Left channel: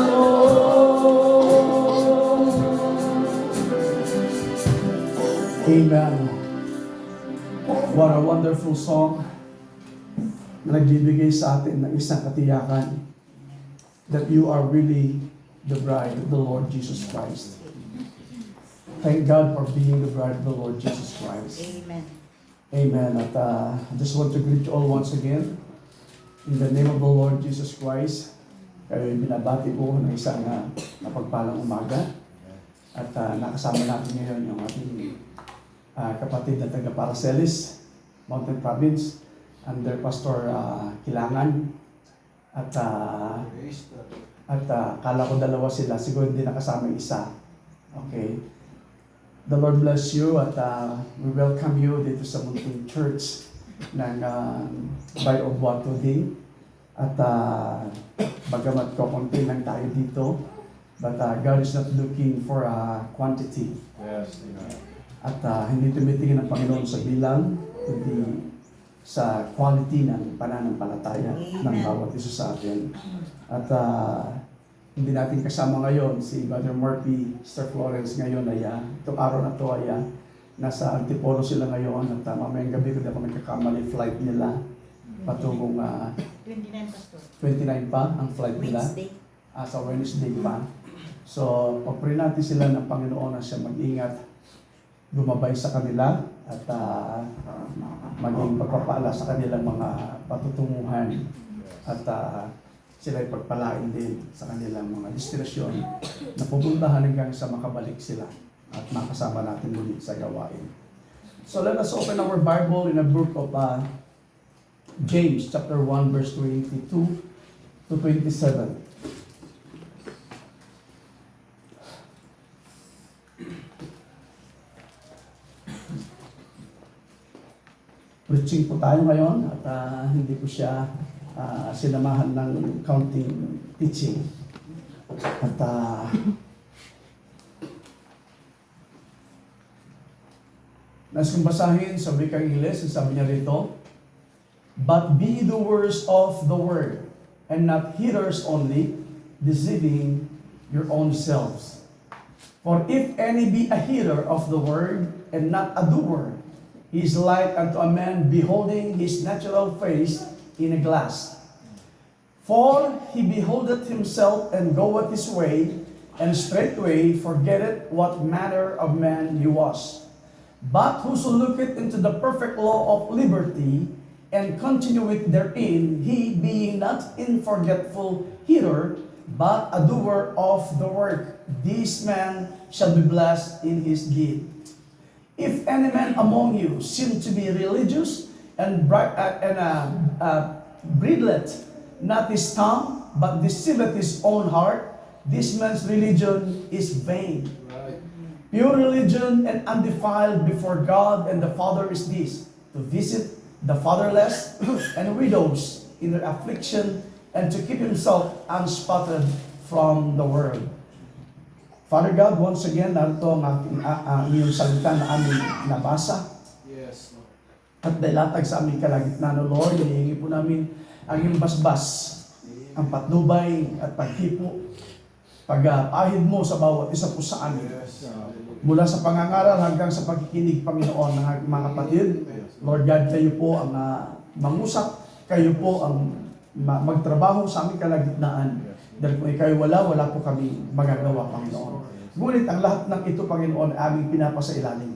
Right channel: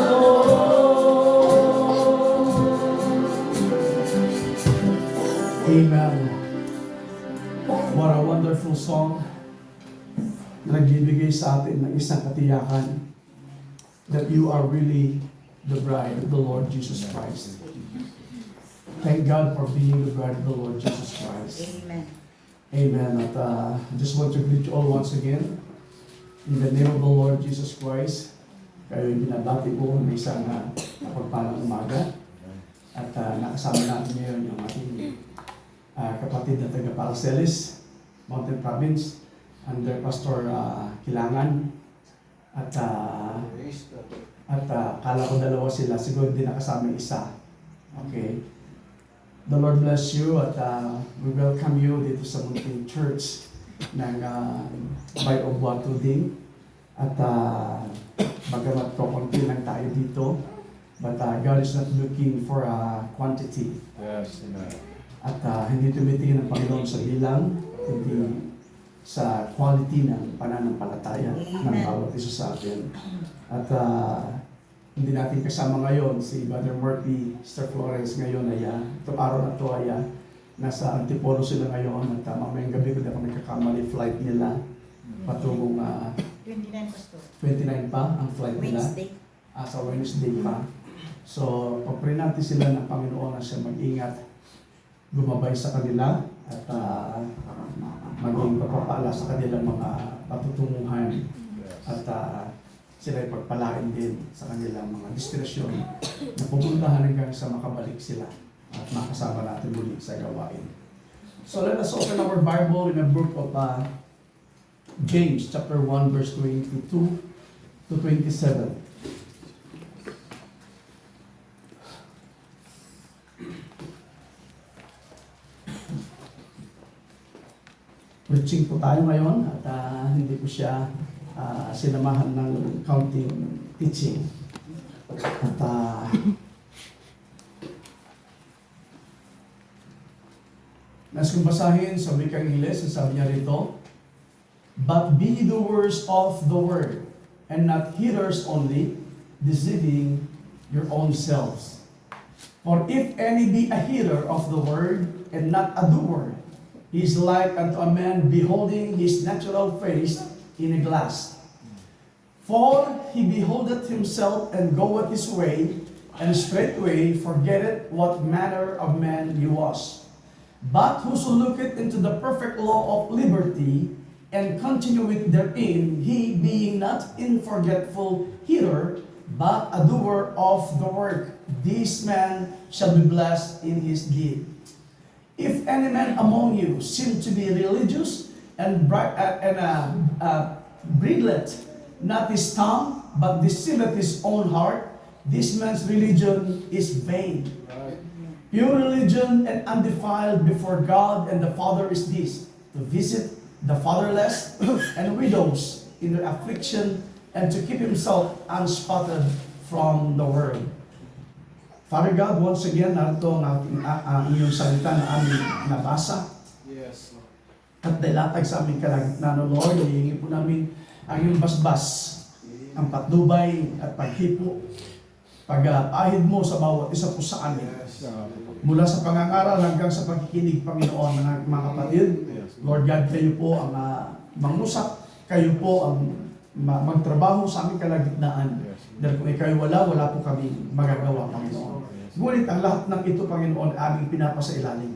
the Lord. Amen. What a wonderful song na nagbibigay sa atin ng isang katiyakan that you are really the bride of the Lord Jesus Christ. Thank God for being the bride of the Lord Jesus Christ. Amen. Amen. At I just want to greet you all once again in the name of the Lord Jesus Christ. Kayo binabati ko ng isang mapagpalang umaga. At nakasama natin ngayon yung ating kapatid na taga Paracelis, Mountain Province, under Pastor Kilangan. At kala ko dalawa sila, siguro hindi nakasama yung isa. Okay. The Lord bless you at we welcome you dito sa Mountain Church ng Bay of Buato din. At bagamat konti lang tayo dito, but God is not looking for a quantity. Yes, amen. At hindi tumitingin ng Panginoon sa bilang, kundi sa quality ng pananampalataya ng bawat isa sa atin. At hindi natin kasama ngayon si Brother Murphy, Sister Florence ngayon ay itong araw na ito ay nasa Antipolo sila ngayon at mamayang gabi ko na kung nagkakamali flight nila patungong 29 Pastor. 29 pa ang flight nila. Wednesday. Sa Wednesday pa. So, pag-pray natin sila ng Panginoon na siya mag-ingat, gumabay sa kanila at maging pagpapala sa kanilang mga patutunguhan at sila ay pagpalain din sa kanilang mga destinasyon na pupuntahan hanggang sa makabalik sila at makasama natin muli sa gawain. So let us open our Bible in the book of James chapter 1 verse 22 to 27. Preaching po tayo ngayon at hindi po siya sinamahan ng counting teaching. At nais kong basahin sa wikang Ingles, sabi niya rito, "But be doers of the word, and not hearers only, deceiving your own selves. For if any be a hearer of the word, and not a doer, he is like unto a man beholding his natural face in a glass. For he beholdeth himself, and goeth his way, and straightway forgetteth what manner of man he was. But whoso looketh into the perfect law of liberty, and continueth therein, he being not in forgetful hearer, but a doer of the work, this man shall be blessed in his deed. If any man among you seem to be religious, and bridleth not his tongue, but deceiveth his own heart, this man's religion is vain. Pure religion and undefiled before God and the Father is this, to visit the fatherless and widows in their affliction, and to keep himself unspotted from the world." Father God, once again, narito ang iyong salita na aming nabasa. Yes, Lord. At dailatag sa aming kalagitnaan, O Lord, hinihingi po namin ang iyong basbas, ang patnubay at paghipo, pag-ahid mo sa bawat isa po sa amin. Yes, Mula sa pangangaral hanggang sa pagkikinig, Panginoon, ng mga kapatid. Lord God, kayo po ang mangusap, kayo po ang magtrabaho sa aming kalagitnaan. Dahil kung ikaw wala po kami magagawa, Panginoon. Ngunit ang lahat ng ito, Panginoon, aming pinapasailalim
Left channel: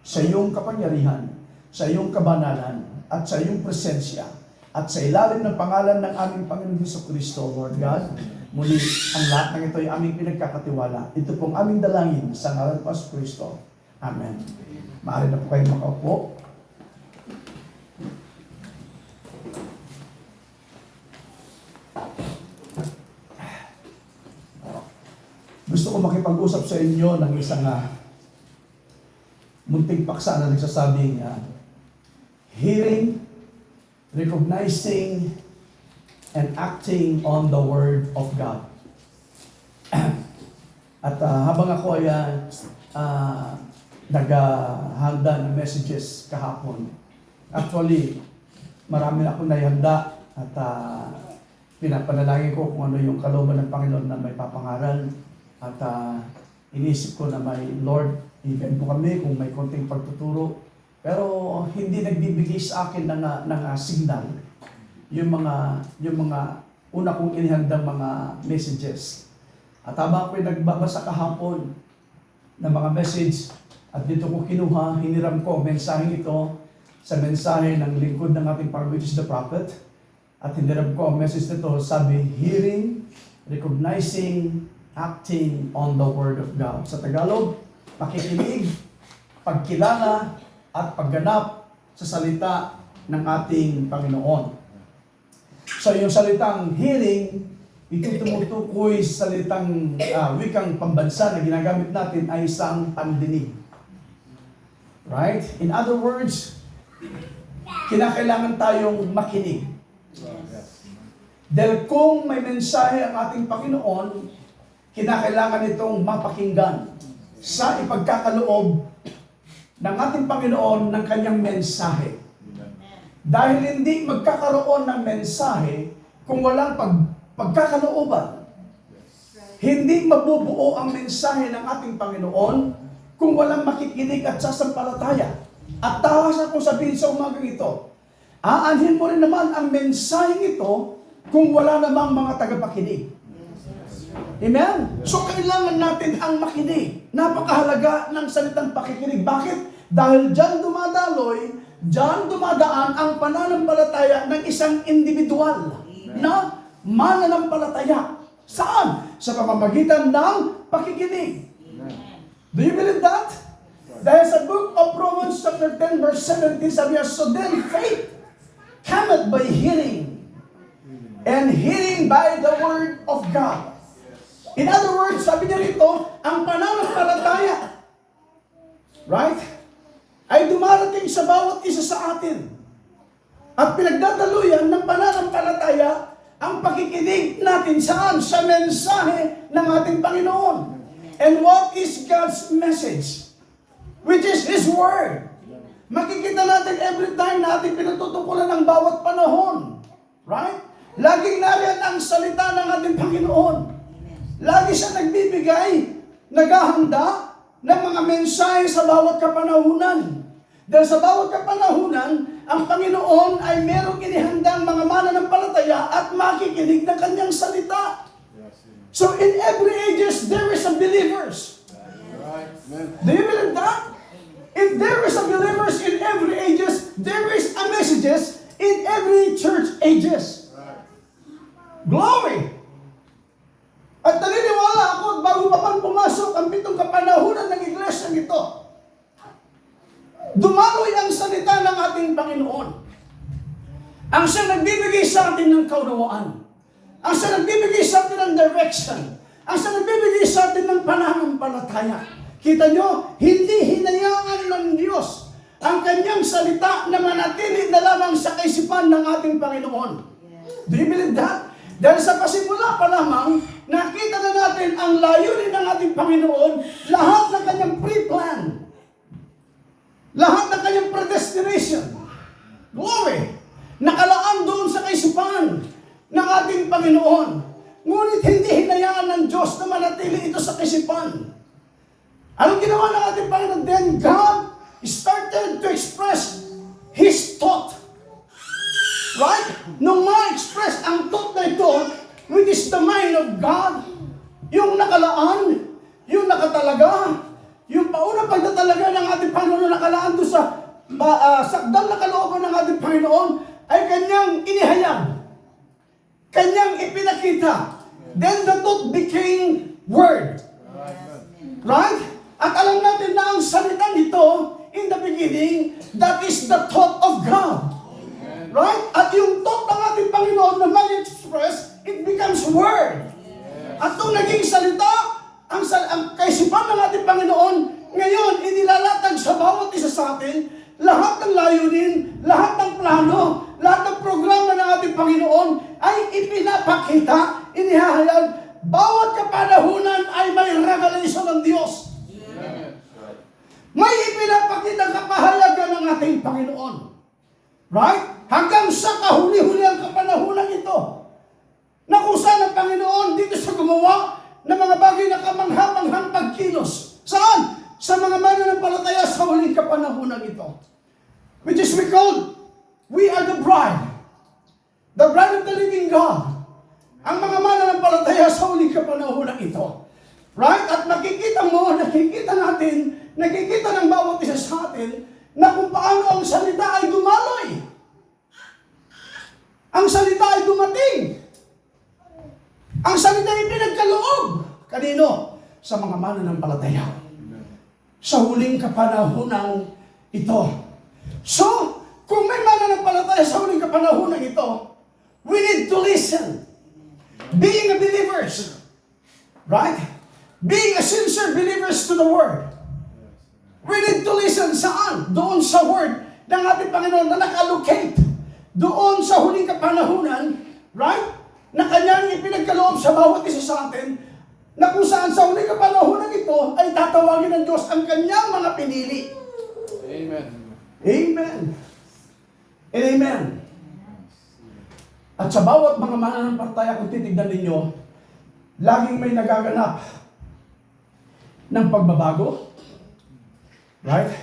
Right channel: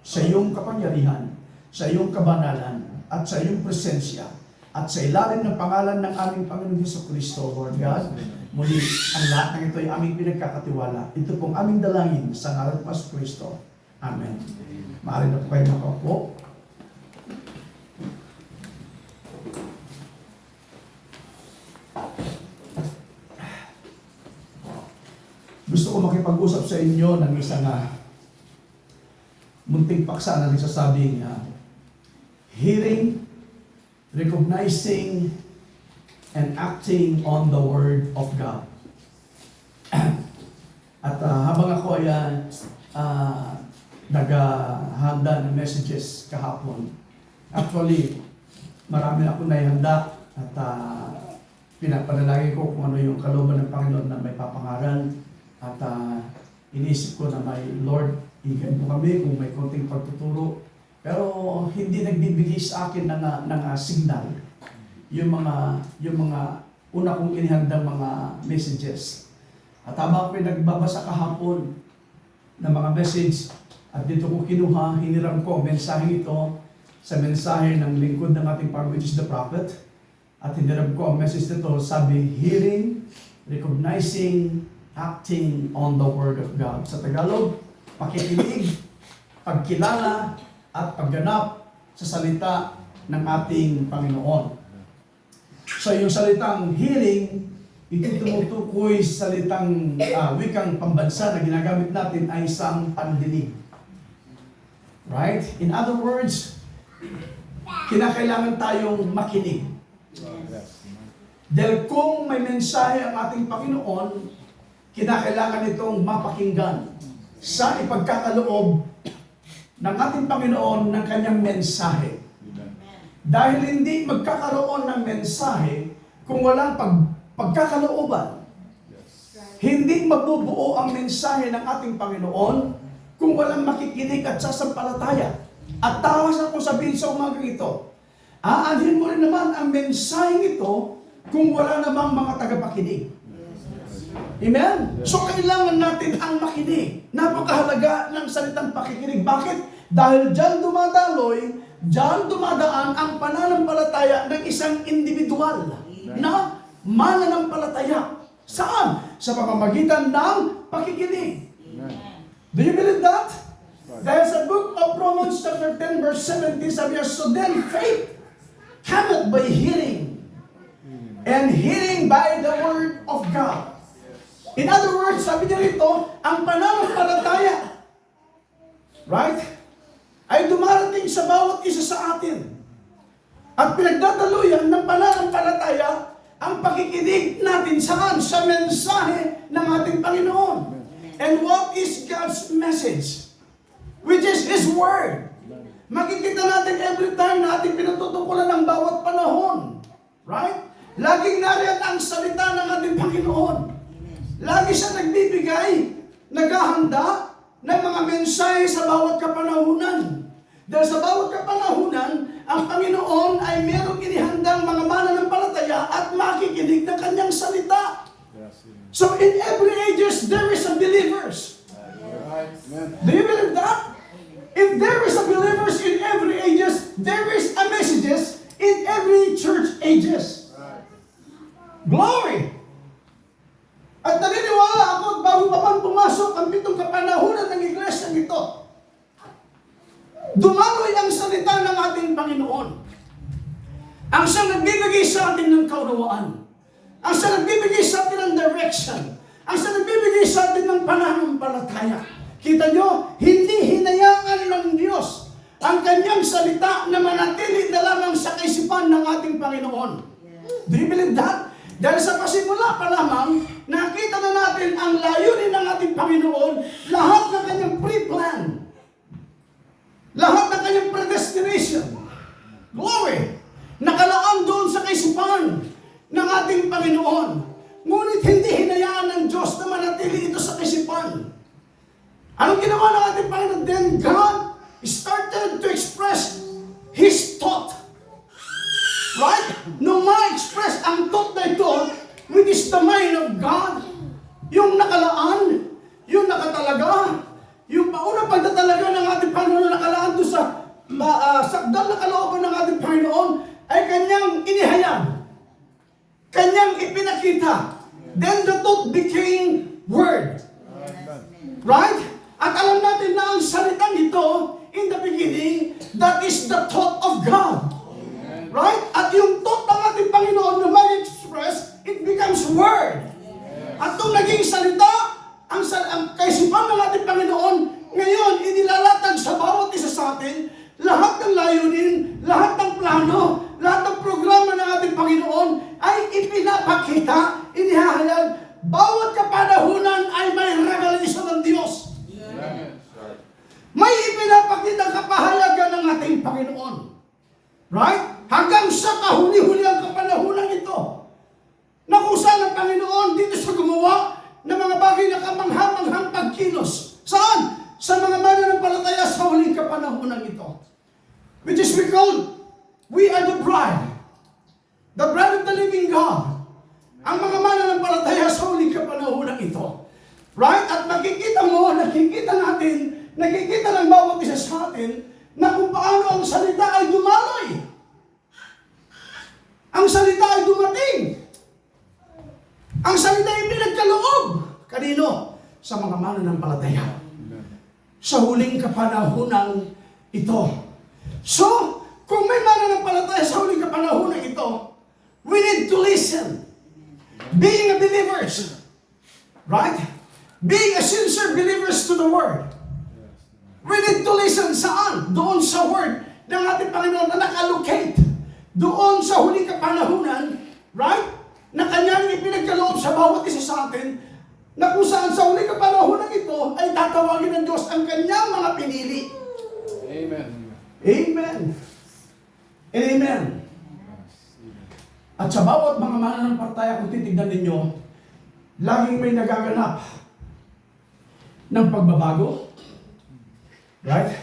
sa iyong kapangyarihan, sa iyong kabanalan, at sa iyong presensya, at sa ilalim ng pangalan ng aming Panginoon Jesucristo, Lord God. Muli, ang lahat ng ito ay aming pinagkakatiwala. Ito pong aming dalangin sa ngalan ng Jesucristo. Amen. Maaari na po kayo makaupo. Gusto ko makipag-usap sa inyo ng isang munting paksa na nagsasabing hearing, recognizing, and acting on the Word of God. At habang ako ay naghahanda ng messages kahapon, actually, marami na akong naihanda at pinapanalangin ko kung ano yung kalooban ng Panginoon na may papangaral. At inisip ko na may Lord, higyan mo kami kung may konting pagtuturo. Pero hindi nagbibigay sa akin ng signal yung mga una kong inihandang mga messages. At habang ako'y nagbabasa kahapon ng mga message, at dito ko kinuha, hiniram ko ang mensaheng ito sa mensahe ng lingkod ng ating Panginoon, which is the prophet. At hiniram ko ang message nito, sabi, hearing, recognizing, acting on the Word of God. Sa Tagalog, pakikinig, pagkilala, at pagganap sa salita ng ating Panginoon. So yung salitang hearing, ito tumutukoy sa salitang wikang pambansa na ginagamit natin ay isang pandinig. Right? In other words, kinakailangan tayong makinig. Dahil kung may mensahe ang ating Panginoon, kinakailangan itong mapakinggan sa ipagkakaloob ng ating Panginoon ng kanyang mensahe. Dahil hindi magkakaroon ng mensahe kung walang pagkakalooban. Hindi mabubuo ang mensahe ng ating Panginoon kung walang makikinig at sasampalataya. At tawas ako sabihin sa umagang ito, aanhin mo rin naman ang mensahe ito kung wala namang mga tagapakinig. Amen? So kailangan natin ang makinig. Napakahalaga ng salitang pakikinig. Bakit? Dahil diyan dumadaan ang pananampalataya ng isang individual na mananampalataya. Saan? Sa pamamagitan ng pakikinig. Do you believe that? Dahil sa book of Romans chapter 10 verse 17 sabi niya, so then faith cometh by hearing, and hearing by the word of God. In other words, sabi niya rito, ang pananampalataya, right, ay dumarating sa bawat isa sa atin. At pinagdadaluyan ng pananampalataya ang pakikinig natin saan? Sa mensahe ng ating Panginoon. And what is God's message? Which is His Word. Makikita natin every time na ating pinatutukulan ng bawat panahon. Right? Laging nariyan ang salita ng ating Panginoon. Lagi siya nagbibigay, naghahanda ng mga mensahe sa bawat kapanahunan. Dahil sa bawat kapanahunan, ang Panginoon ay merong inihandang mga mananampalataya at makikinig ng kanyang salita. So in every ages, there is a believers. Do you believe that? If there is a believers in every ages, there is a messages in every church ages. Glory! At naniniwala ako, bago pa man pumasok ang 7 kapanahunan ng iglesia ito, dumaloy ang salita ng ating Panginoon. Ang siya nagbibigay sa atin ng kaunawaan. Ang siya nagbibigay sa atin ng direction. Ang siya nagbibigay sa atin ng pananampalataya. Kita nyo, hindi hinayaan ng Diyos ang kanyang salita na manatili na lamang sa kaisipan ng ating Panginoon. Do you believe that? Dahil sa pasimula pa lamang, nakita na natin ang layunin ng ating Panginoon, lahat ng kanyang pre-plan, lahat ng kanyang predestination. Glory! Nakalaan doon sa kaisipan ng ating Panginoon. Ngunit hindi hinayaan ng Diyos na manatili ito sa kaisipan. Anong ginawa ng ating Panginoon? Then God started to express His thought. Right? Nung ma-express ang thought na ito, which is the mind of God, yung nakalaan, yung nakatalaga, yung paunang pagtatalaga ng ating Panginoon nakalaan doon sa sakdal na kalooban ng ating Panginoon, ay kanyang inihayag. Kanyang ipinakita. Then the thought became word. Right? At alam natin na ang salitang ito, in the beginning, that is the thought of God. Right? At yung thought ng ating Panginoon na mag-express, it becomes word. At kung naging salita, ang kaisipan ng ating Panginoon, ngayon, inilalatag sa bawat isa sa atin, lahat ng layunin, lahat ng plano, lahat ng programa ng ating Panginoon ay ipinapakita, inihahayag, bawat kapanahunan ay may revelation ng Diyos. May ipinapakita kapahayagan ng ating Panginoon. Right? Hanggang sa kahuli-huli ang kapanahunan ito. ito. Right? At nakikita ng bawat isa sa atin, na kung paano ang salita ay dumaloy. Ang salita ay dumating. Ang salita ay pinagkaloob. Kanino? Sa mga mananampalataya. Sa huling kapanahonang ito. So, kung may mananampalataya sa huling kapanahonang ito, we need to listen. Being a believers. Right? Being a sincere believers to the Word. We need to listen saan? Doon sa Word ng ating Panginoon na naka-allocate. Doon sa huling kapanahunan, right? Na kanyang ipinagkaloob sa bawat isa sa atin, na kung saan sa huling kapanahunan ito ay tatawagin ng Diyos ang kanyang mga pinili. Amen. Amen. And amen. At sa bawat mga mananampalataya, kung titignan ninyo, laging may nagaganap ng pagbabago. Right?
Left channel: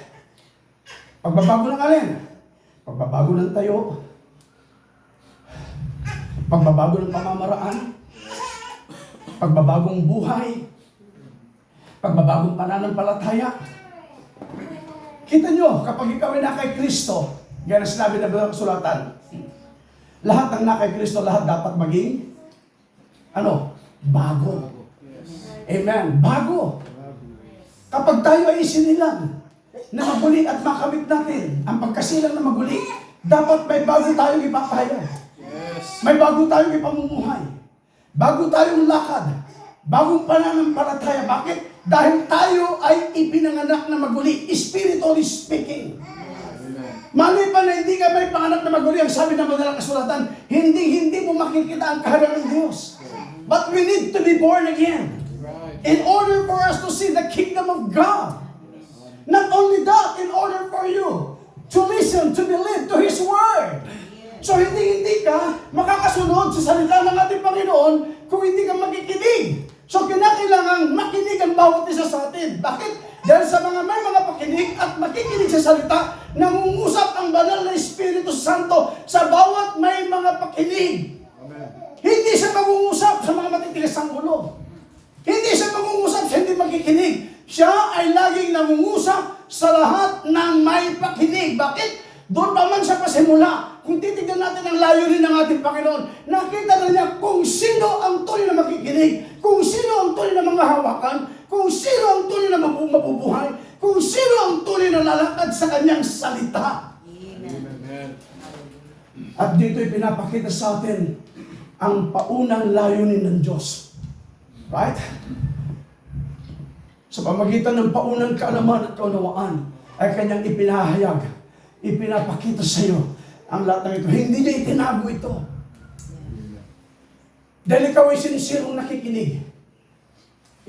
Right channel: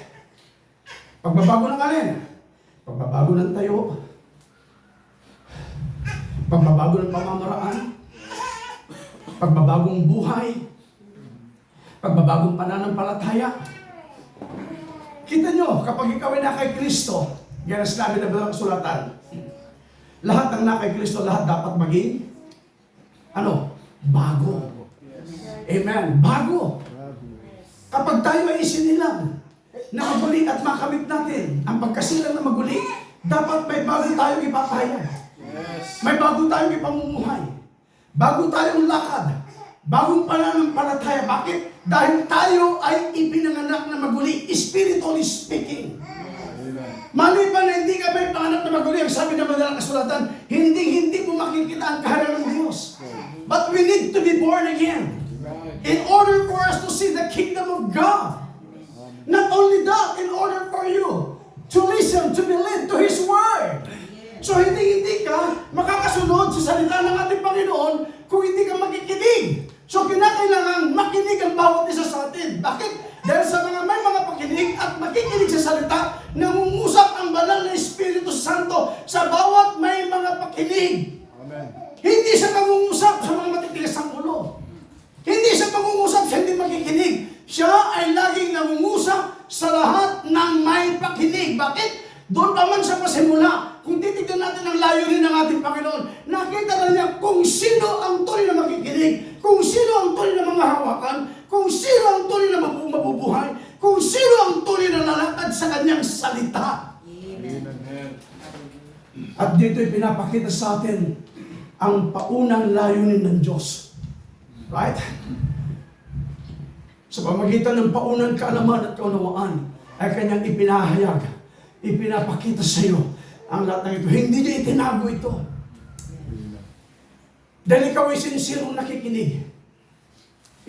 Pagbabago ng alin? Pagbabago ng tayo. Pagbabago ng pamamaraan. Pagbabagong buhay. Pagbabagong pananampalataya. Kita nyo, kapag ikaw ay na kay Kristo, yan ang sinabi na ng kasulatan, lahat ng na kay Kristo, lahat dapat maging, bago. Amen. Bago. Kapag tayo ay isinilang na maguli at makamit natin ang pagkasilang na maguli, dapat may bago tayong ipapahayag. Yes. May bago tayong ipamumuhay. Bago tayong lakad. Bagong pananampalataya. Bakit? Dahil tayo ay ipinanganak na maguli, spiritually speaking. Maliban na hindi ka may panganak na maguli, ang sabi ng madalang kasulatan, hindi mo makikita ang kaharian ng Diyos. But we need to be born again in order for us to see the kingdom of God. Not only that, in order for you to listen, to be led to His Word. So hindi ka makakasunod sa salita ng ating Panginoon kung hindi ka makikinig. So kinakailangan makinig ang bawat isa sa atin. Bakit? Dahil sa may mga pakinig at makikinig sa salita, nangungusap ang banal na Espiritu Santo sa bawat may mga pakinig. Amen. Hindi siya mangungusap sa mga matitigas ang ulo. Hindi siya mangungusap sa hindi makikinig. Siya ay laging nangungusap sa lahat ng may pakinig. Bakit? Doon pa man siya pasimula. Kung titignan natin ang layunin ng ating Panginoon, nakita na niya kung sino ang tunay na makikinig, kung sino ang tunay na mga hawakan, kung sino ang tunay na mabubuhay, kung sino ang tunay na lalakad sa kanyang salita. Amen. At dito'y pinapakita sa atin ang paunang layunin ng Diyos. Right? Sa pamagitan ng paunang kaalaman at kaunawaan ay kanyang ipinahayag, ipinapakita sa iyo ang lahat ng ito. Hindi niya itinago ito. Dahil ikaw ay sincere nakikinig.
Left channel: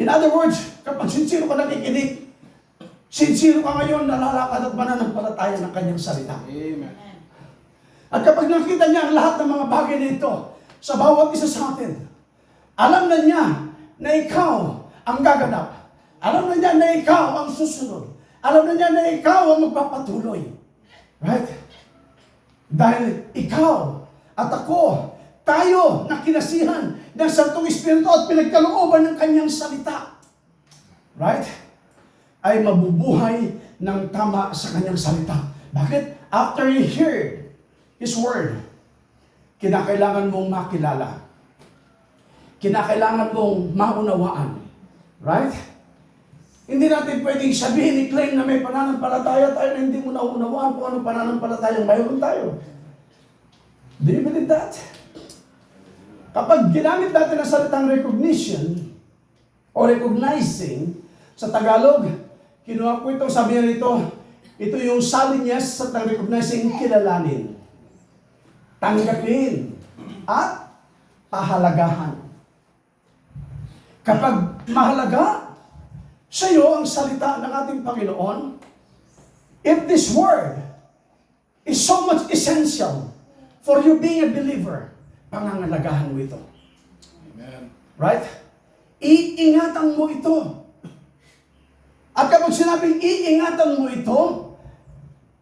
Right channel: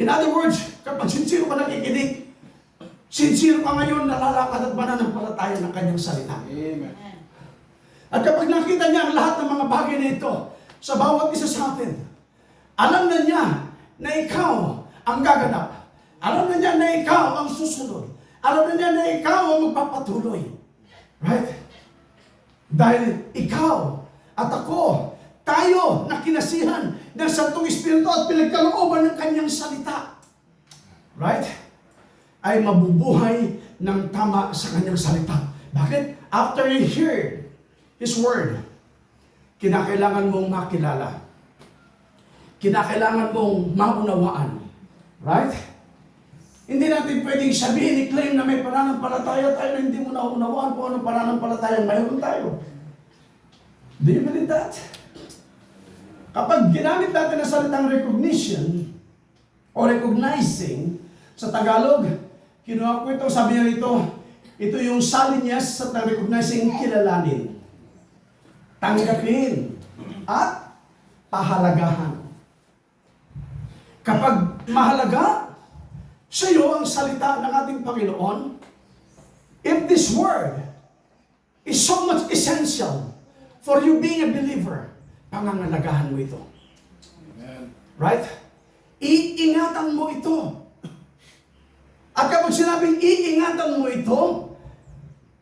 In other words, kapag sincere ka nakikinig, sincere ka ngayon nalalakad at mananampalataya ng kanyang salita. Amen. At kapag nakita niya ang lahat ng mga bagay na ito sa bawat isa sa atin, alam na niya na ikaw ang gaganap. Alam na niya na ikaw ang susunod. Alam na niya na ikaw ang magpapatuloy. Right? Dahil ikaw at ako, tayo na kinasihan ng Santong Espiritu at pinagkalooban ng kanyang salita. Right? Ay mabubuhay ng tama sa kanyang salita. Bakit? After you hear His Word, kinakailangan mong makilala. Kinakailangan mong maunawaan. Right? Hindi natin pwedeng sabihin, i-claim na may pananampalataya tayo na hindi mo naunawaan kung anong pananampalatayang mayroon tayo. Do you believe that? Kapag ginamit natin ang salitang recognition o recognizing sa Tagalog, kinuha ko ito, sabi niya ito yung salinyas sa recognizing, kilalanin, tanggapin, at pahalagahan. Kapag mahalaga sa iyo ang salita ng ating Panginoon, if this word is so much essential for you being a believer, pangangalagahan mo ito. Amen. Right? Iingatan mo ito. At kapag sinabing iingatan mo ito,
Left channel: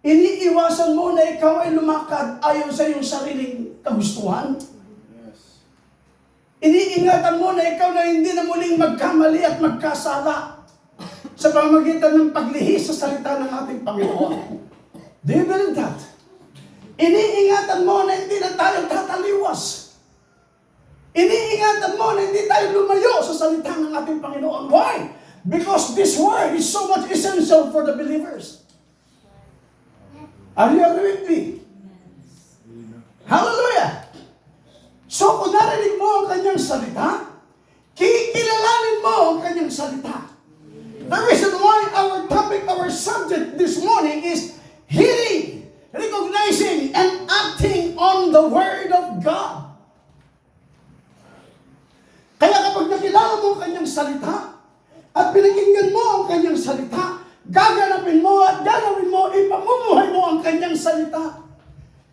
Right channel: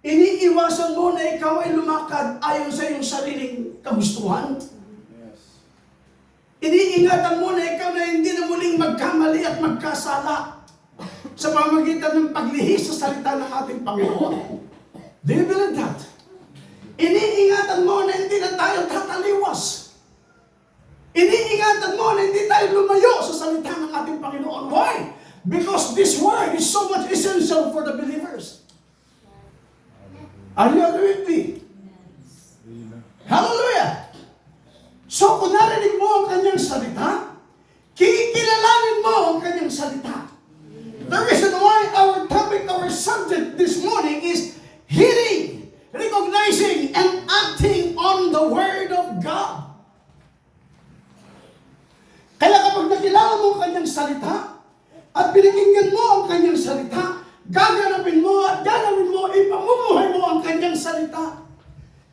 iniiwasan mo na ikaw ay lumakad ayon sa iyong sariling kagustuhan. Yes. Iniingatan mo na ikaw na hindi na muling magkamali at magkasala sa pamamagitan ng paglihis sa salita ng ating Panginoon. Do you believe that? Iniingatan mo na hindi na tayo tataliwas. Iniingatan mo na hindi tayo lumayo sa salita ng ating Panginoon. Why? Because this word is so much essential for the believers. Are you agree with me? Hallelujah! So kung narinig mo ang kanyang salita, kikilalanin mo ang kanyang salita. The reason why our topic, our subject this morning is hearing, recognizing, and acting on the Word of God. Kaya kapag nakilala mo ang kanyang salita, at pinakinggan mo ang kanyang salita, gaganapin mo at gagawin mo, ipamumuhay mo ang kanyang salita.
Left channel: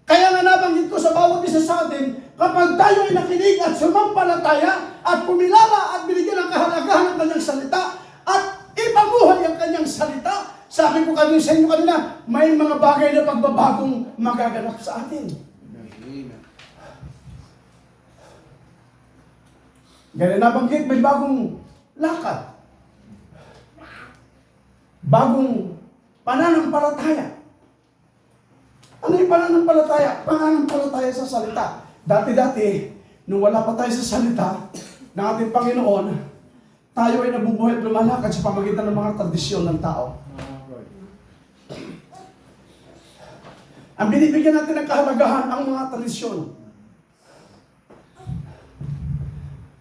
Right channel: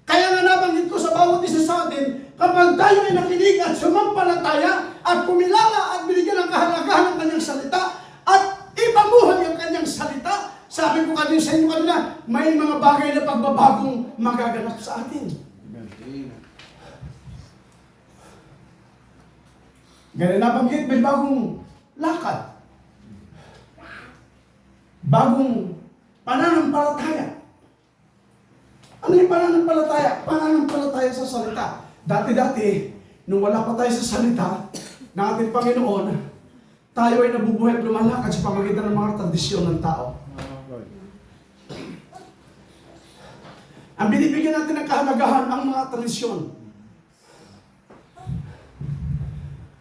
Kaya nga nabanggit ko sa bawat isa sa atin, kapag tayo ay nakinig at sumampalataya at kumilala at binigyan ng kahalagahan ng kanyang salita at ipamuhay ang kanyang salita, sabi ko kanina sa inyo kanina, may mga bagay na pagbabagong magaganap sa atin. Amen. Ganyan nabanggit, may bagong lakad. Bagong pananampalataya. Ano yung pananampalataya? Pananampalataya sa salita. Dati-dati, nung wala pa tayo sa salita ng ating Panginoon, tayo ay nabubuhay at lumalakad sa pamamagitan ng mga tradisyon ng tao. Ang binibigyan natin ng kahalagahan ang mga tradisyon.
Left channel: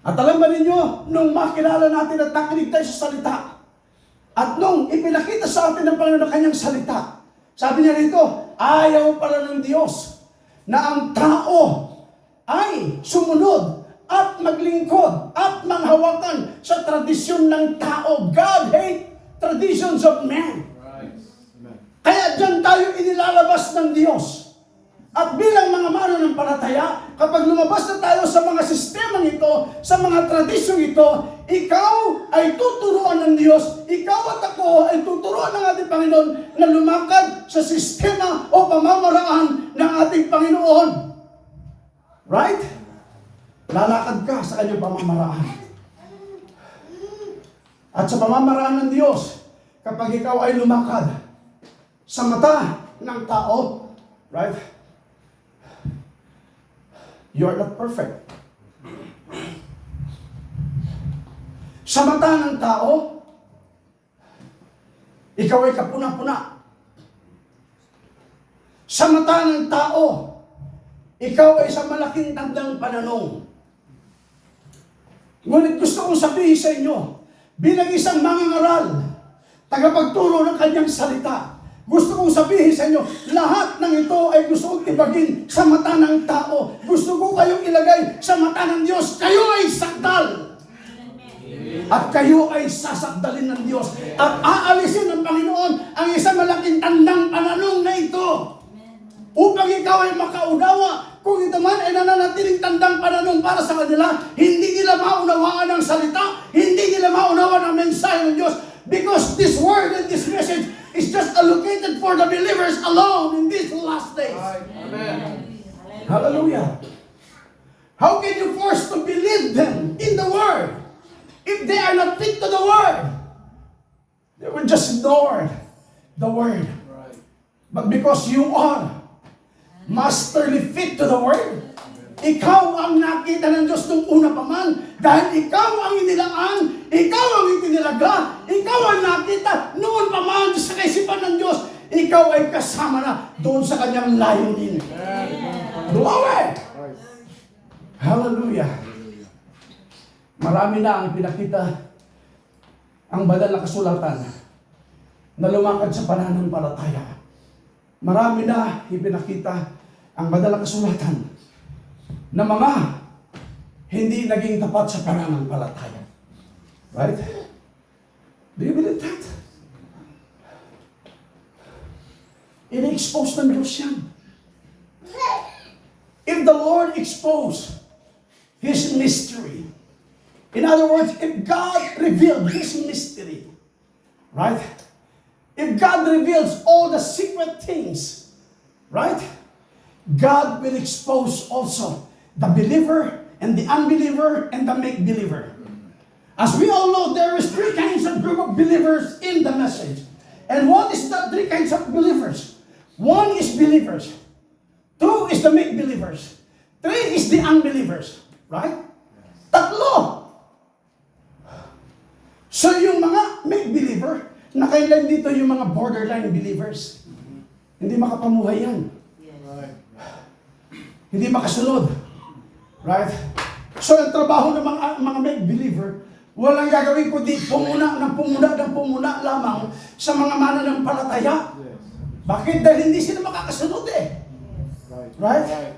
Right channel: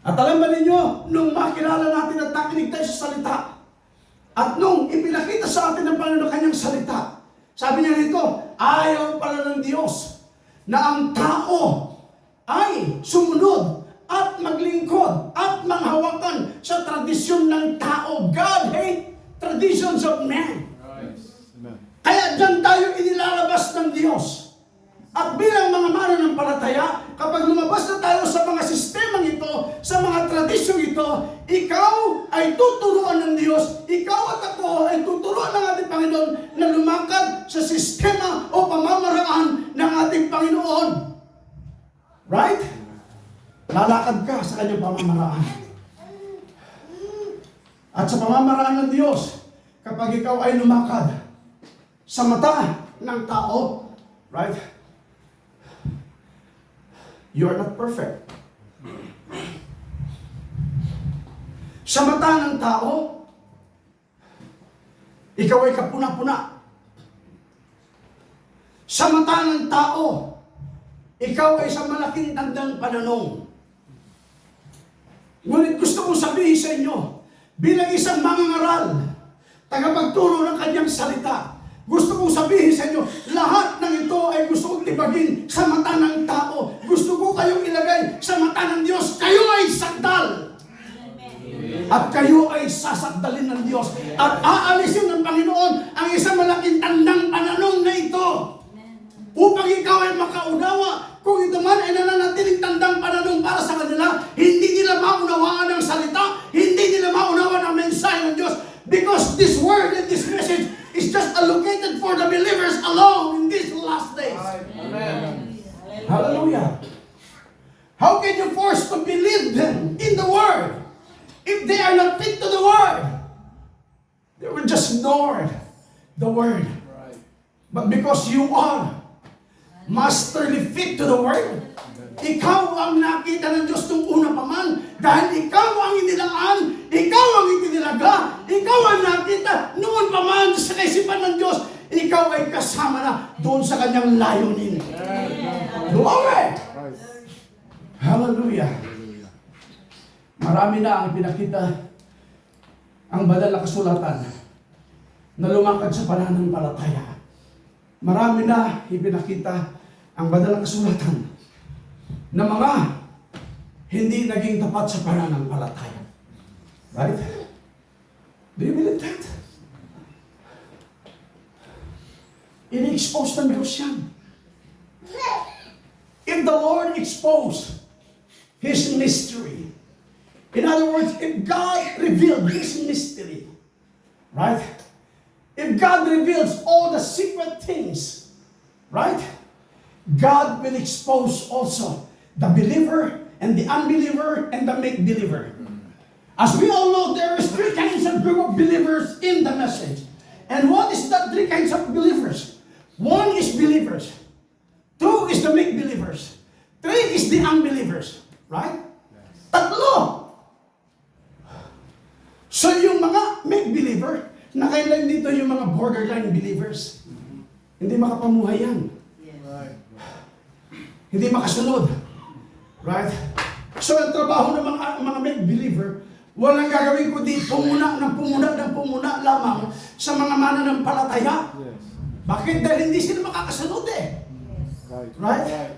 At alam ba ninyo, nung makilala natin at nakinig tayo sa salita, at nung ipinakita sa atin ng Panginoon kanyang salita, sabi niya rito, ayaw pala ng Diyos na ang tao ay sumunod at maglingkod at manghawakan sa tradisyon ng tao. God hate traditions of man. Right. Amen. Kaya dyan tayo inilalabas ng Diyos. At bilang mga mananampalataya, kapag lumabas na tayo sa mga sistemang ito, sa mga tradisyong ito, ikaw ay tuturuan ng Diyos, ikaw at ako ay tuturuan ng ating Panginoon na lumakad sa sistema o pamamaraan ng ating Panginoon. Right? Lalakad ka sa kanyang pamamaraan. At sa pamamaraan ng Diyos, kapag ikaw ay lumakad sa mata ng tao, right? You are not perfect. Sa mata ng tao, ikaw ay kapuna-puna. Sa mata ng tao, ikaw ay sa malaking tandang pananong. Ngunit gusto kong sabihin sa inyo, bilang isang mangangaral, tagapagturo ng kanyang salita, gusto kong sabihin sa inyo, lahat ng ito ay gusto kong tibagin sa mata ng tao. Gusto ko kayong ilagay sa mata ng Diyos. Kayo ay sakdal. At kayo ay sasakdalin ng Diyos. At aalisin ng Panginoon ang isang malaking tandang pananong na ito. Upang ikaw ay makaunawa. Kung ito man ay nananatiling tandang pananong para sa kanila, hindi nila maunawaan ang salita, hindi nila maunawaan ang mensahe ng Diyos. Because this word and this message is just allocated for the believers alone in these last days. Amen. Hallelujah. How can you force to believe them in the word if they are not fit to the word? They will just ignore the word. Right. But because you are masterly fit to the word, ikaw ang nakita ng Diyos nung una pa man, dahil ikaw ang inilaan, ikaw ang itinilaga, ikaw ang nakita noon pa man sa kaisipan ng Diyos, ikaw ay kasama na doon sa kanyang layunin. Glory! Hallelujah! Marami na ang ipinakita ang banal na kasulatan na lumakad sa pananampalataya. Marami na ipinakita ang banal na kasulatan na mga hindi naging tapat sa pananampalataya. Right? Do you believe that? Ini-expose ng Diyos yan. If the Lord expose His mystery, in other words, if God revealed His mystery, right? If God reveals all the secret things, right? God will expose also the believer and the unbeliever and the make-believer. As we all know, there is three kinds of group of believers in the message. And what is the three kinds of believers? One is believers. Two is the make believers. Three is the unbelievers. Right? Tatlo. So yung mga make believer, nakailan dito yung mga borderline believers. Hindi makapamuhay yan. Right. Hindi makasunod. Right? So ang trabaho ng mga make believer, walang gagawin kundi pumuna lamang sa mga mananampalataya. Yes. Bakit? Dahil hindi sila makakasunod eh. Right?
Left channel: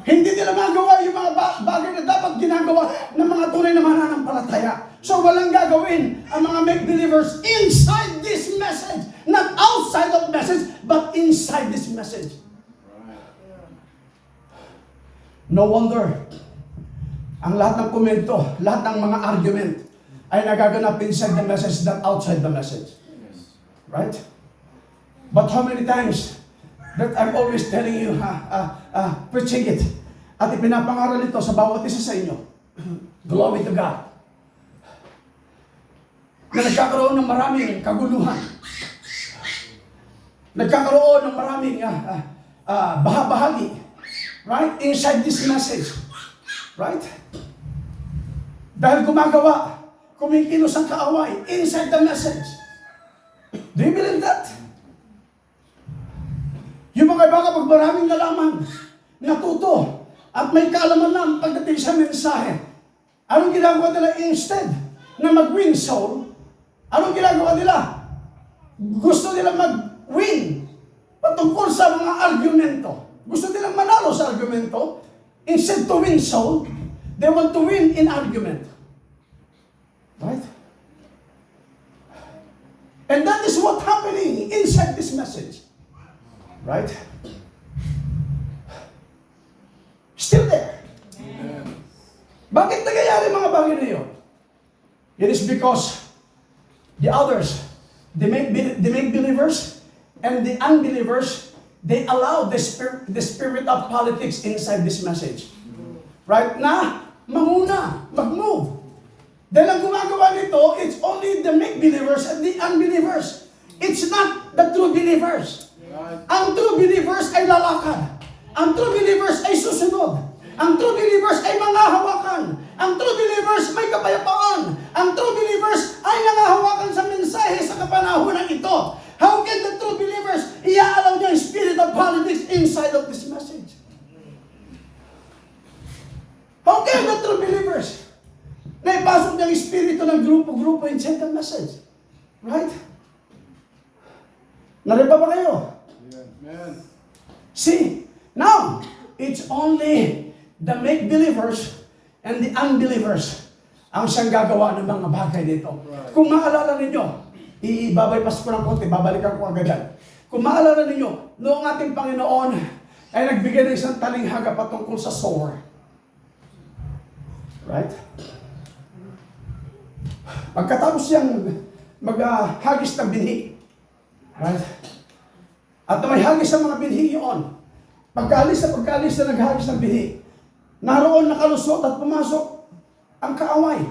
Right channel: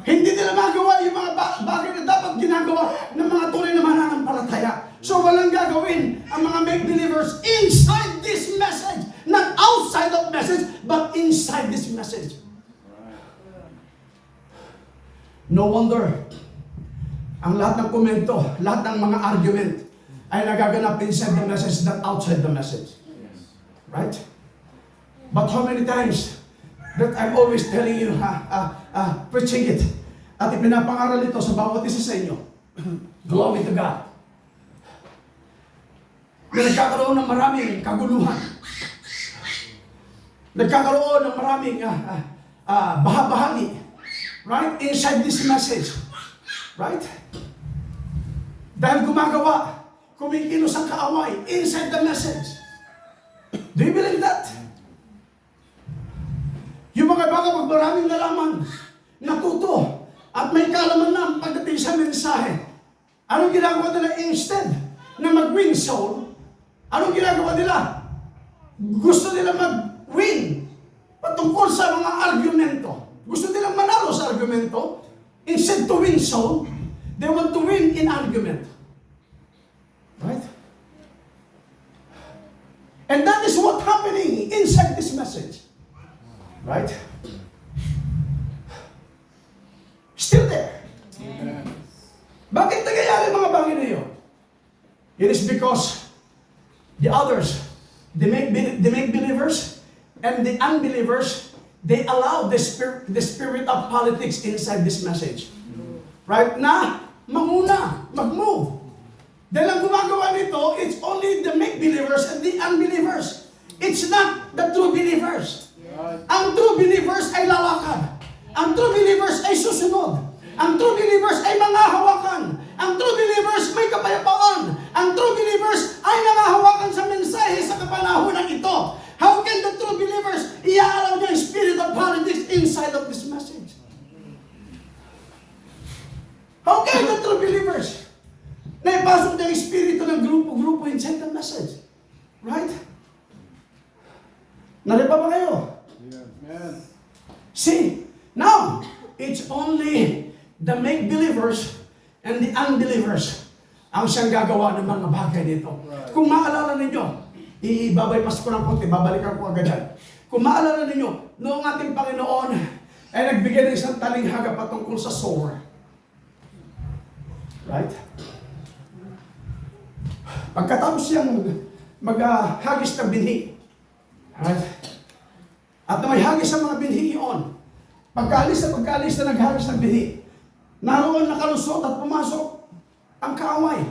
Hindi nila magawa yung mga bagay na dapat ginagawa ng mga tunay na mananampalataya. So walang gagawin ang mga make believers inside this message. Not outside of message, but inside this message. No wonder, ang lahat ng komento, lahat ng mga argument ay nagaganap inside the message than outside the message. Right? But how many times that I'm always telling you, preaching it, at ipinapangaral ito sa bawat isa sa inyo. Glory to God. Na nagkakaroon ng maraming kaguluhan. Nagkakaroon ng maraming bahagi. Right? Inside this message. Right? Dahil gumagawa, kumikilos ang kaaway inside the message. Do you believe that? Yung mga baka pag maraming nalaman, natuto, at may kaalaman lang pagdating sa mensahe, anong ginagawa nila instead na mag-win soul? Anong ginagawa nila? Gusto nila mag-win patungkol sa mga argumento. Gusto nilang manalo sa argumento. Instead to win soul, they want to win in argument. Right? And that is what's happening inside this message. Right? Still there. Bakit nangyayari mga bagay na yun? It is because the others, the make believers and the unbelievers, they allow the spirit of politics inside this message. Right? Na manguna, mag-move. Dahil ang gumagawa nito, it's only the make believers and the unbelievers. It's not the true believers. Ang true believers ay lalakad. Ang true believers ay susunod. Ang true believers ay manghahawakan. Ang true believers may kapayapaan. Ang true believers ay nangahawakan sa mensahe sa kapanahunan ito. How can the true believers i-allow the spirit of politics inside of this message? How can the true believers na ipasok ng espiritu ng grupo-grupo inside the message? Right? Nalipa ba kayo? Amen. See, now, it's only the make-believers and the unbelievers ang siyang gagawa ng mga bagay dito. Right. Kung maalala ninyo, ibabypass ko ng konti, babalikan ko agad yan. Kung maalala ninyo, noong ating Panginoon ay nagbigay ng isang talinghaga patungkol sa sower. Right? Pagkatapos siyang maghagis ng binhi. Right? At may hagis ang mga binhi yun. Pagkaalis na naghagis ng binhi, naroon nakalusot at pumasok ang kaaway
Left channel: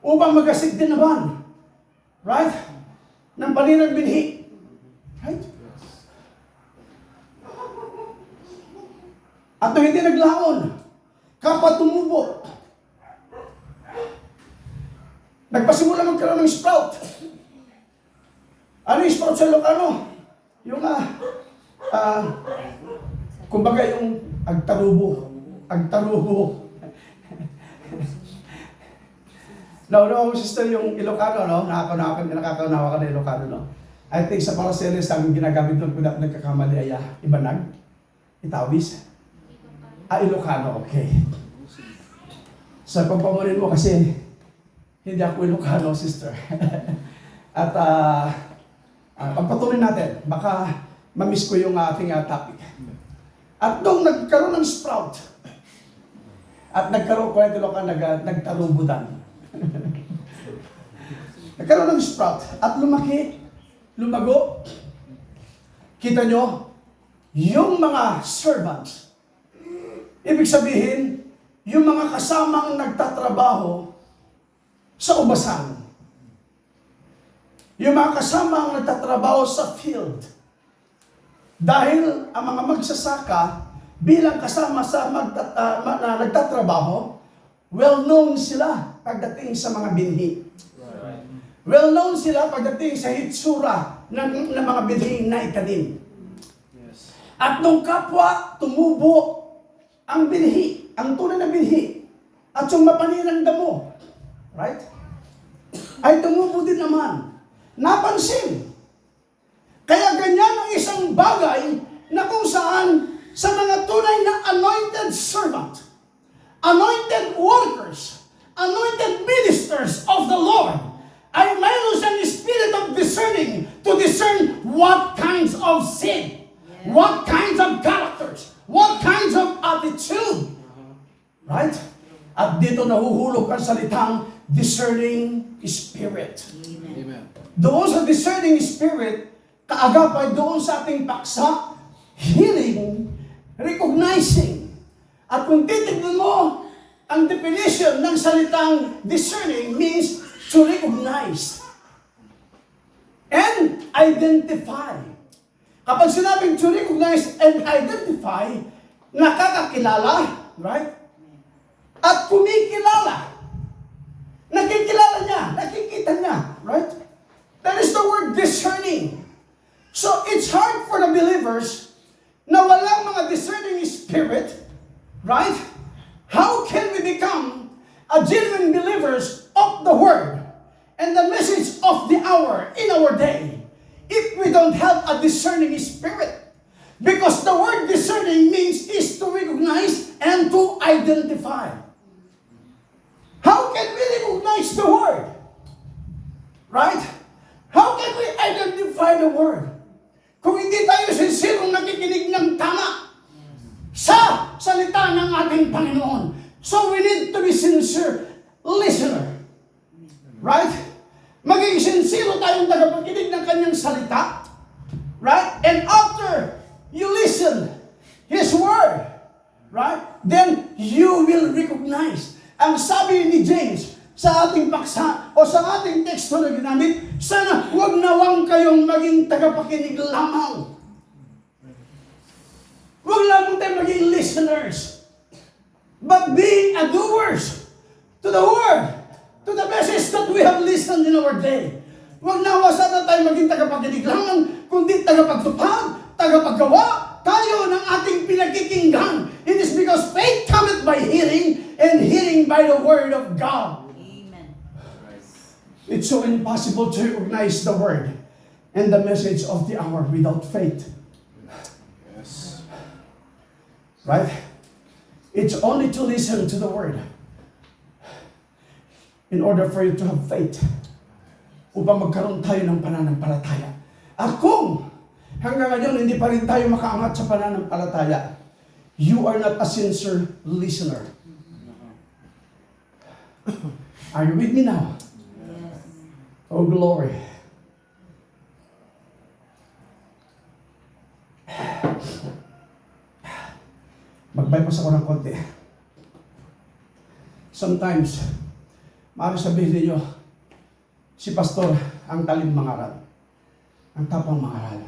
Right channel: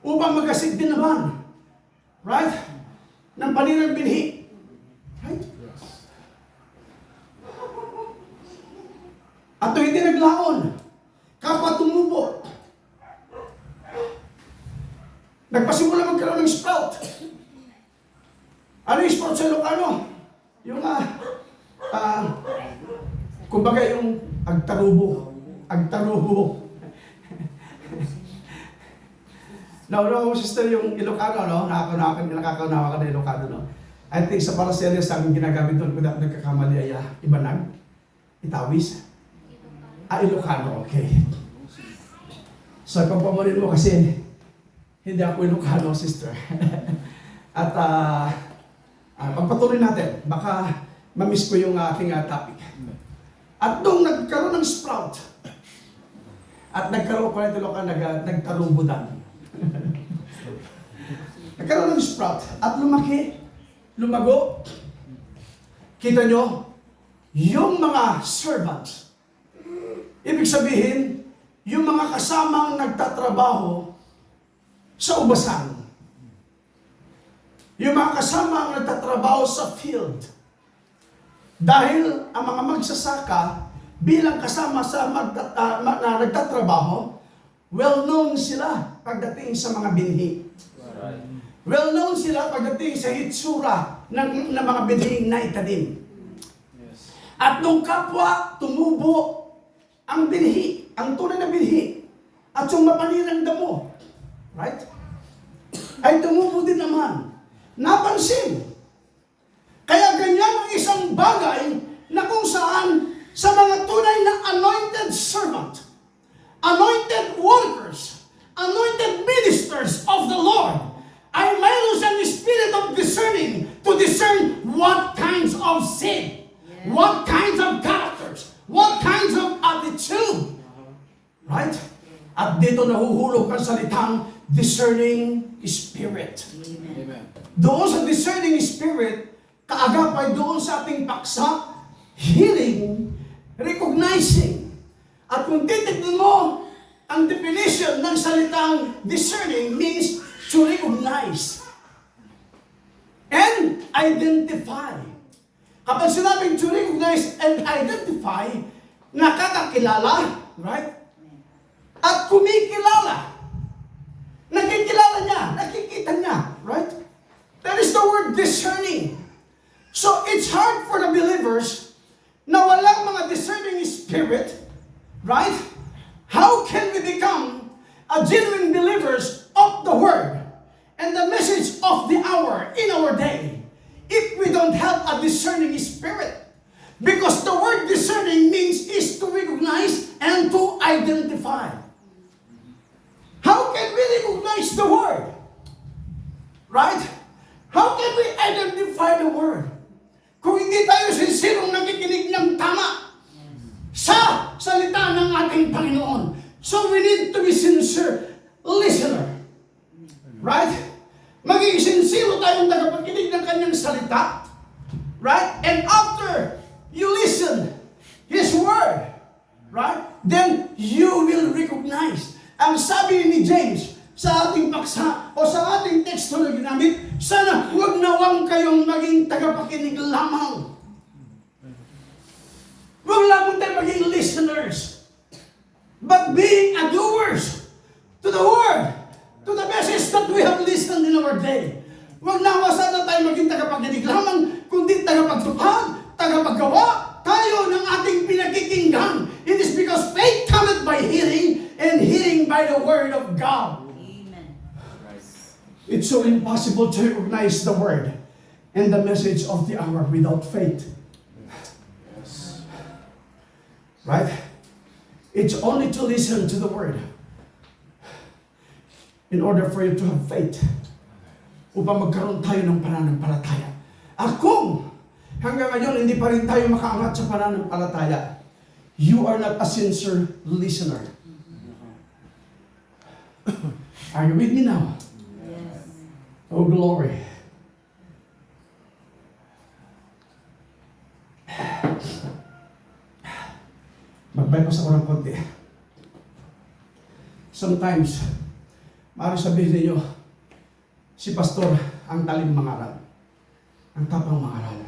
upang magasid din naman. Right? Ng paninang binhi. Right? At hindi naglaon. Kapwa tumubo. Nagpasimula magkaroon ng sprout. Ano yung sprout sa Ilocano? Yung kumbaga yung agtarubo. No, sister, yung Ilocano, no? Nakakaunawa ka na Ilocano, no? I think sa Paracelis, ang ginagamit doon, kung nagkakamali ay Ibanag, Itawis, Ilocano, okay. So, pagpamunin mo kasi, hindi ako Ilocano, sister. At, pagpatuloy natin, baka mamiss ko yung ating topic. At nung nagkaroon ng sprout, at nagkaroon ko nagtarubudan. Nagkaroon ng sprout, at lumago. Kita nyo, yung mga servants, ibig sabihin, yung mga kasamang nagtatrabaho, sa ubasan. Yung mga kasama ang nagtatrabaho sa field. Dahil ang mga magsasaka, bilang kasama sa na nagtatrabaho, well-known sila pagdating sa mga binhi. Well-known sila pagdating sa hitsura ng mga binhi na itanim. Yes. At nung kapwa tumubo ang binhi, ang tunay na binhi, at yung mapaninang damo, right? Ay tumubo din naman. Napansin. Kaya ganyan ang isang bagay na kung saan sa mga tunay na anointed servant, anointed workers, anointed ministers of the Lord, ay mayroon siyang spirit of discerning to discern what kinds of sin, what kinds of characters, what kinds of attitude. Right? At dito nahuhulog ang salitang discerning spirit. Amen. Doon sa discerning spirit, kaagapay doon sa ating paksa, hearing, recognizing. At kung titignan mo, ang definition ng salitang discerning means to recognize and identify. Kapag sinabing to recognize and identify, nakakakilala, right? At kumikilala. Nakikilala niya, nakikita niya, right? That is the word discerning. So it's hard for the believers na walang mga discerning spirit, right? How can we become a genuine believers of the word and the message of the hour in our day if we don't have a discerning spirit? Because the word discerning means is to recognize and to identify. How can we recognize the word? Right? How can we identify the word? Kung hindi tayo sinserong nakikinig ng tama sa salita ng ating Panginoon. So we need to be sincere listener. Right? Maging sincere tayong tagapakinig ng kanyang salita. Right? And after you listen His word, right? Then you will recognize. Ang sabi ni James sa ating paksa o sa ating teksto na ginamit, sana huwag nawang kayong maging tagapakinig lamang. Huwag lamang tayo maging listeners, but being a doers to the word, to the message that we have listened in our day. Huwag nawa sana tayo maging tagapakinig lamang, kundi tagapagtupad, tagapaggawa tayo ng ating pinakikinggan. It is because faith cometh by hearing, and hearing by the word of God. Amen. It's so impossible to recognize the word and the message of the hour without faith. Yes. Right? It's only to listen to the word in order for you to have faith upang magkaroon tayo ng pananampalataya. At kung hanggang ngayon hindi pa rin tayo makaangat sa pananampalataya, you are not a sincere listener. Are you with me now? Yes. Oh, glory. Mag-bypass ako ng konti. Sometimes, maaari sabihin ninyo, si pastor ang talim mangaral. Ang tapang mangaral.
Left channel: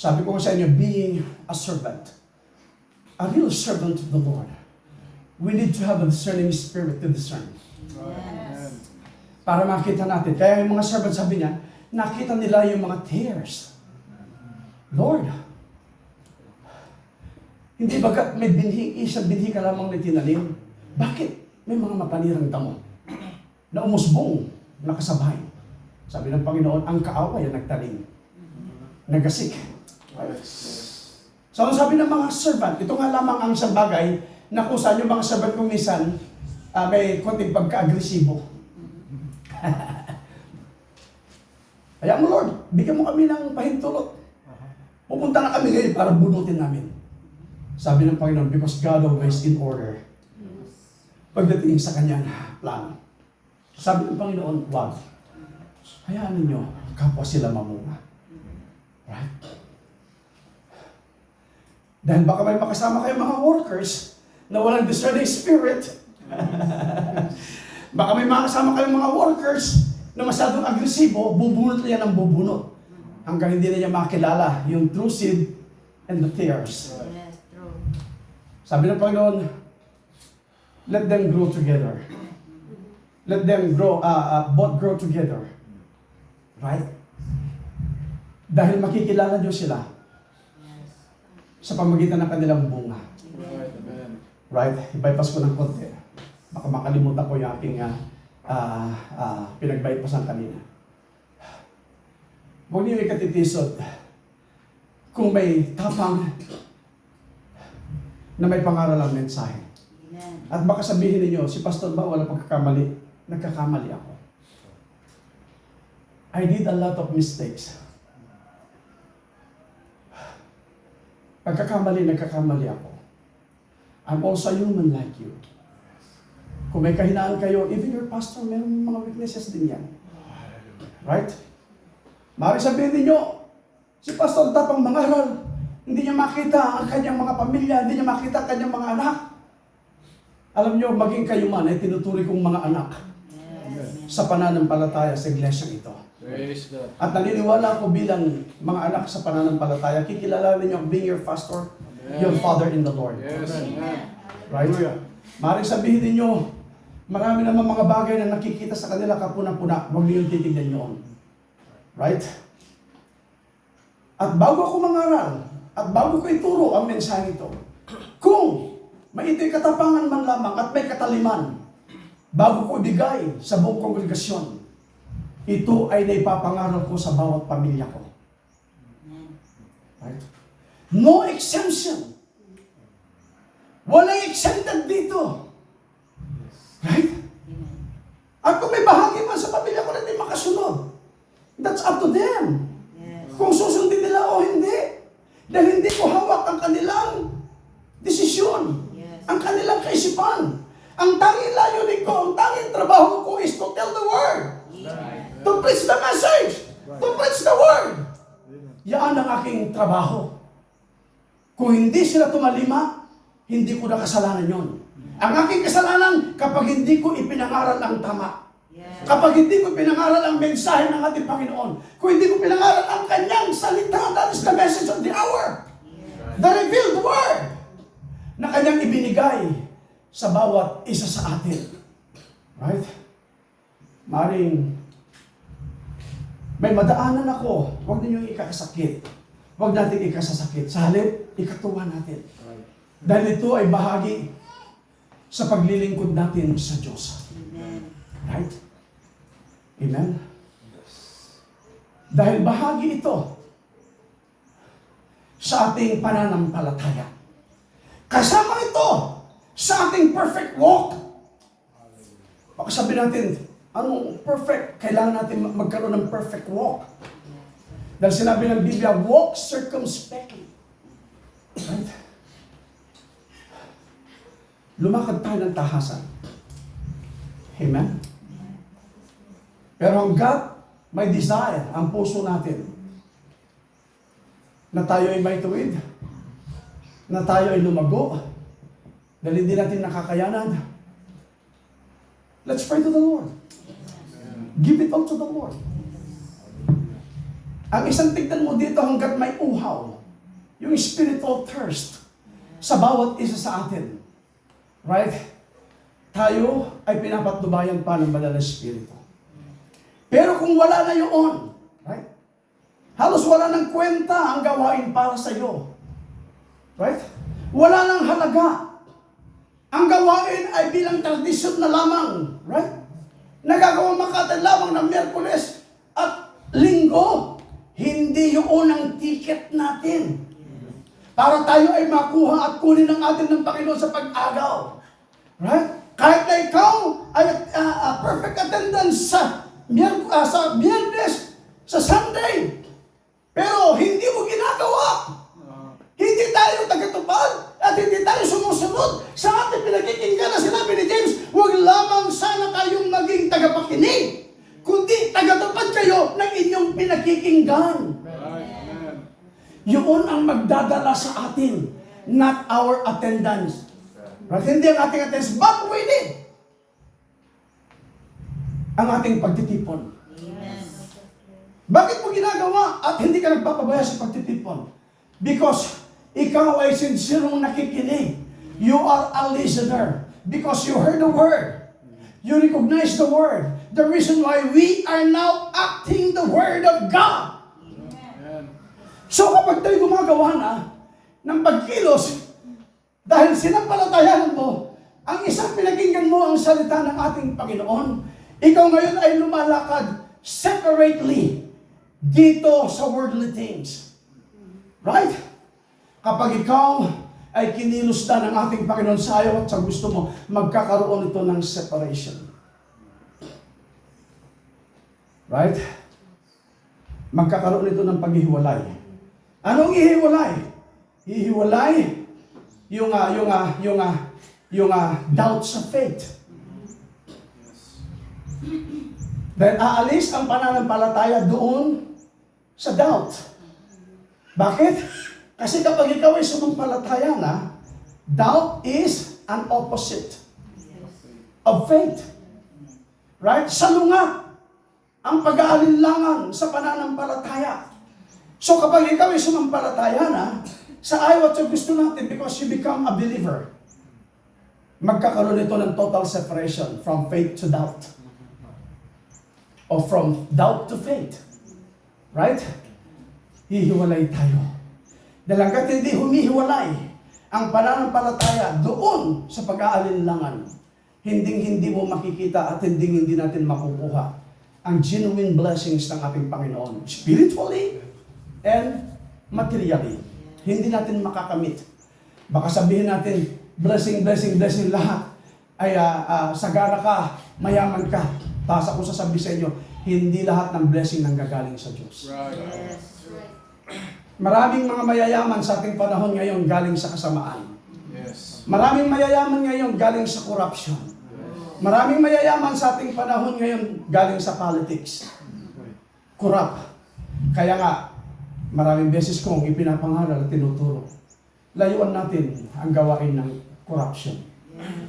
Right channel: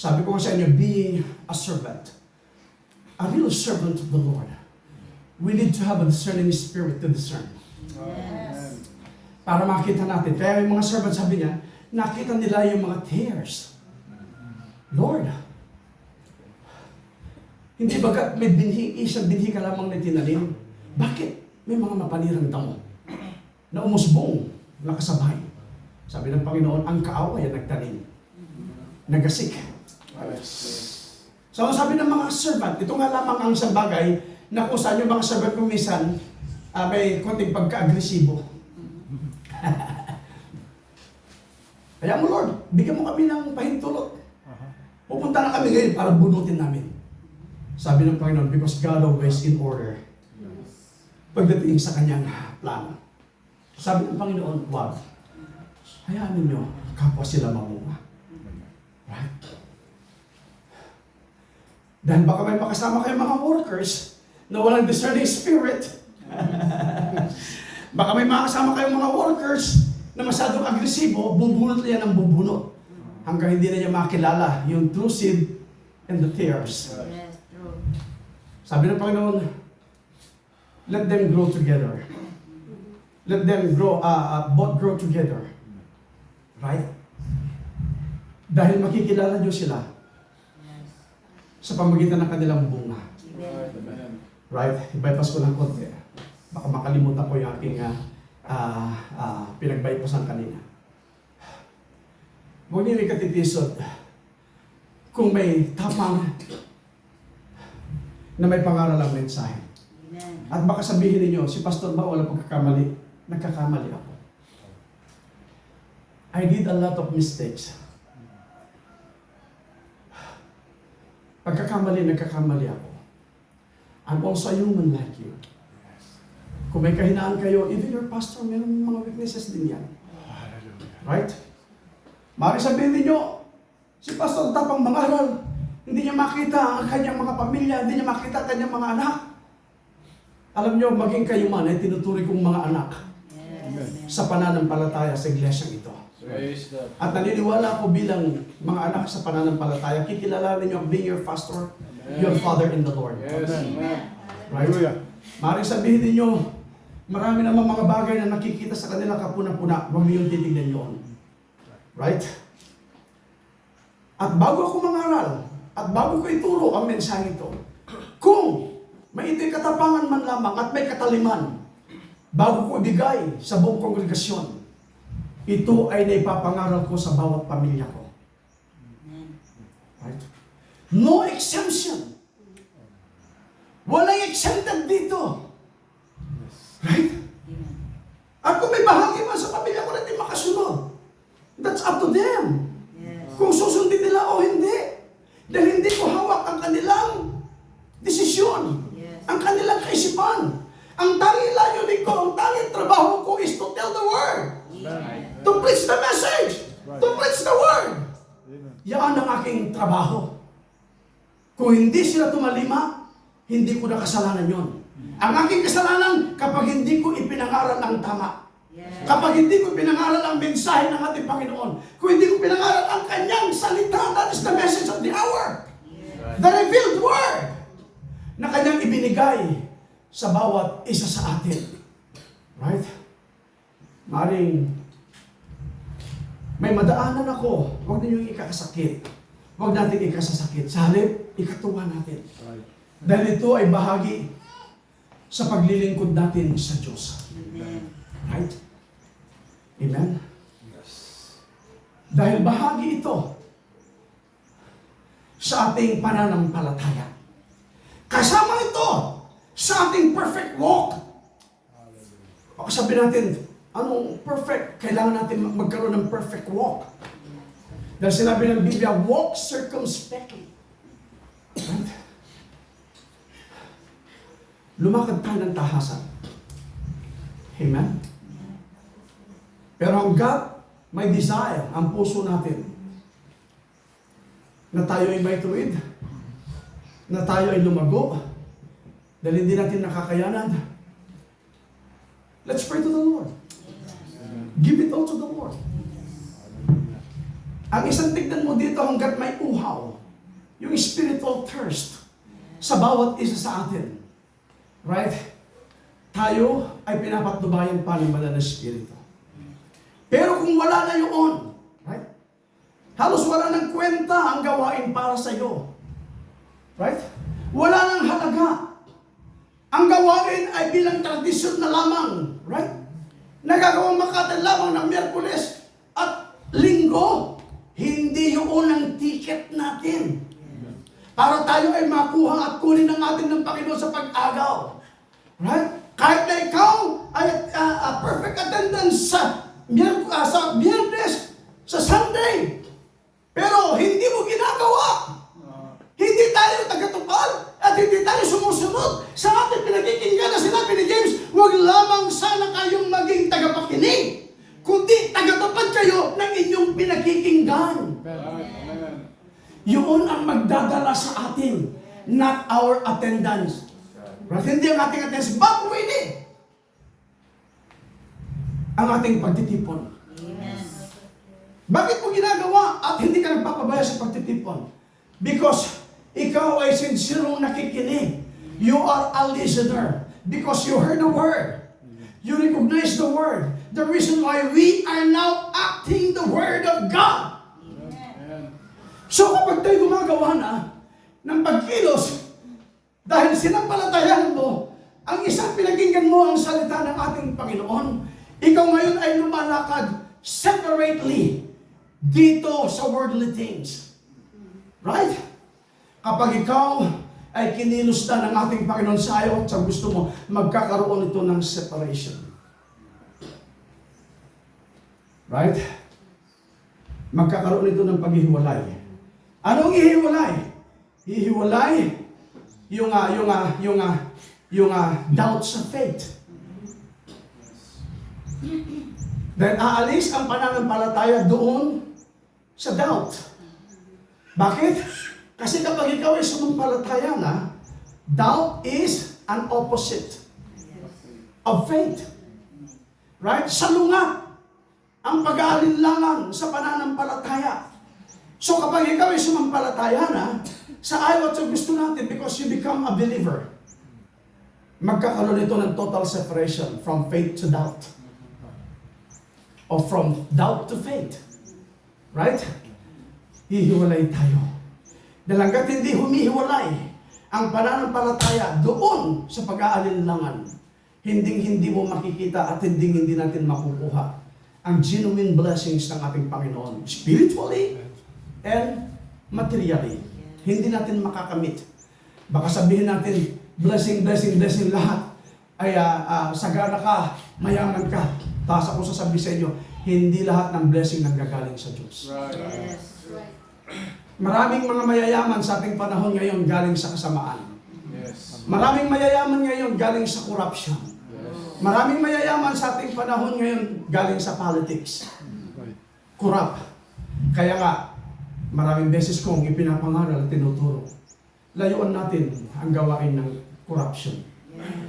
Sabi ko sa inyo, being a servant, a real servant of the Lord, we need to have a discerning spirit to discern. Yes. Para makita natin. Kaya yung mga servant, sabi niya, nakita nila yung mga tears. Lord, hindi bagat may binhi, isang binhi ka lamang na tinanim. Bakit? May mga mapanirang damo na umusbong, nakasabay. Sabi ng Panginoon, ang kaaway ang nagtanim. Nagasik. So sabi ng mga servant, ito nga lamang ang isang bagay na kung saan yung mga servant kung minsan may konting pagka-agresibo. Kaya mo Lord, bigyan mo kami ng pahintulot. Pupunta na kami ngayon para bunutin namin. Sabi ng Panginoon, because God always in order. Pagdating sa kanyang plano. Sabi ng Panginoon, wag. Hayaan ninyo, kapwa sila mamunga. Right? Dahil baka may makasama kayo mga workers na walang discerning spirit. Baka may mga kasama kayong mga workers na masyadong agresibo, bubunot na yan ng bubunot. Hanggang hindi na niya makilala yung true seed and the tares. Yes, true. Sabi ng Panginoon, let them grow together. Let them grow, both grow together. Right? Dahil makikilala niyo sila Yes. sa pamagitan ng kanilang bunga. Amen. Amen. Right? I-bypass ko ng konti. Baka makalimutan ko yung aking pinag-bypassan kanina. Huwag niyo ikatitisod kung may tapang na may pangaral ang mensahe. Amen. At baka sabihin ninyo, si Pastor ba wala pagkakamali? Nagkakamali ako. I did a lot of mistakes. Nagkakamali ako. I'm also human like you. Kung may kahinaan kayo, even your pastor, meron mga weaknesses din yan. Right? Maaari sabihin ninyo, si Pastor tapang mangaral, hindi niya makita ang kanyang mga pamilya, hindi niya makita ang kanyang mga anak. Alam niyo, maging kayo man ay tinuturi kong mga anak Yes. sa pananampalataya sa iglesia ito. Praise God. At naniniwala ako bilang mga anak sa pananampalataya, kikilala ninyo being your pastor, your father in the Lord. Yes. Amen. Right? Maaaring sabihin ninyo, marami naman mga bagay na nakikita sa kanila kapuna-puna, huwag ninyong titignan yun. Right? At bago ako mangaral, at bago ko ituro ang mensahe ito, kung may ito'y katapangan man lamang at may kataliman, bago ko ibigay sa buong kongregasyon, ito ay naipapangaral ko sa bawat pamilya ko. Amen. Right? No exemption. Walang exempted dito. Right? Amen. At kung may bahagi man sa pamilya ko na hindi makasunod, that's up to them. Yes. Kung susundin nila o hindi. Dahil hindi ko hawak ang kanilang desisyon, Yes. ang kanilang kaisipan. Ang tanging layunin ko, ang tanging trabaho ko is to tell the word, Amen. to preach the message, to preach the word. Yan ang aking trabaho. Kung hindi sila tumalima, hindi ko na kasalanan yon. Ang aking kasalanan kapag hindi ko ipinangaral ang tama. Yes. Kapag hindi ko pinangaral ang mensahe ng ating Panginoon, kung hindi ko pinangaral ang kanyang salita, that is the message of the hour. Yes. The revealed word na kanyang ibinigay sa bawat isa sa atin. Right? Maring may madaanan ako, huwag ninyong ikakasakit. Huwag natin ikasasakit. Sa halip, ikatuwa natin. Dahil ito ay bahagi sa paglilingkod natin sa Diyos. Amen. Right? Amen? Dahil bahagi ito sa ating pananampalataya. Kasama ito sa ating perfect walk. Baka sabihin natin, anong perfect? Kailangan natin magkaroon ng perfect walk. Dahil sinabi ng Biblia, walk circumspectly. Right? Lumakad tayo ng tahasan. Amen? Pero hanggat may desire ang puso natin na tayo ay may tuwid, na tayo ay lumago, dahil hindi natin nakakayanan, let's pray to the Lord. Give it all to the Lord. Ang isang tignan mo dito hanggat may uhaw, yung spiritual thirst sa bawat isa sa atin. Right? Tayo ay pinapatnubayan pa ng banal na Espiritu. Pero kung wala na yun, right? Halos wala ng kwenta ang gawain para sa iyo. Right? Wala nang halaga. Ang gawain ay bilang tradisyon na lamang. Right? Nagagawang Makati lamang ng Miyerkules at Linggo. Hindi yung ang ticket natin. Para tayo ay makuha at kunin ng atin ng Panginoon sa pag-agaw. Right? Kahit na ikaw ay perfect attendance sa Biyernes, sa Sunday, pero hindi mo ginagawa. Hindi tayo tagatupad at hindi tayo sumusunod sa ating pinakikinggan na sinabi ni James, huwag lamang sana kayong maging tagapakinig, kundi tagatupad kayo ng inyong pinakikinggan. Yun ang magdadala sa atin, not our attendance. Right? Hindi ang ating attendance, but we need ang ating pagtitipon. Amen. Bakit mo ginagawa at hindi ka nagpapabaya sa pagtitipon? Because ikaw ay sincerong nakikinig. You are a listener. Because you heard the word. You recognize the word. The reason why we are now acting the word of God. Amen. So kapag tayo gumagawa na ng pagkilos, dahil sinampalatayanan mo, ang isang pinakinggan mo ang salita ng ating Panginoon, ikaw ngayon ay lumalakad separately dito sa worldly things. Right? Kapag ikaw ay kinilos na ng ating Panginoon sa ayaw at sa gusto mo, magkakaroon ito ng separation. Right? Magkakaroon ito ng paghihiwalay. Anong ihiwalay? Hihiwalay yung doubt sa faith. Dahil aalis ang pananampalataya doon sa doubt. Bakit? Kasi kapag ikaw ay sumampalataya na, doubt is an opposite of faith. Right? Salungat ang pag-aalinlangan sa pananampalataya. So kapag ikaw ay sumampalataya na, sa ayaw at sa gusto natin, because you become a believer, magkakaroon ito ng total separation from faith to doubt. Or from doubt to faith. Right? Hihiwalay tayo. Dahil hanggat hindi humihiwalay ang pananampalataya doon sa pag-aalinlangan, hindi mo makikita at hindi natin makukuha ang genuine blessings ng ating Panginoon. Spiritually and materially. Hindi natin makakamit. Baka sabihin natin, blessing lahat. Ay sagana ka, mayaman ka. Taas ako sasabihin sa inyo, hindi lahat ng blessing nanggagaling sa Diyos. Right. Yes. Maraming mga mayayaman sa ating panahon ngayon galing sa kasamaan. Yes. Maraming mayayaman ngayon galing sa corruption. Maraming mayayaman sa ating panahon ngayon galing sa politics. Corrupt. Kaya nga, maraming beses kong ipinapangaral at tinuturo. Layuan natin ang gawain ng corruption.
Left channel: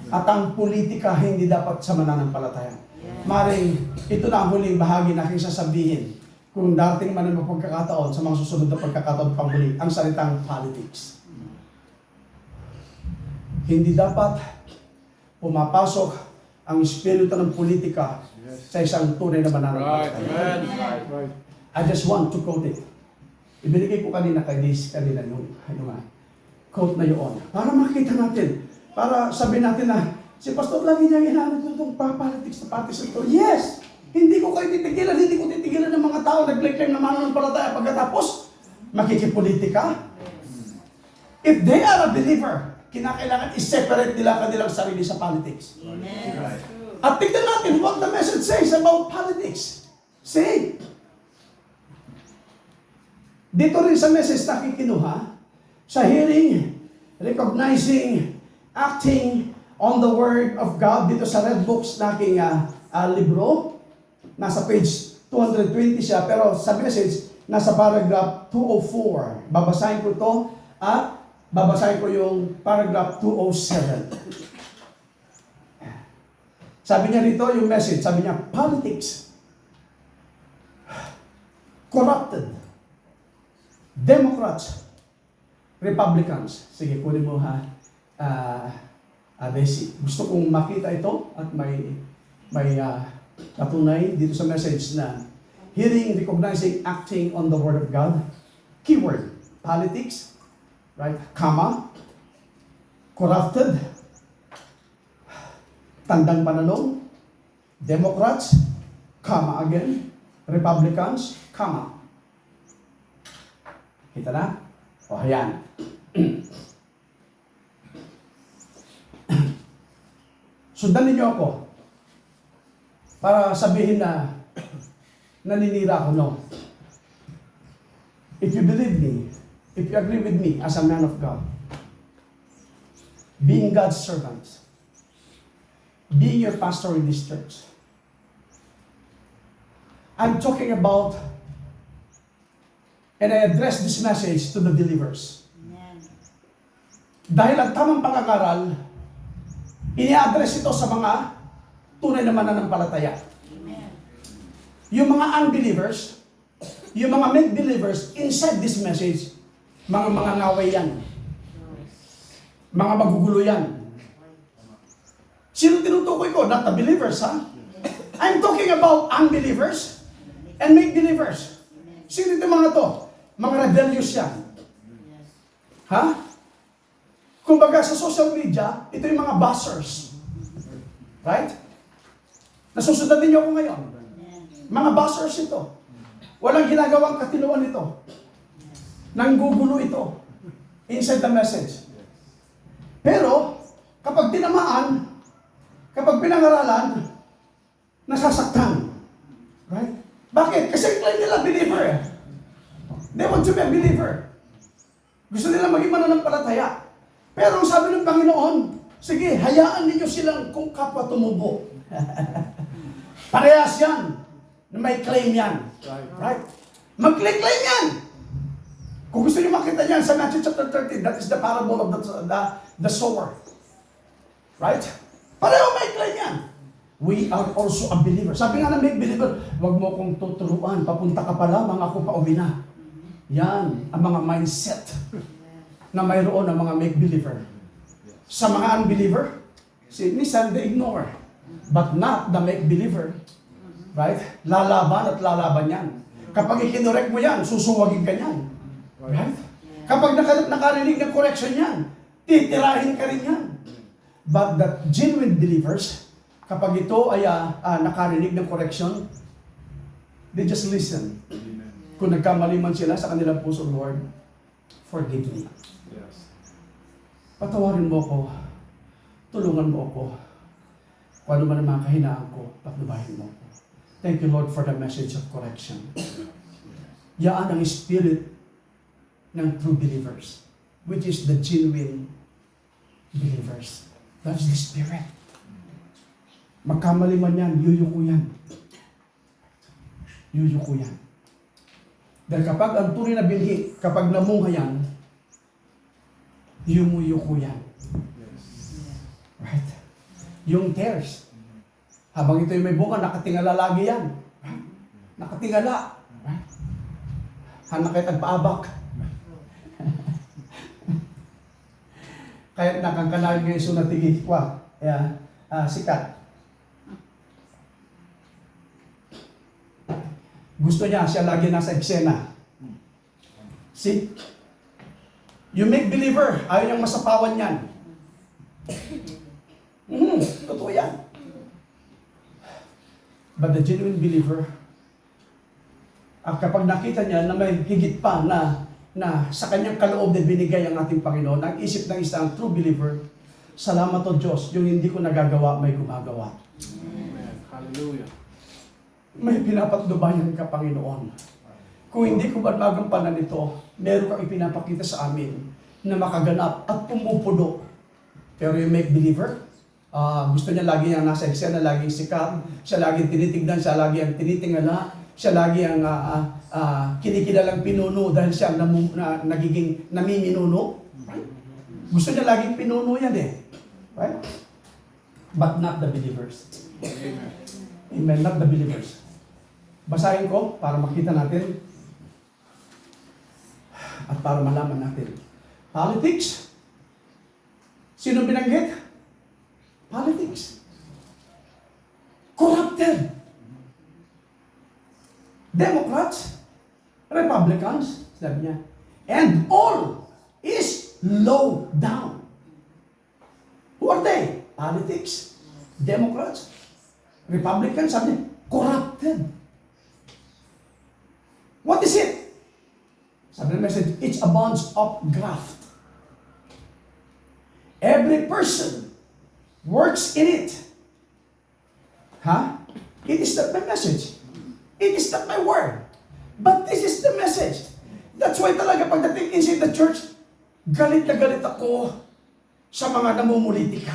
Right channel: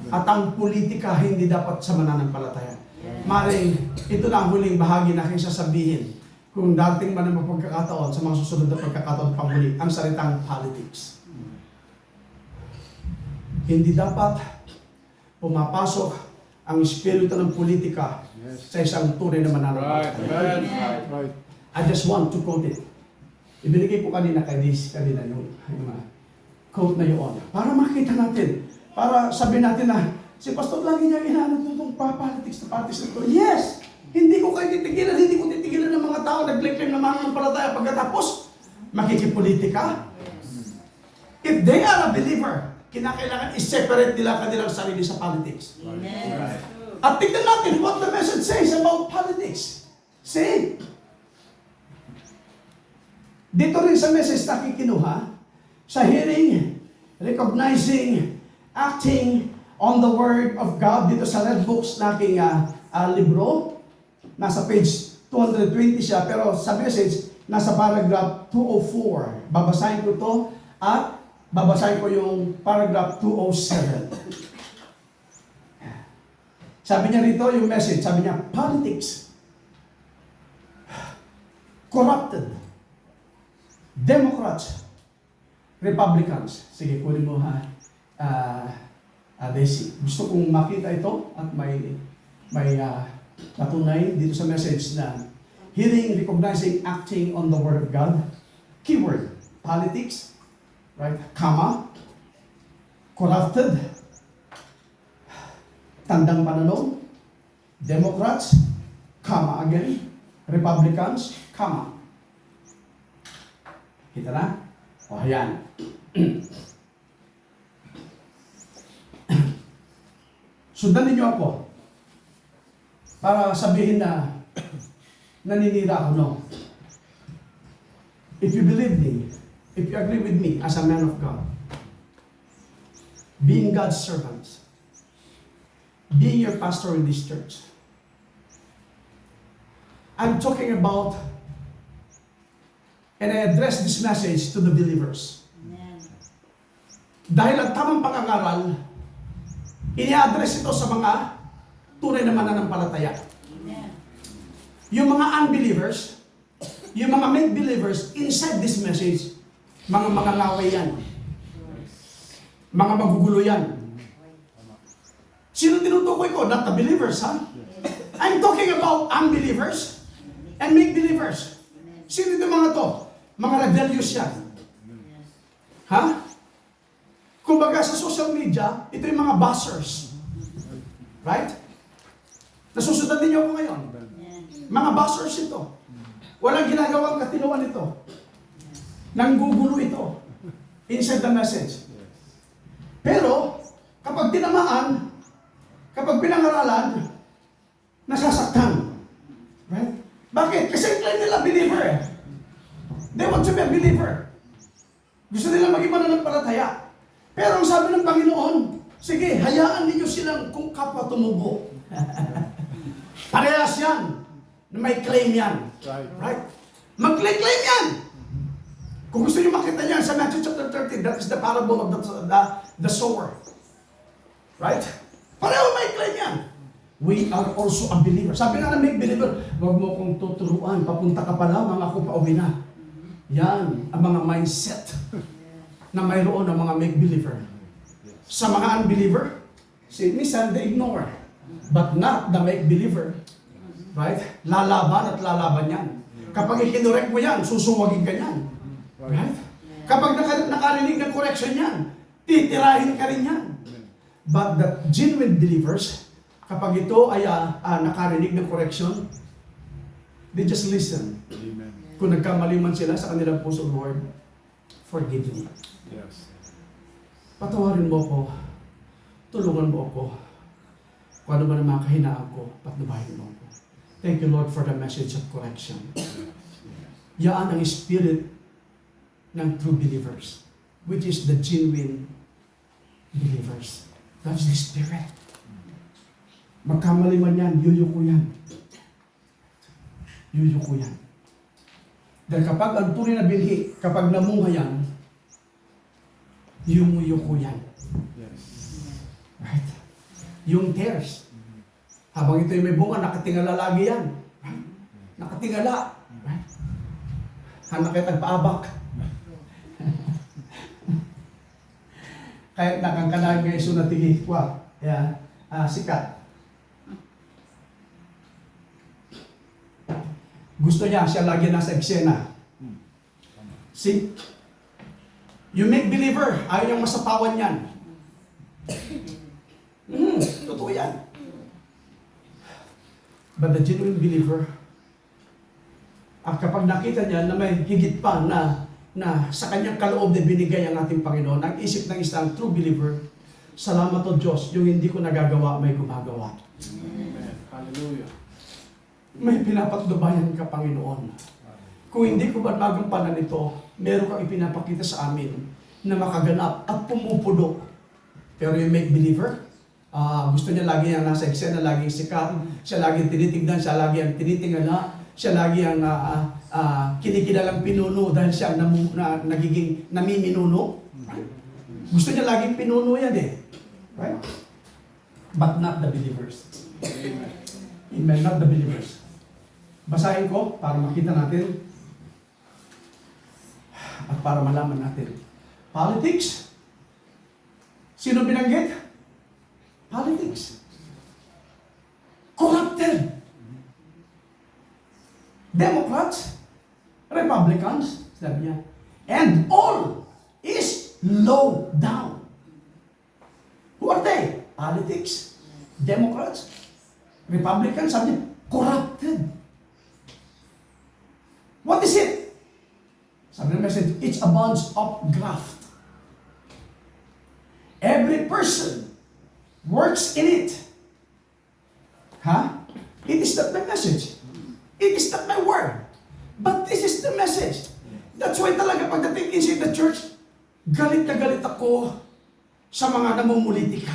At ang politika hindi dapat sa mananampalataya. Maring, ito na ang huling bahagi na aking sasabihin. Kung dating man ang pagkakataon sa mga susunod na pagkakataon panghuli, ang salitang politics. Hindi dapat pumapasok ang espiritu ng politika sa isang tunay na Right. mananampalataya. Amen. Right. I just want to quote it. Ibinigay ko kanina kay Liz, kanina yung quote na yun. Para makita natin, para sabihin natin na, si Pastor lagi niya inaanod itong politics na parties na ito. Yes! Hindi ko kayo titigilan, hindi ko titigilan ng mga tao nag-claim na mananampalataya pagkatapos makikipolitika. If they are a believer, kinakailangan i-separate nila kanilang sarili sa politics. Amen. At tignan natin what the message says about politics. See? Dito rin sa message na kikinuha, sa hearing, recognizing, acting on the Word of God, dito sa Red Books na aking libro, nasa page 220 siya, pero sa message, nasa paragraph 204. Babasahin ko ito at babasahin ko yung paragraph 207. Sabi niya rito yung message, sabi niya, politics, corrupted, Democrats, Republicans. Sige, kunin mo ha, Desi. Gusto kong makita ito at may patunay dito sa message na hearing, recognizing, acting on the Word of God. Keyword, politics, right? Comma, corrupted, tandang pananaw, Democrats, comma again, Republicans, comma. Kita na? O, ayan. Sundan ninyo ako para sabihin na naninira ako, no. If you believe me, if you agree with me as a man of God, being God's servant, being your pastor in this church, I'm talking about, and I address this message to the believers. Amen. Dahil ang tamang pangangaral Ini-address ito sa mga tunay na mananampalataya. Amen. Yung mga unbelievers, yung mga make-believers inside this message, mga ngaway yan. Mga magugulo yan. Sino tinutukoy ko? Not the believers, ha? I'm talking about unbelievers and make-believers. Sino ito mga to? Mga rebellious yan. Yes. Ha? Kumbaga sa social media, ito yung mga buzzers. Right? Nasusundan niyo ako ngayon. Amen. Mga buzzers ito. Walang ginagawang katinuan ito. Nanggugulo ito. Inside the message. Pero, kapag tinamaan, kapag pinangaralan, nasasaktan. Right? Bakit? Kasi claim nila believer eh. They want to be a believer. Gusto nila maging mananampalataya. Pero ang sabi ng Panginoon, sige, hayaan ninyo silang kung kapwa tumubo. Parehas yan. Na may claim yan. Right? Mag-claim yan. Kung gusto niyo makita niyan sa Matthew chapter 13, that is the parable of the sower. Right? Pareho may claim yan. We are also a believer. Sabi nga ng make believer, huwag mo kong tuturuan, papunta ka pa lamang, ako pa uwi na. Yan, ang mga mindset na mayroon ng mga make believer. Sa mga unbeliever, minsan they ignore. But not the make believer. Right? Lalaban at lalaban yan. Kapag ikinorek mo yan, susuwagin ka yan. Right? Kapag nakarinig ng correction yan, titirahin ka rin yan. But the genuine believers, kapag ito ay nakarinig ng correction, they just listen. Amen. Kung nagkamali man sila sa kanilang puso, Lord, forgive me. Yes. Patawarin mo ko, tulungan mo ako. Kung ano man ang mga kahinaan ko, patnubahin mo ko. Thank you, Lord, for the message of correction. Yaan ang spirit ng true believers, which is the genuine believers. That's the spirit. Magkamali man yan, yuyuko yan. Yuyuko yan. Dahil kapag ang tunay na binhi, kapag namunga yan, yumuyuko yan. Yes. Right? Yung tares. Habang ito'y may bunga, nakatingala lagi yan. Right? Nakatingala. Right? Hanak kayo tagpaabak. Kaya nakangkalaan ngayon sunatigi. Wah, sikat. Gusto niya, siya lagi nasa eksena. See? You make believer, ayaw niyang masapawan yan. Totoo yan. But the genuine believer, kapag nakita niya na may higit pa na sa kanyang kaloob na binigay ang ating Panginoon, ang isip ng isang true believer, salamat o Diyos, yung hindi ko nagagawa, may gumagawa. Amen. Hallelujah. May pinapatnubayan ka, Panginoon. Kung hindi ko ba magampanan ito, meron kang ipinapakita sa amin na makaganap at pumupuno. Pero yung make believer, gusto niya lagi ang nasa eksena, laging sikat, siya laging tinitignan, siya lagi ang tinitingala, siya lagi ang kinikilalang pinuno dahil siya nagiging namiminuno. Right? Gusto niya laging pinuno yan eh. Right? But not the believers. Amen. Amen, not the believers. Basahin ko para makita natin at para malaman natin. Politics. Sino binanggit? Politics. Corrupted. Democrats, Republicans, sabi niya, and all is low down. Who are they? Politics, Democrats, Republicans, sabi niya, corrupted. What is it? Sabi ng message, it's a bunch of graft. Every person works in it. Huh? It is not my message. It is not my word. But this is the message. That's why talaga pagdating inside the church, galit na galit ako sa mga namumulitika.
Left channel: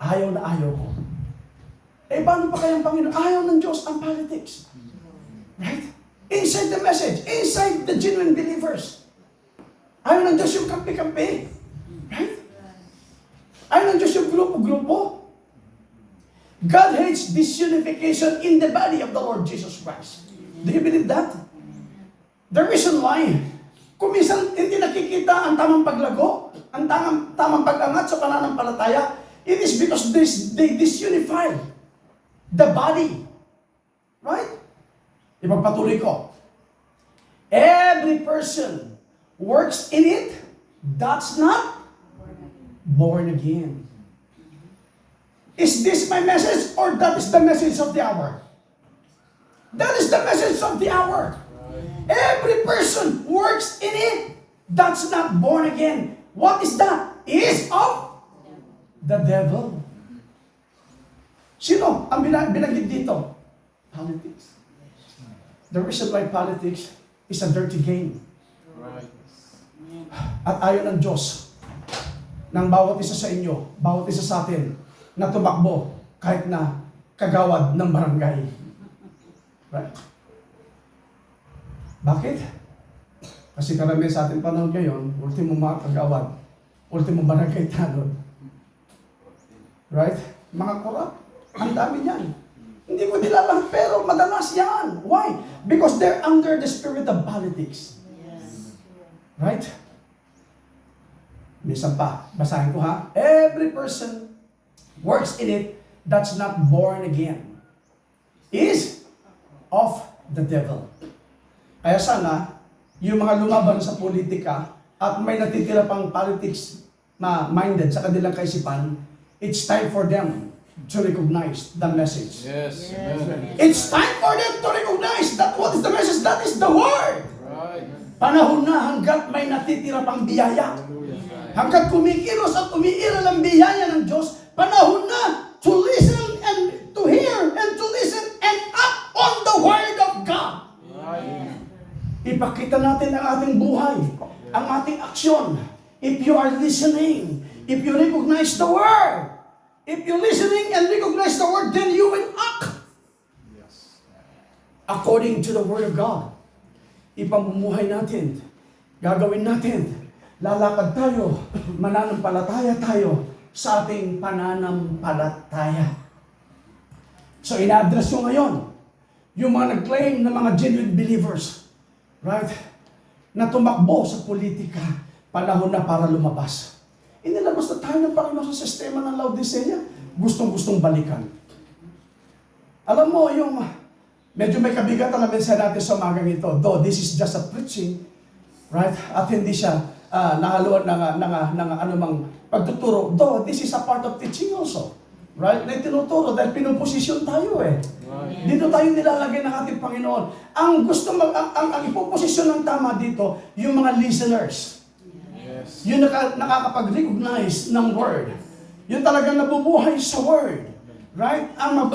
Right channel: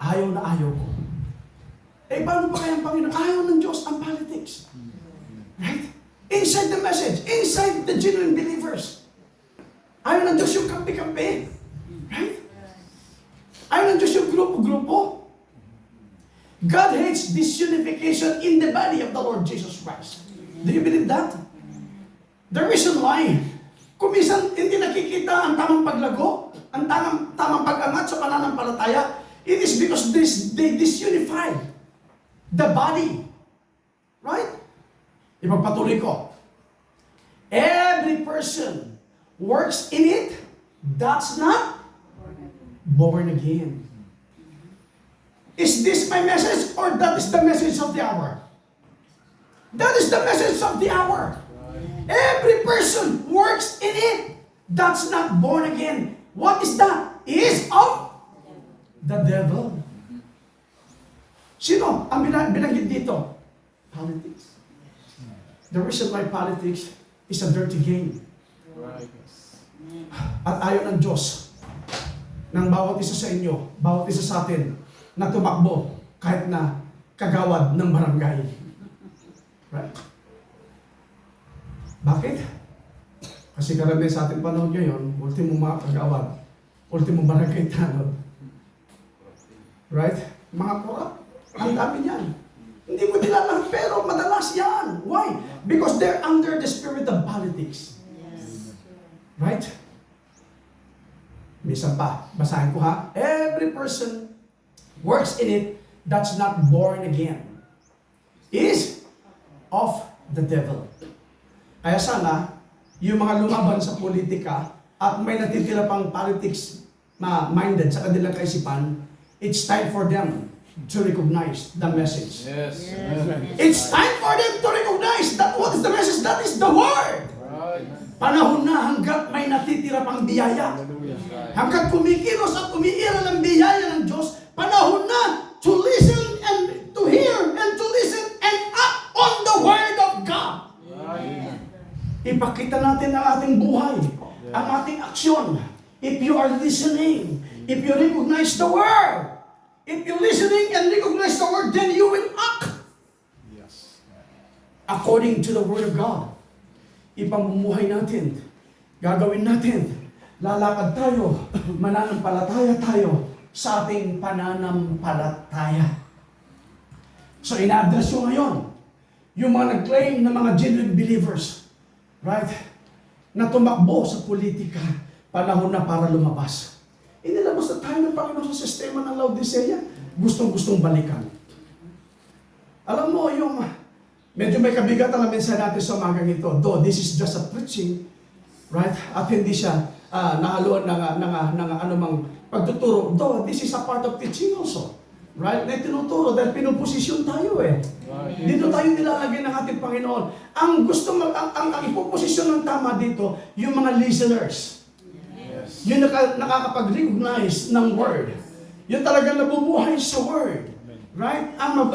Ayaw na ayaw ko. Eh, paano pa kayang Panginoon? Ayaw ng Diyos ang politics. Right? Inside the message. Inside the genuine believers. Ayaw ng Diyos yung kampi-kampi. Right? Ayaw ng Diyos yung grupo-grupo. God hates disunification in the body of the Lord Jesus Christ. Do you believe that? The reason why, kung minsan hindi nakikita ang tamang paglago, ang tamang pag-angat sa pananampalataya, it is because they disunify the body. Right? Ipagpatuloy ko. Every person works in it that's not born again. Is this my message or that is the message of the hour? That is the message of the hour. Every person works in it that's not born again. What is that? Is of the devil. Sino ang binanggit dito? Politics. The reason why politics is a dirty game. Right. At ayaw ng Diyos ng bawat isa sa inyo, bawat isa sa atin, na tumakbo kahit na kagawad ng barangay. Right? Bakit? Kasi karamihan sa ating panahon ngayon, ultimo mga kagawad, ultimo barangay tanod. Right? Mga korap, ang dami niyan. Hindi mo nila lahat, pero madalas yan. Why? Because they're under the spirit of politics. Yes. Right? Minsan pa, basahin ko ha. Every person works in it that's not born again is of the devil. Kaya sana, yung mga lumaban sa politika at may natitira pang politics minded sa kanilang kaisipan, it's time for them to recognize the message. Yes. Yes. Amen. It's time for them to recognize that what is the message? That is the word. Right. Panahon na hanggat may natitira pang biyaya. Hallelujah. Hanggat kumikilos at umiiral ang biyaya ng Diyos, panahon na to listen and to hear and to listen and act on the word of God. Right. Ipakita natin ang ating buhay, ang ating aksyon. If you are listening, if you recognize the word, if you're listening and recognize the word, then you will act Yes. according to the word of God. Ipamumuhay natin, gagawin natin, lalakad tayo, mananampalataya tayo sa ating pananampalataya. So ina-address ko ngayon, yung mga nag-claim na mga genuine believers, right, na tumakbo sa politika, panahon na para lumabas. Inilabas na tayo ng Panginoon sa sistema ng Laodicea, gustong-gustong balikan. Alam mo, yung medyo may kabigatan na mensahe natin sa umagang ito, though this is just a preaching, right, at hindi siya nahaluan ng anumang pagtuturo, though this is a part of teaching also, right, na tinuturo dahil pinuposisyon tayo eh. Right. Dito tayo nilalagay ng ating Panginoon. Ang ipoposisyon ng tama dito, yung mga listeners. Yes. Yung nakakapag-recognize ng word. Yung talagang nabubuhay sa word. Right? Ang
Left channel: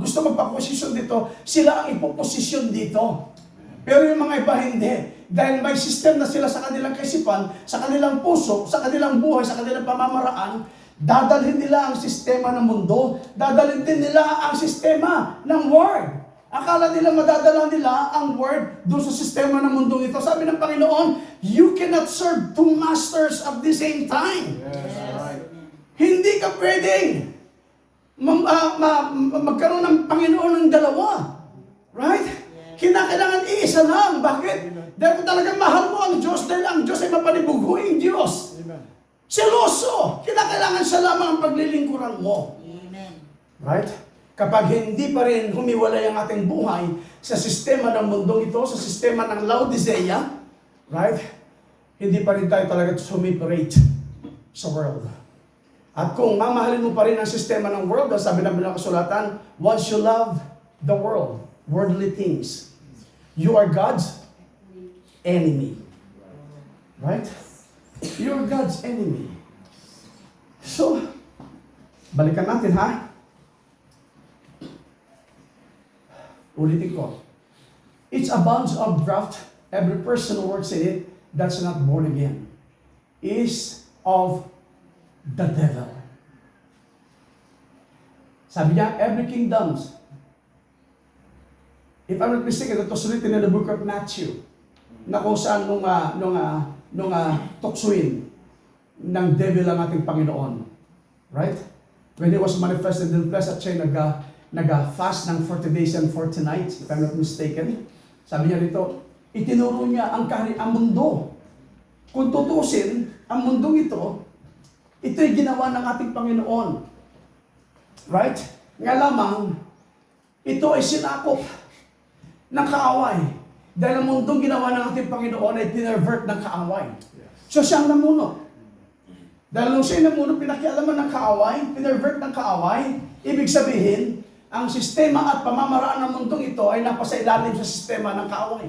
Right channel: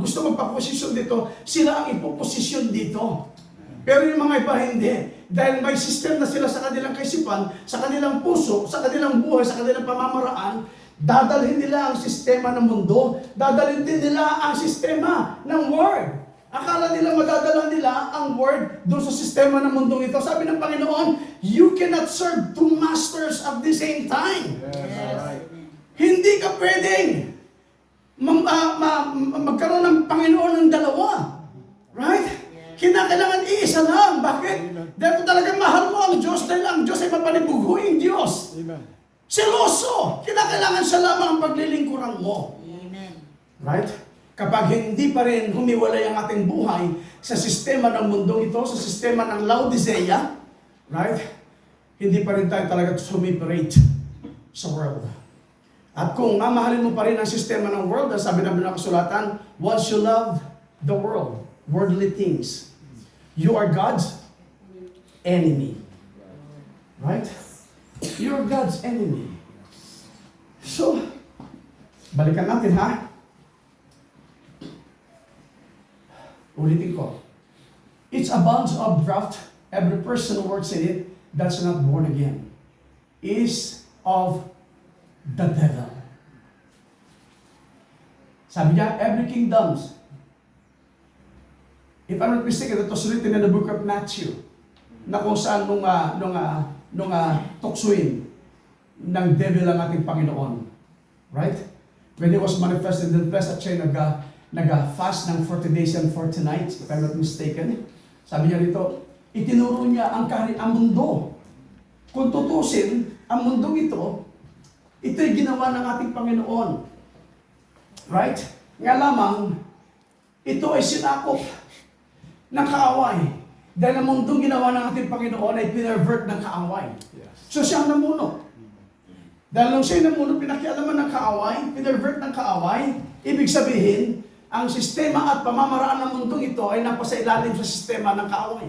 gusto magpaposisyon dito, sila ang ipoposisyon dito. Pero yung mga iba hindi. Dahil may system na sila sa kanilang kaisipan, sa kanilang puso, sa kanilang buhay, sa kanilang pamamaraan, dadalhin nila ang sistema ng mundo, dadalhin din nila ang sistema ng word. Akala nila madadala nila ang word doon sa sistema ng mundong ito. Sabi ng Panginoon, you cannot serve two masters at the same time. Yes. Right. Hindi ka pwedeng magkaroon ng Panginoon ng dalawa. Right? Kinakailangan iisa lang. Bakit? Dahil kung talagang mahal mo ang Diyos, dahil ang Diyos ay mapanibuguing Diyos. Amen. Seloso! Kinakailangan siya lamang ang paglilingkuran mo. Amen. Right? Kapag hindi pa rin humiwalay ang ating buhay sa sistema ng mundong ito, sa sistema ng Laodicea, right? Hindi pa rin tayo talaga sumiperate sa world. At kung mamahalin mo pa rin ang sistema ng world, sabi ng bilang kasulatan, once you love the world, worldly things, you are God's enemy. Right? You're God's enemy. So, balikan natin ha. Ulitin ko. It's a bunch of draft. Every person who works in it that's not born again is of the devil. Sabi niya, every kingdoms. If I'm not mistaken, it was written in the book of Matthew na kung saan nung tuksuin ng devil ang ating Panginoon. Right? when He was manifested in the flesh at siya nag-fast ng 40 days and 40 nights, if I'm not mistaken. Sabi niya rito, itinuro niya ang mundo. Kung tutusin, ang mundong ito'y ginawa ng ating Panginoon. Right? Nga lamang, ito ay sinakop ng kaaway. Dahil ang mundong ginawa ng ating Panginoon ay pinervert ng kaaway. So siya ang namuno. Dahil nung siya namuno, pinakialaman ng kaaway, pinervert ng kaaway, ibig sabihin, ang sistema at pamamaraan ng mundong ito ay napasailalim sa sistema ng kaaway.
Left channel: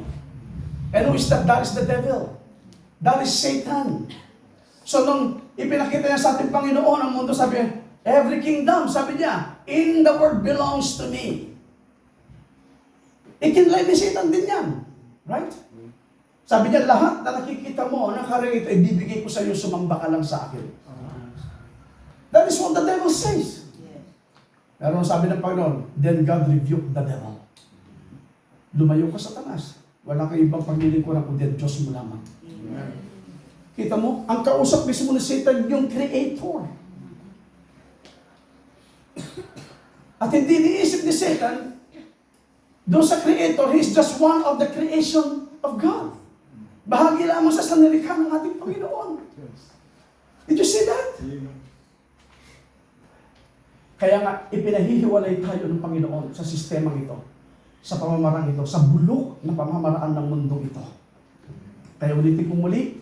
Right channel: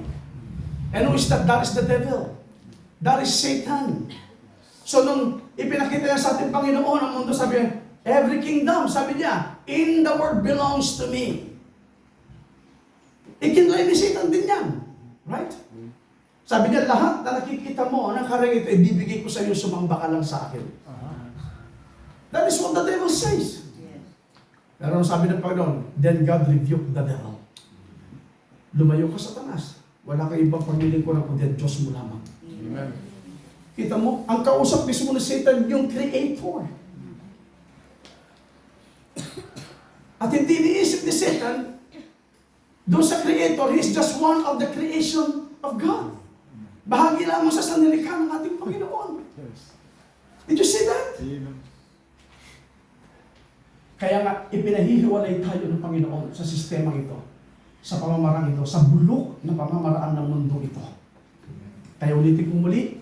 And who is that? That is the devil. That is Satan. So nung ipinakita niya sa ating Panginoon ang mundo, sabi niya, every kingdom, sabi niya, in the world belongs to me. Ikinlay ni Satan din yan. Right? Sabi niya, lahat na nakikita mo, ng karang ito, ibibigay ko sa iyo, sumamba ka lang sa akin. That is what the devil says. Pero sabi ng Panginoon, then God rebuked the devil. Lumayo ka, Satanas. Wala kang ibang paglilingkuran kundi ang Diyos mo lamang. Amen. Kita mo, ang kausap mismo ni Satan, yung creator. At hindi niisip ni Satan, doon sa creator, he is just one of the creation of God. Bahagi lamang sa sanilikha ng ating Panginoon. Yes. Did you see that? Amen. Kaya nga, ipinahihiwalay tayo ng Panginoon sa sistema ito, sa pamamaraan ito, sa bulok na pamamaraan ng mundo ito. Kaya ulitin ko muli,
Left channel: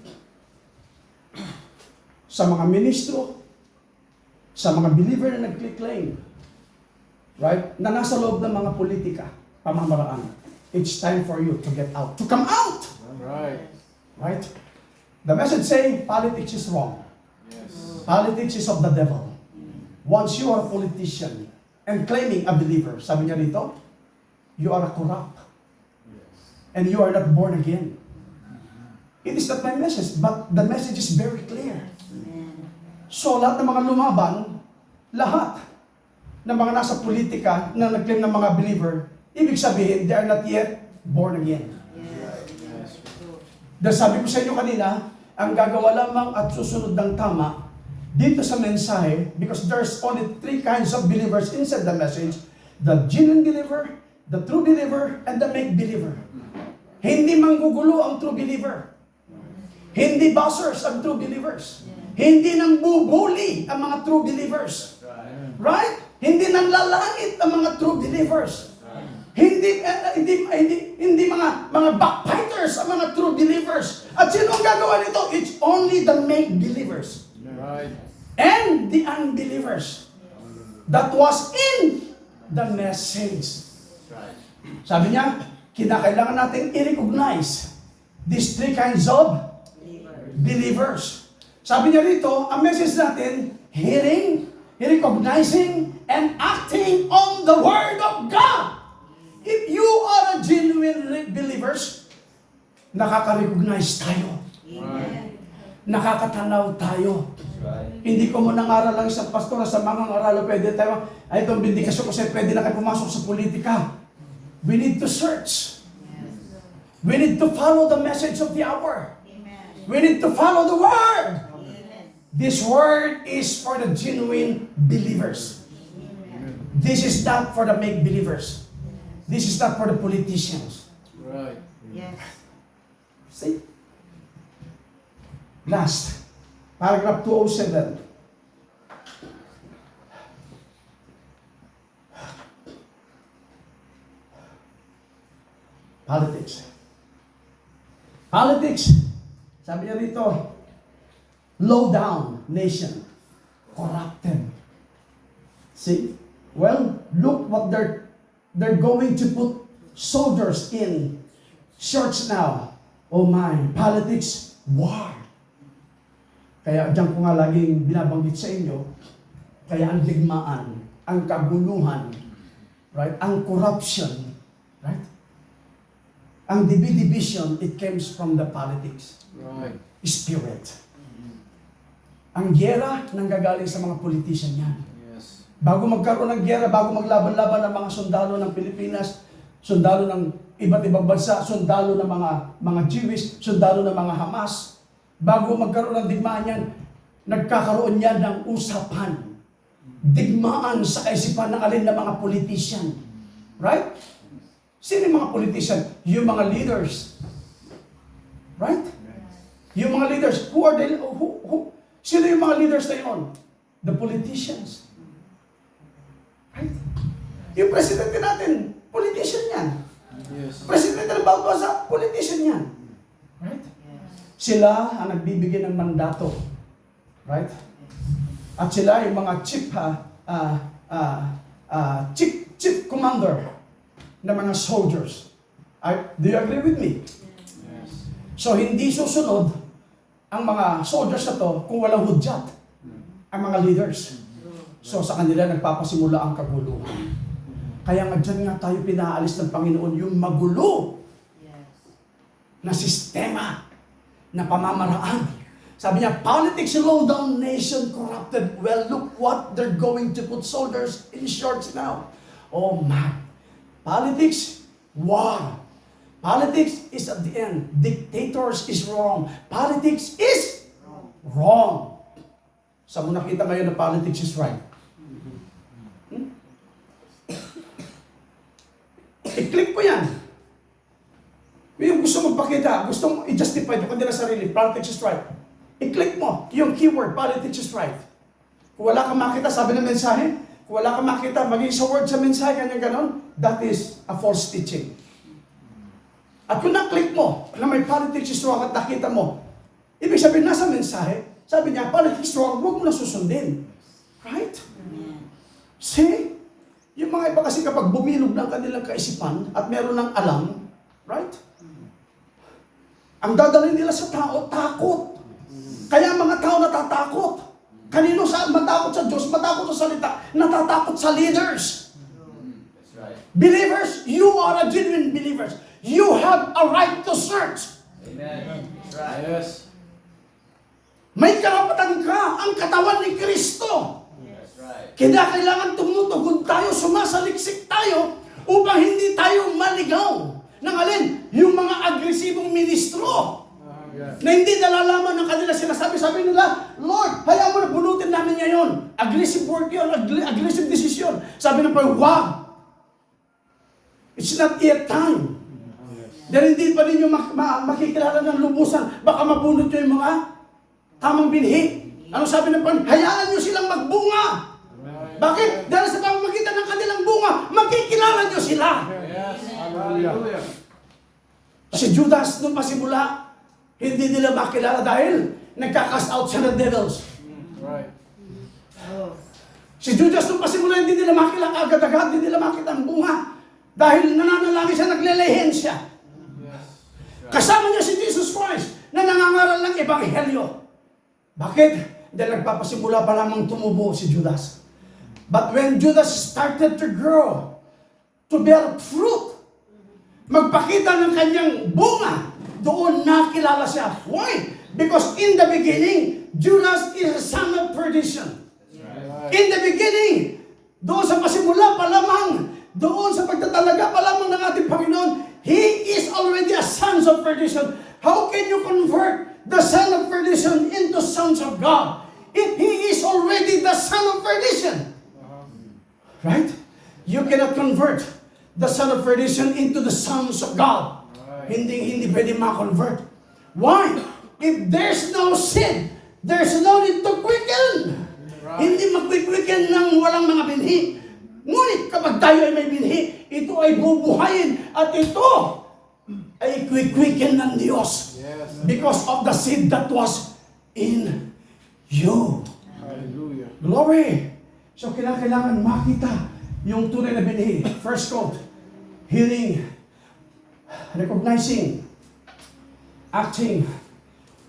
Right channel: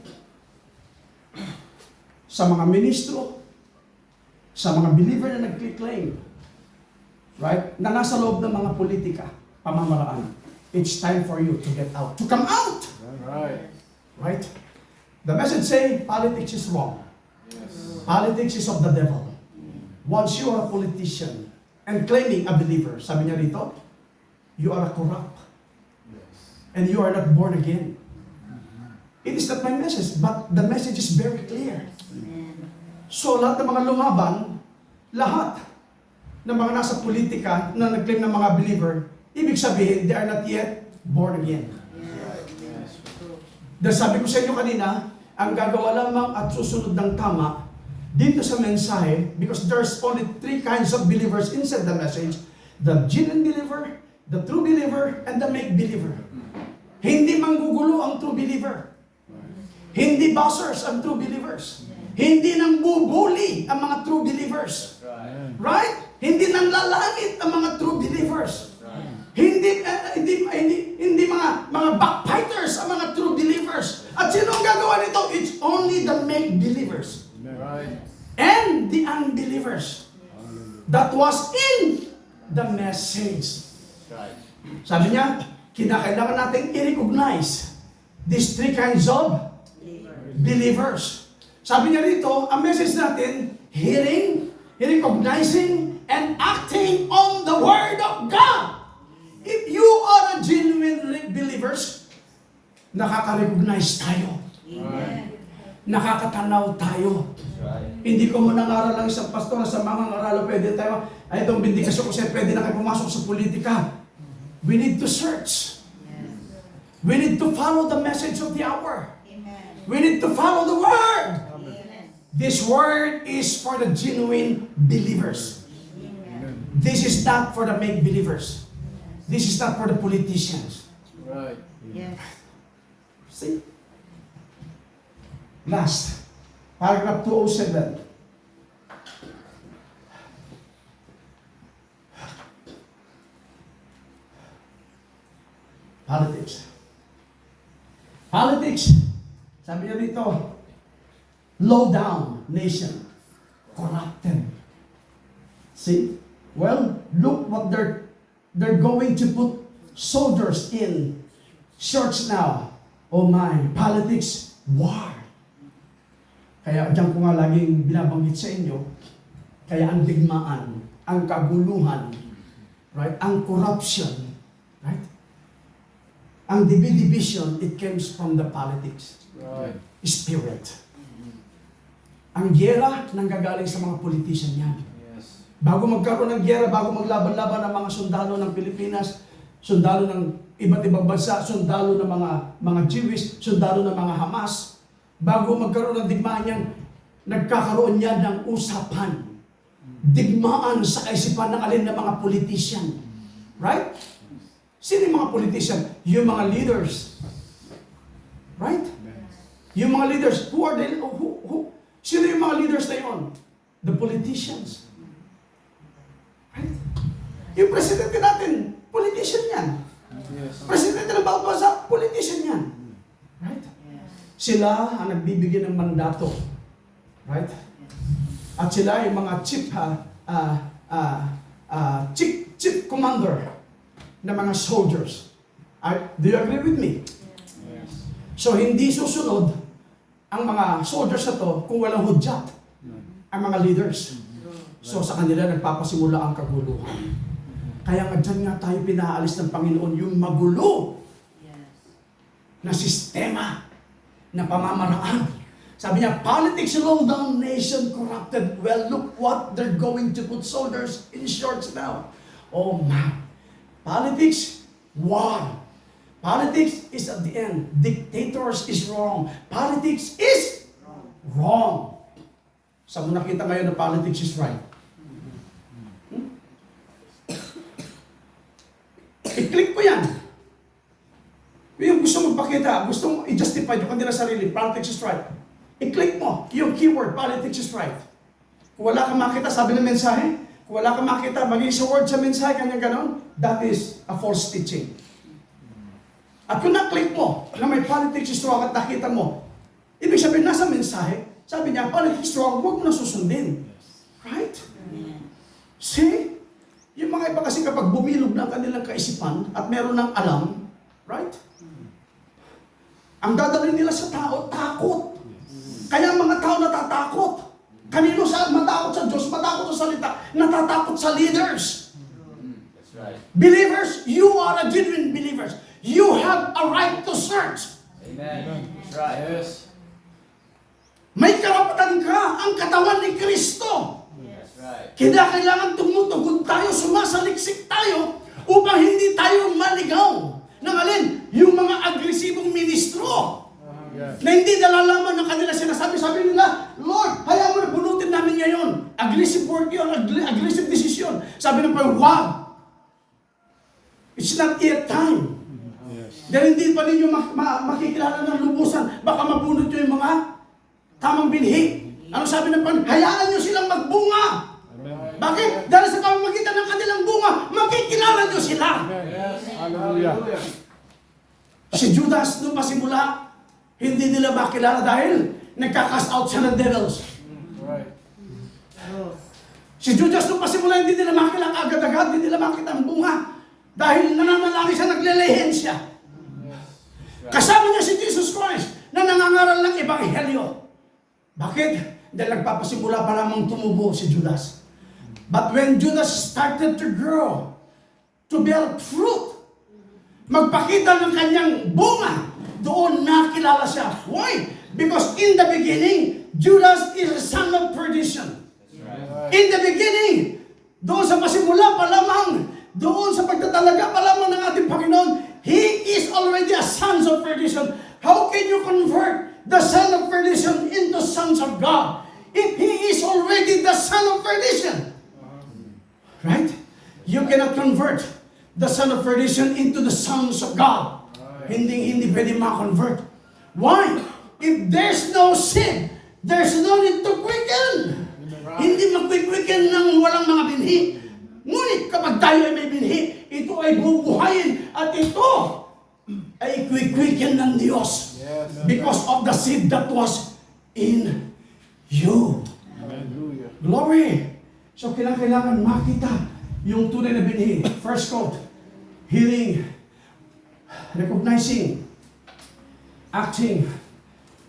sa mga ministro, sa mga believer na nag-claim, right, na nasa loob ng mga politika, pamamaraan, it's time for you to get out, to come out! Right. Right? The message say, politics is wrong. Yes. Politics is of the devil. Once you are a politician and claiming a believer, sabi niya dito, you are a corrupt. Yes. And you are not born again. It is not my message, but the message is very clear. Amen. So lahat ng mga lumaban, lahat ng mga nasa politika na nag-claim ng mga believer, ibig sabihin, they are not yet born again. Yes. Yes. True. Dahil sabi ko sa inyo kanina, ang gagawa lamang at susunod ng tama dito sa mensahe, because there's only 3 kinds of believers inside the message: the genuine believer, the true believer, and the make believer. Hindi manggugulo ang true believer. Hindi buzzers ang true believers. Hindi nang bubuli ang mga true believers. Right? Hindi nang lalangit ang mga true believers. Hindi mga backbiters ang mga true believers. At sino ang gagawa nito? It's only the make believers. Right. And the unbelievers. That was in the message. Right. Sabi niya, kinakailangan natin i-recognize these 3 kinds of believers. Sabi niya rito, ang message natin, hearing, recognizing, and acting on the Word of God. If you are a genuine believers, nakaka-recognize tayo. Amen. Nakakatanaw tayo. Hindi ko mo nangaral lang isang pastor na sa mga ngaral, pwede tayo, ay itong bindikasyon kasi pwede na kayo pumasok sa politika. We need to search. We need to follow the message of the hour. Amen. We need to follow the Word. Amen. This Word is for the genuine believers. Amen. This is not for the make believers. This is not for the politicians. Right. Yes. See? Last, paragraph 207. Politics. Politics, sabi niya dito, low down nation, corrupted. See? Well, look what they're going to put soldiers in church now. Oh my, politics, war. Kaya diyan ko nga laging binabanggit sa inyo, kaya ang digmaan, ang kaguluhan, right? Ang corruption, right? Ang division, it comes from the politics, Right. spirit. Ang giyera nanggagaling sa mga politician yan. Yes. Bago magkaroon ng giyera, bago maglaban-laban ng mga sundalo ng Pilipinas, sundalo ng iba't ibang bansa, sundalo ng mga Jewish, sundalo ng mga Hamas, bago magkaroon ng digmaan yan, nagkakaroon yan ng usapan. digmaan sa kaisipan ng alin na mga politician. Right? Sino yung mga politician? Yung mga leaders. Right? Yung mga leaders. Who are they? Sino yung mga leaders na yun? The politicians. Right? Yung presidente natin, politician yan. Yes. Presidente ng bawat bansa, politician yan. Right? Sila ang nagbibigay ng mandato. Right? At sila yung mga chief commander ng mga soldiers. Do you agree with me? Yes. So hindi susunod ang mga soldiers na to kung walang hudyat ang mga leaders. So sa kanila nagpapasimula ang kaguluhan. Kaya nga dyan nga tayo pinaalis ng Panginoon yung magulo na sistema na pamamaraan. Sabi niya, politics low down, nation corrupted. Well, look what they're going to put soldiers in shorts now. Oh man. Politics, war. Politics is at the end. Dictators is wrong. Politics is wrong. Saan mo nakita ngayon na politics is right? I-click ko yan. Kung yung gusto magpakita, gusto mong i-justify yung kanila sarili, politics is right. I-click mo yung keyword, politics is right. Kung wala kang makita, sabi ng mensahe, kung wala kang makita, maging sa word sa mensahe, kanyang ganon, that is a false teaching. At kung na-click mo na may politics is wrong at nakita mo, ibig sabihin nasa mensahe, sabi niya, politics is wrong, huwag mo na susundin. Right? See? Yung mga iba kasi kapag bumilog ng kanilang kaisipan at meron ng alam, right? Ang dadalhin nila sa tao, takot. Kaya ang mga tao natatakot. Kanino saan? Matakot sa Diyos, matakot sa salita, natatakot sa leaders. That's right. Believers, you are a genuine believers. You have a right to search. Amen. That's right. Yes. May karapatan ka, ang katawan ni Kristo. That's right. Kaya kailangan tumutugon tayo, sumasaliksik tayo upang hindi tayo maligaw ng alin? Yung mga agresibong ministro Yes. na hindi nalalaman ng kanila sinasabi. Sabi nila, Lord, hayaan mo na bunutin namin ngayon. Aggressive word yun, aggressive decision. Sabi ng Panginoon, wag. It's not yet time. Yes. Dahil hindi pa ninyo makikilala ng lubusan. Baka mabunot nyo yung mga tamang binhi. Ano sabi ng Panginoon? Hayaan nyo silang magbunga. Amen. Bakit? Dahil sa pamamagitan ng kanilang bunga, makikilala nyo sila. Yes. Hallelujah. Si Judas, nung pasimula, hindi nila makilala dahil nagka-cast out siya ng devils. Right. Si Judas, nung pasimula, hindi nila makilala agad-agad, hindi nila makita ang bunga. Dahil nananalangin siya, naglelehin siya. Yes. Kasama niya si Jesus Christ na nangangaral ng ebanghelyo. Bakit? Dahil nagpapasimula pa lamang tumubo si Judas. But when Judas started to grow, to bear fruit, magpakita ng kanyang bunga, doon nakilala siya. Why? Because in the beginning, Judas is a son of perdition. Right. In the beginning, doon sa pasimula pa lamang, doon sa pagtatalaga pa lamang ng ating Panginoon, He is already a son of perdition. How can you convert the son of perdition into sons of God if He is already the son of perdition? Right? You cannot convert the son of perdition into the sons of God. Hindi pwede ma-convert. Why? If there's no sin, there's no need to quicken. Hindi mag-quicken ng walang mga binhi. Ngunit kapag tayo ay may binhi, ito ay bubuhayin at ito ay quicken ng Diyos. Yes. Because of the seed that was in you. Hallelujah. Glory! So kailangan makita yung tunay na binhi. First quote, hearing, recognizing, acting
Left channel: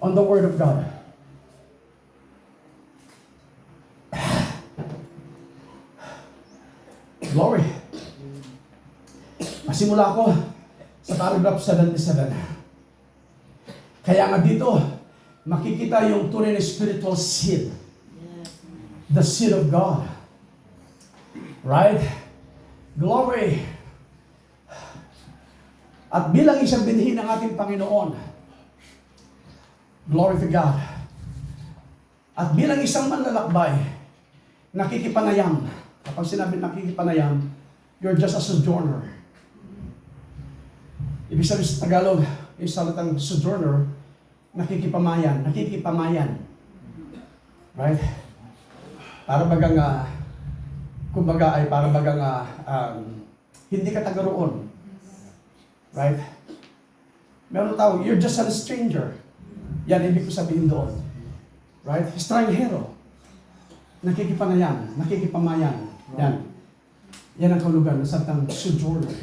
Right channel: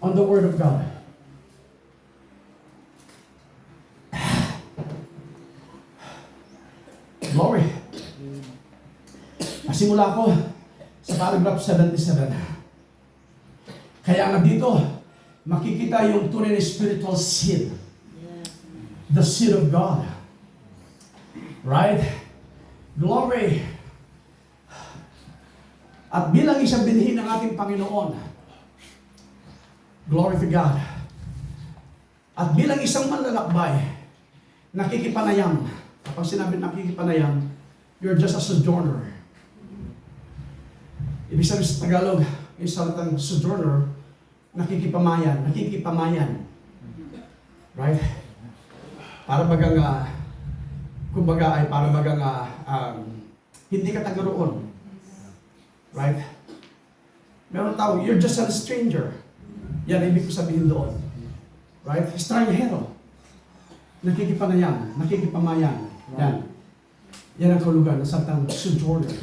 on the Word of God. Glory. Masimula ko sa paragraph 77. Kaya nga dito, makikita yung tunay na spiritual seed. The seed of God. Right? Glory. At bilang isang binhi ng ating Panginoon, glory to God. At bilang isang manlalakbay, nakikipanayam. Kapag sinabi nakikipanayam, you're just a sojourner. Ibig sabihin sa Tagalog, yung salitang sojourner, nakikipamayan. Right? Para bagang, kumbaga ay para bagang hindi ka taga roon. Right? Meron tawag, you're just a stranger. Yan, ibig ko sabihin doon. Right? Estranghero. Nakikipanayam, nakikipamayan. Yan. Yan ang kahulugan ng salitang sojourner.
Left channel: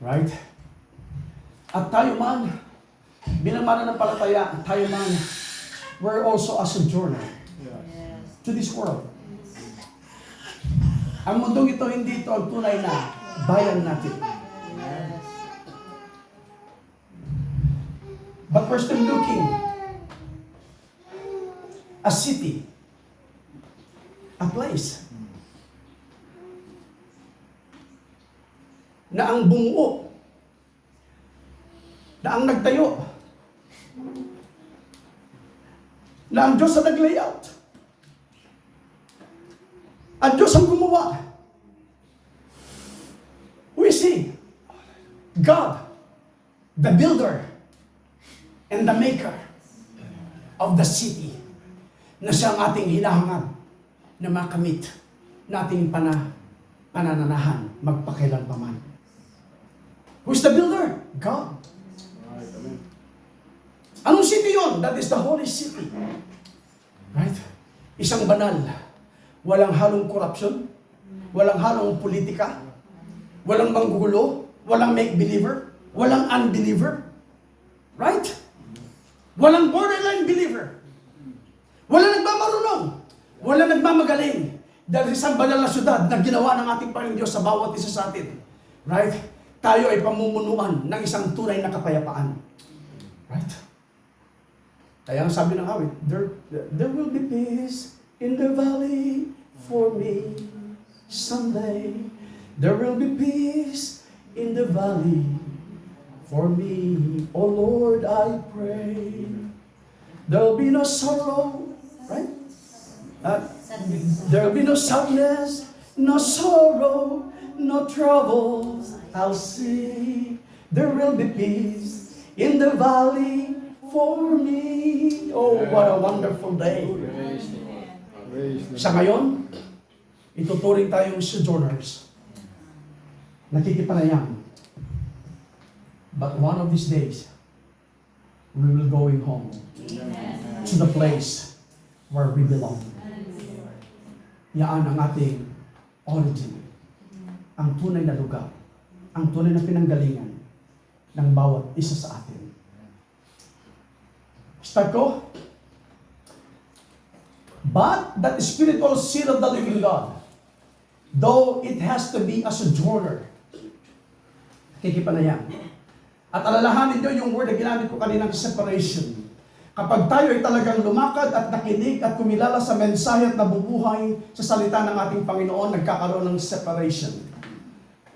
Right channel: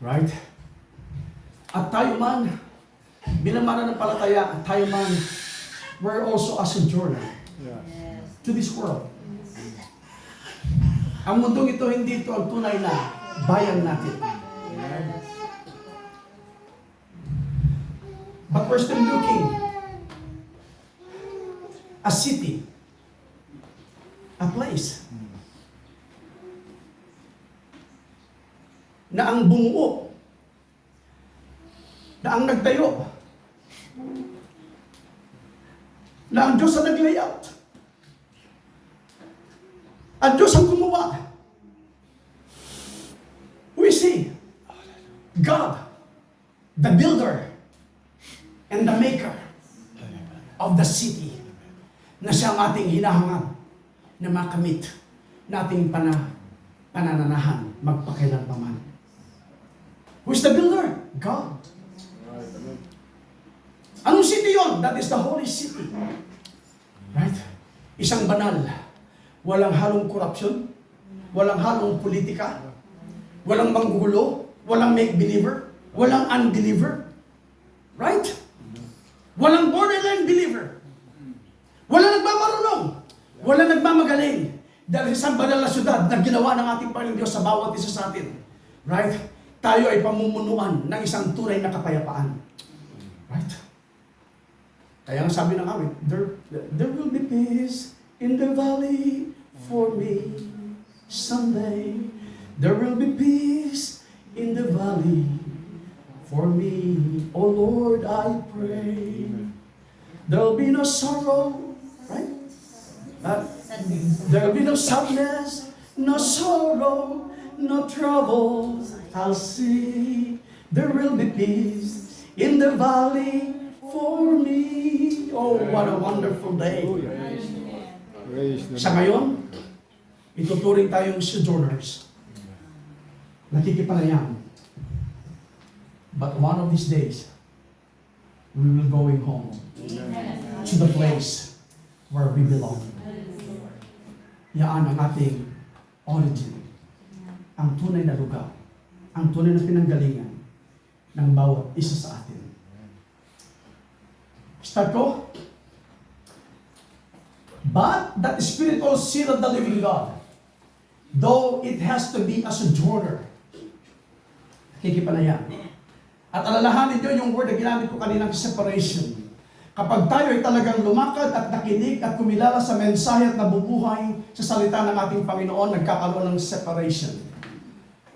Right? At tayo man, bilang mananampalataya, tayo man, we're also a sojourner Yes. to this world. Ang mundong ito, hindi ito ang tunay na bayan natin. But we're still looking a city, a place na ang bumuo, na ang nagtayo, na ang Diyos ang nag-layout, ang Diyos ang gumawa. We see God, the builder and the maker of the city, na siyang ating hinahangad na makamit nating panananahan magpakailanpaman. Who's the builder? God. Right. Amen. Anong city yon? That is the holy city. Right? Isang banal. Walang halong korupsyon. Walang halong politika. Walang manggugulo. Walang make-believer. Walang unbeliever. Right? Walang borderline believer. Walang nagmamarunong. Walang nagmamagaling. Dahil isang banal na syudad na ginawa ng ating Panginoon Diyos sa bawat isa sa atin. Right? Tayo ay pamumunuan ng isang tunay na kapayapaan. Right? Kaya ang sabi ng awit, there will be peace in the valley for me someday. There will be peace in the valley for me. Oh Lord, I pray. There will be no sorrow, right? There will be no sadness, no sorrow, no troubles. I'll see. There will be peace in the valley for me. Oh, what a wonderful day. Praise the Sa ngayon, ituturing tayong sojourners. Nakikipanayam. But one of these days, we will going home to the place where we belong. Yan ang ating origin. Ang tunay na lugar. Ang tunay na pinanggalingan ng bawat isa sa atin. Start ko. But that spiritual seal of the living God, though it has to be a sojourner, nakikipanayam. At alalahanin nyo yung word na ginamit ko kaninang separation. Kapag tayo ay talagang lumakad at nakinig at kumilala sa mensahe at nabubuhay sa salita ng ating Panginoon, nagkakaroon ng separation.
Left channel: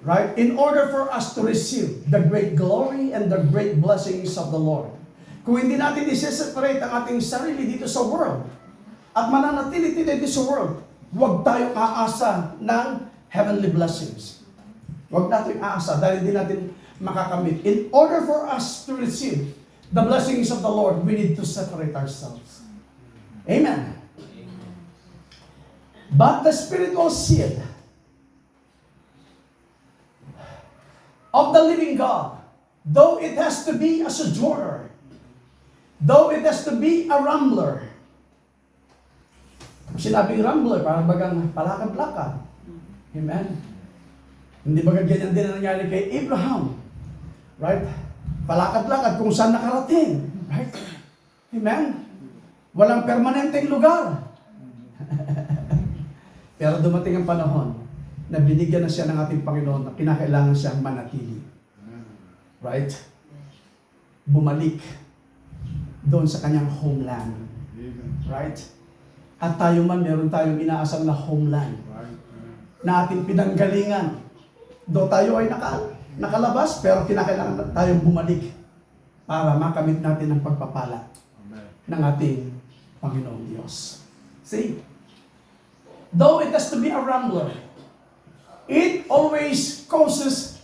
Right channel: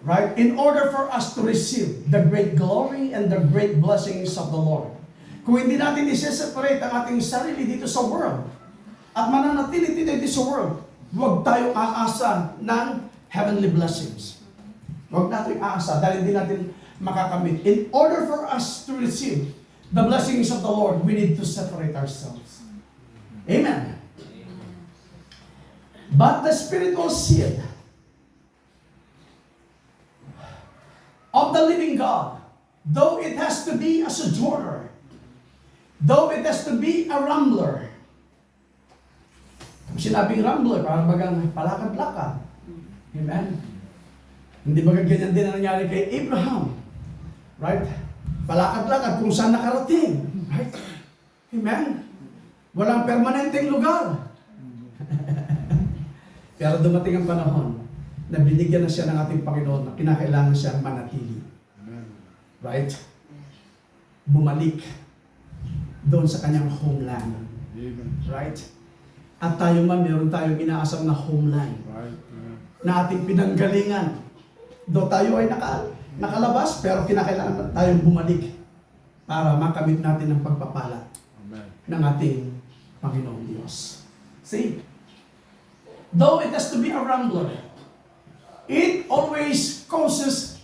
Right? In order for us to receive the great glory and the great blessings of the Lord. Kung hindi natin i-separate ang ating sarili dito sa world at mananatili dito sa world, huwag tayong aasa ng heavenly blessings. Huwag natin aasa dahil hindi natin makakamit. In order for us to receive the blessings of the Lord, we need to separate ourselves. Amen. But the spiritual seed of the living God, though it has to be a sojourner, though it has to be a rambler. Kung sinabing rambler, parang bagang palakad-lakad. Amen? Hindi ba ganyan din ang nangyari kay Abraham? Right? Palakad-lakad kung saan nakarating. Right? Amen? Walang permanenteng lugar. Pero dumating ang panahon na binigyan na siya ng ating Panginoon na pinakailangan siyang manatili. Right? Bumalik doon sa kanyang homeland. Right? At tayo man, meron tayong inaasam na homeland na ating pinanggalingan. Do tayo ay nakalabas, pero kinakailangan tayong bumalik para makamit natin ang pagpapala ng ating Panginoong Diyos. See? though it has to be a rambler, it always causes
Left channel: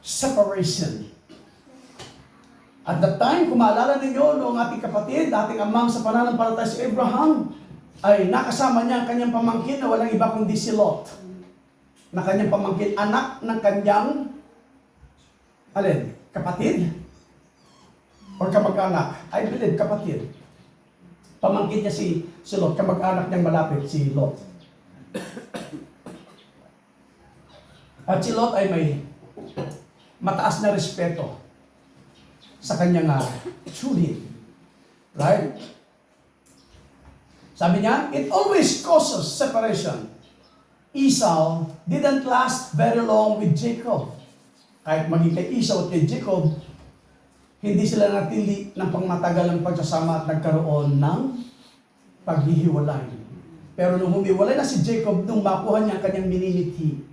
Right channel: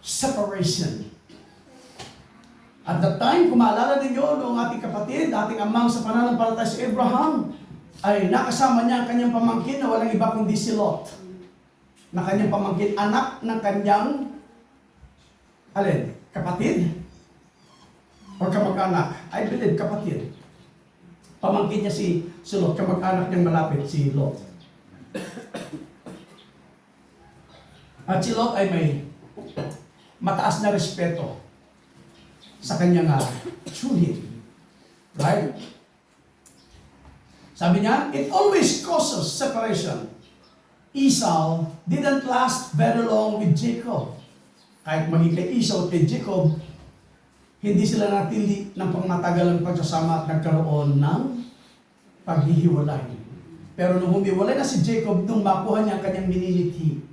separation. At that time, kung maalala ninyo, noong ating kapatid, ating amang sa pananampalataya si Abraham, ay nakasama niya ang kanyang pamangkin na walang iba kundi si Lot. Na kanyang pamangkin, anak ng kanyang, alin, kapatid? Or kamag-anak? I believe kapatid. Pamangkin niya si Lot, kamag-anak niyang malapit, si Lot. At si Lot ay may mataas na respeto sa kanyang tsuhin. Right? Sabi niya, it always causes separation. Esau didn't last very long with Jacob. Kahit maging kay Esau at kay Jacob, hindi sila natili ng pangmatagalang pagsasama at nagkaroon ng paghihiwalay. Pero nung humiwalay na si Jacob, nung makuha niya ang kanyang minimithi.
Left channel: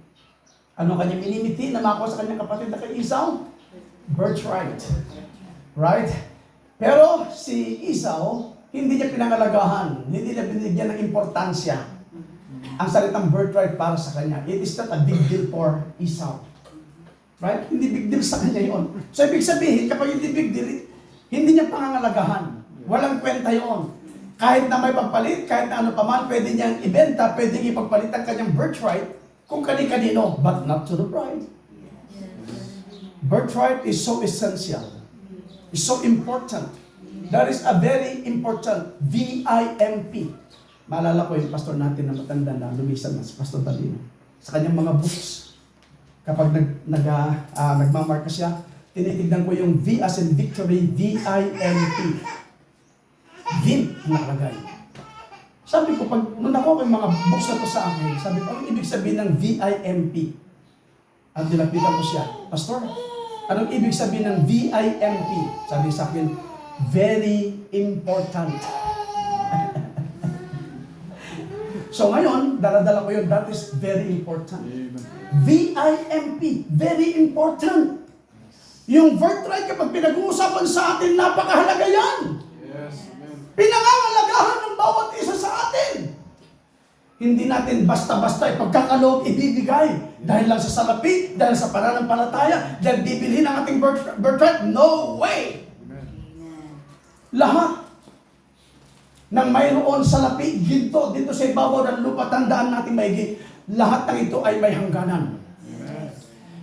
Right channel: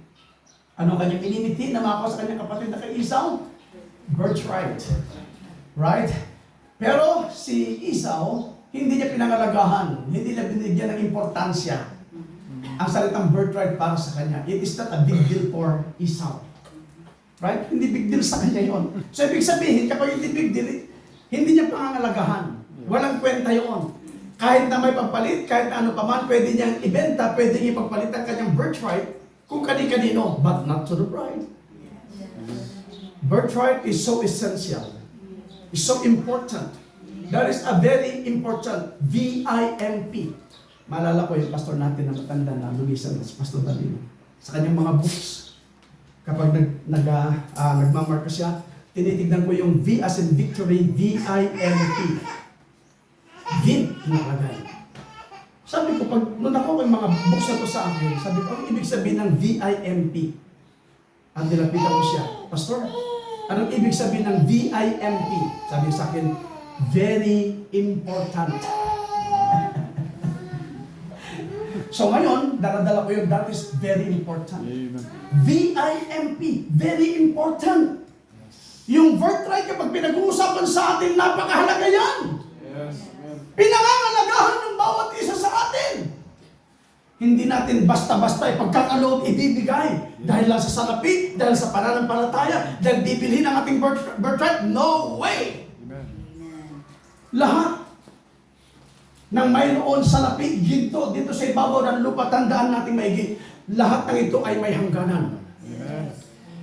Ano kanyang minimithi na makuha sa kanyang kapatid na kay Esau? Birthright. Right? Pero si Esau, hindi niya pinangalagahan, hindi niya binigyan ng importansya ang salitang birthright para sa kanya. It is not a big deal for Esau. Right? Hindi big deal sa kanya yun. So, ibig sabihin, kapag hindi big deal, hindi niya pangangalagahan. Walang kwenta yun. Kahit na may pagpalit, kahit na ano pa man, pwede niyang ibenta, pwede niyang ipagpalit ang kanyang birthright kung kani-kanino, but not to the bride. Birthright is so essential. It's so important. That is a very important VIMP. Maalala ko yung pastor natin na matanda na lumisan na si Pastor Danilo. Sa kanyang mga books, kapag nagmamarka siya, tinitignan ko yung V as in victory, VIMP. VIMP nakalagay. Sabi ko, nung ako yung mga books na to sa akin, sabi ko, anong ibig sabihin ng VIMP? At nilapitan ko siya, Pastor, anong ibig sabihin ng VIMP? Sabi sa akin, very important. So ngayon, daladala ko yun, that is very important. VIMP, very important. Yung birthright kapag pinag-uusapan sa atin, napakahalaga yan. Pinangangalagahan ng bawat isa sa atin. Hindi natin basta-basta ipagkakaloob ibibigay. Dahil lang sa salapi, dahil sa pananampalataya, dahil bibilhin ang ating birthright. No way! Lahat ng mayroon sa lapi, ginto, dito sa ibabaw ng lupa, tandaan natin maigi, lahat ng ito ay may hangganan.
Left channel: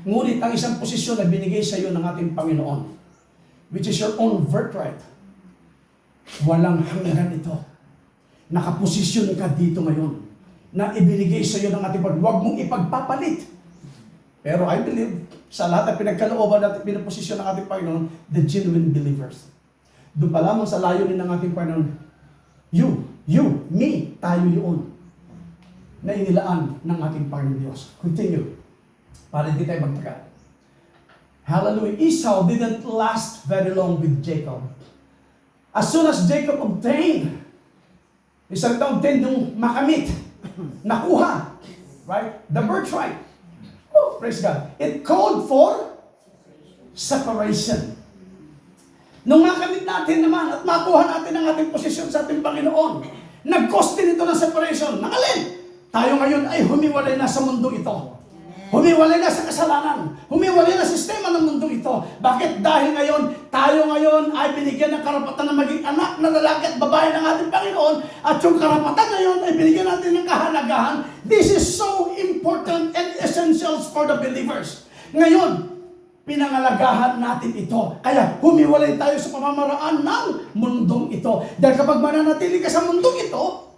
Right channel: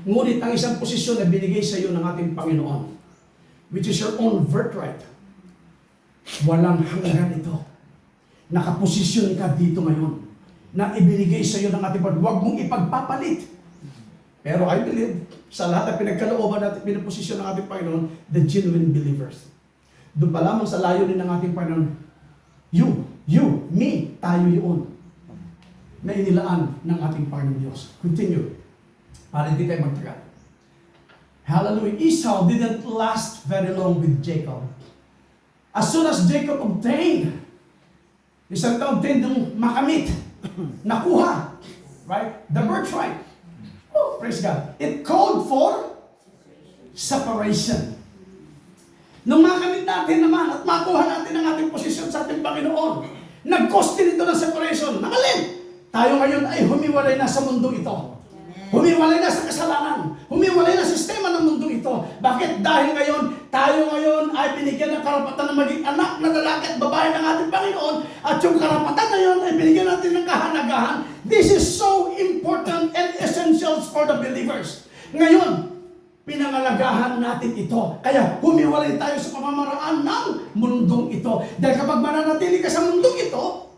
Ngunit ang isang posisyon na binigay sa iyo ng ating Panginoon, which is your own birthright, walang hanggan ito. Nakaposisyon ka dito ngayon, na ibinigay sa iyo ng ating Panginoon. Huwag mong ipagpapalit. Pero I believe, sa lahat ng pinagkalooban natin, pinaposisyon ng ating Panginoon, the genuine believers. Doon pa lamang sa layunin ng ating Panginoon, you, me, tayo yun na inilaan ng ating Panginoon Diyos. Continue. Para hindi tayo magtagal. Hallelujah. Esau didn't last very long with Jacob. As soon as Jacob obtained, isang obtained yung makamit, nakuha, right? The birthright. Oh, praise God. It called for separation. Nung makamit natin naman at makuha natin ang ating posisyon sa ating Panginoon, nag-cause din ito ng separation. Nakalin! Tayo ngayon ay humiwalay na sa mundo ito. Humiwalay na sa kasalanan. Humiwalay na sa sistema ng mundo ito. Bakit? Dahil tayo ngayon ay binigyan ng karapatan na maging anak na lalaki at babae ng ating Panginoon, at yung karapatan na yun ay binigyan natin ng kahalagahan. This is so important and essential for the believers. Ngayon, pinangalagahan natin ito. Kaya humiwalay tayo sa pamamaraan ng mundong ito. Dahil kapag mananatili ka sa mundong ito,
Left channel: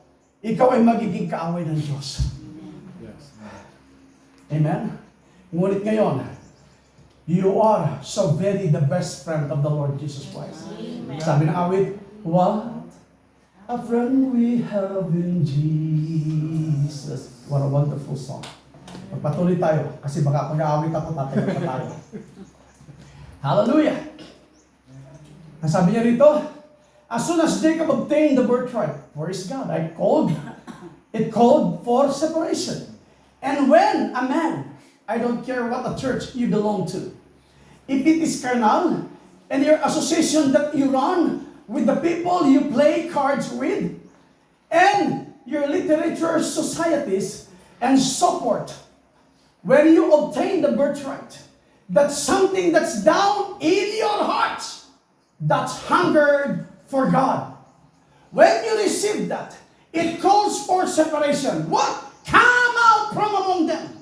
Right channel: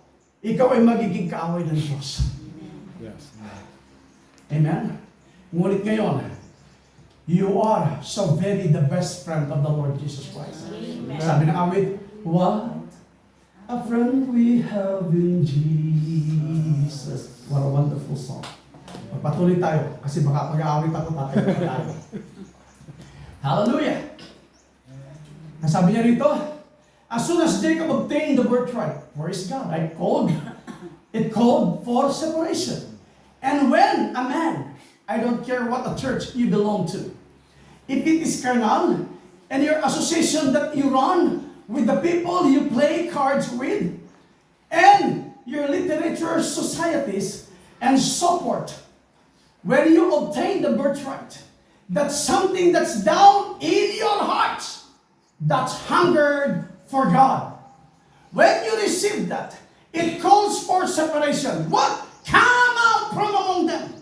ikaw ay magiging kaaway ng Diyos. Yes. Amen? Ngunit ngayon, you are so very the best friend of the Lord Jesus Christ. Amen. Sabi ng awit, what a friend we have in Jesus. What a wonderful song. Magpatuloy tayo kasi baka pag-aawit ako, tatayo pa tayo. Hallelujah! Ang sabi niya rito, as soon as Jacob obtained the birthright, praise God, it called for separation. And when a man, I don't care what the church you belong to, if it is carnal, and your association that you run with the people you play cards with, and your literature societies and support, when you obtain the birthright, that's something that's down in your hearts, that's hungered for God. When you receive that, it calls for separation. What? Come out from among them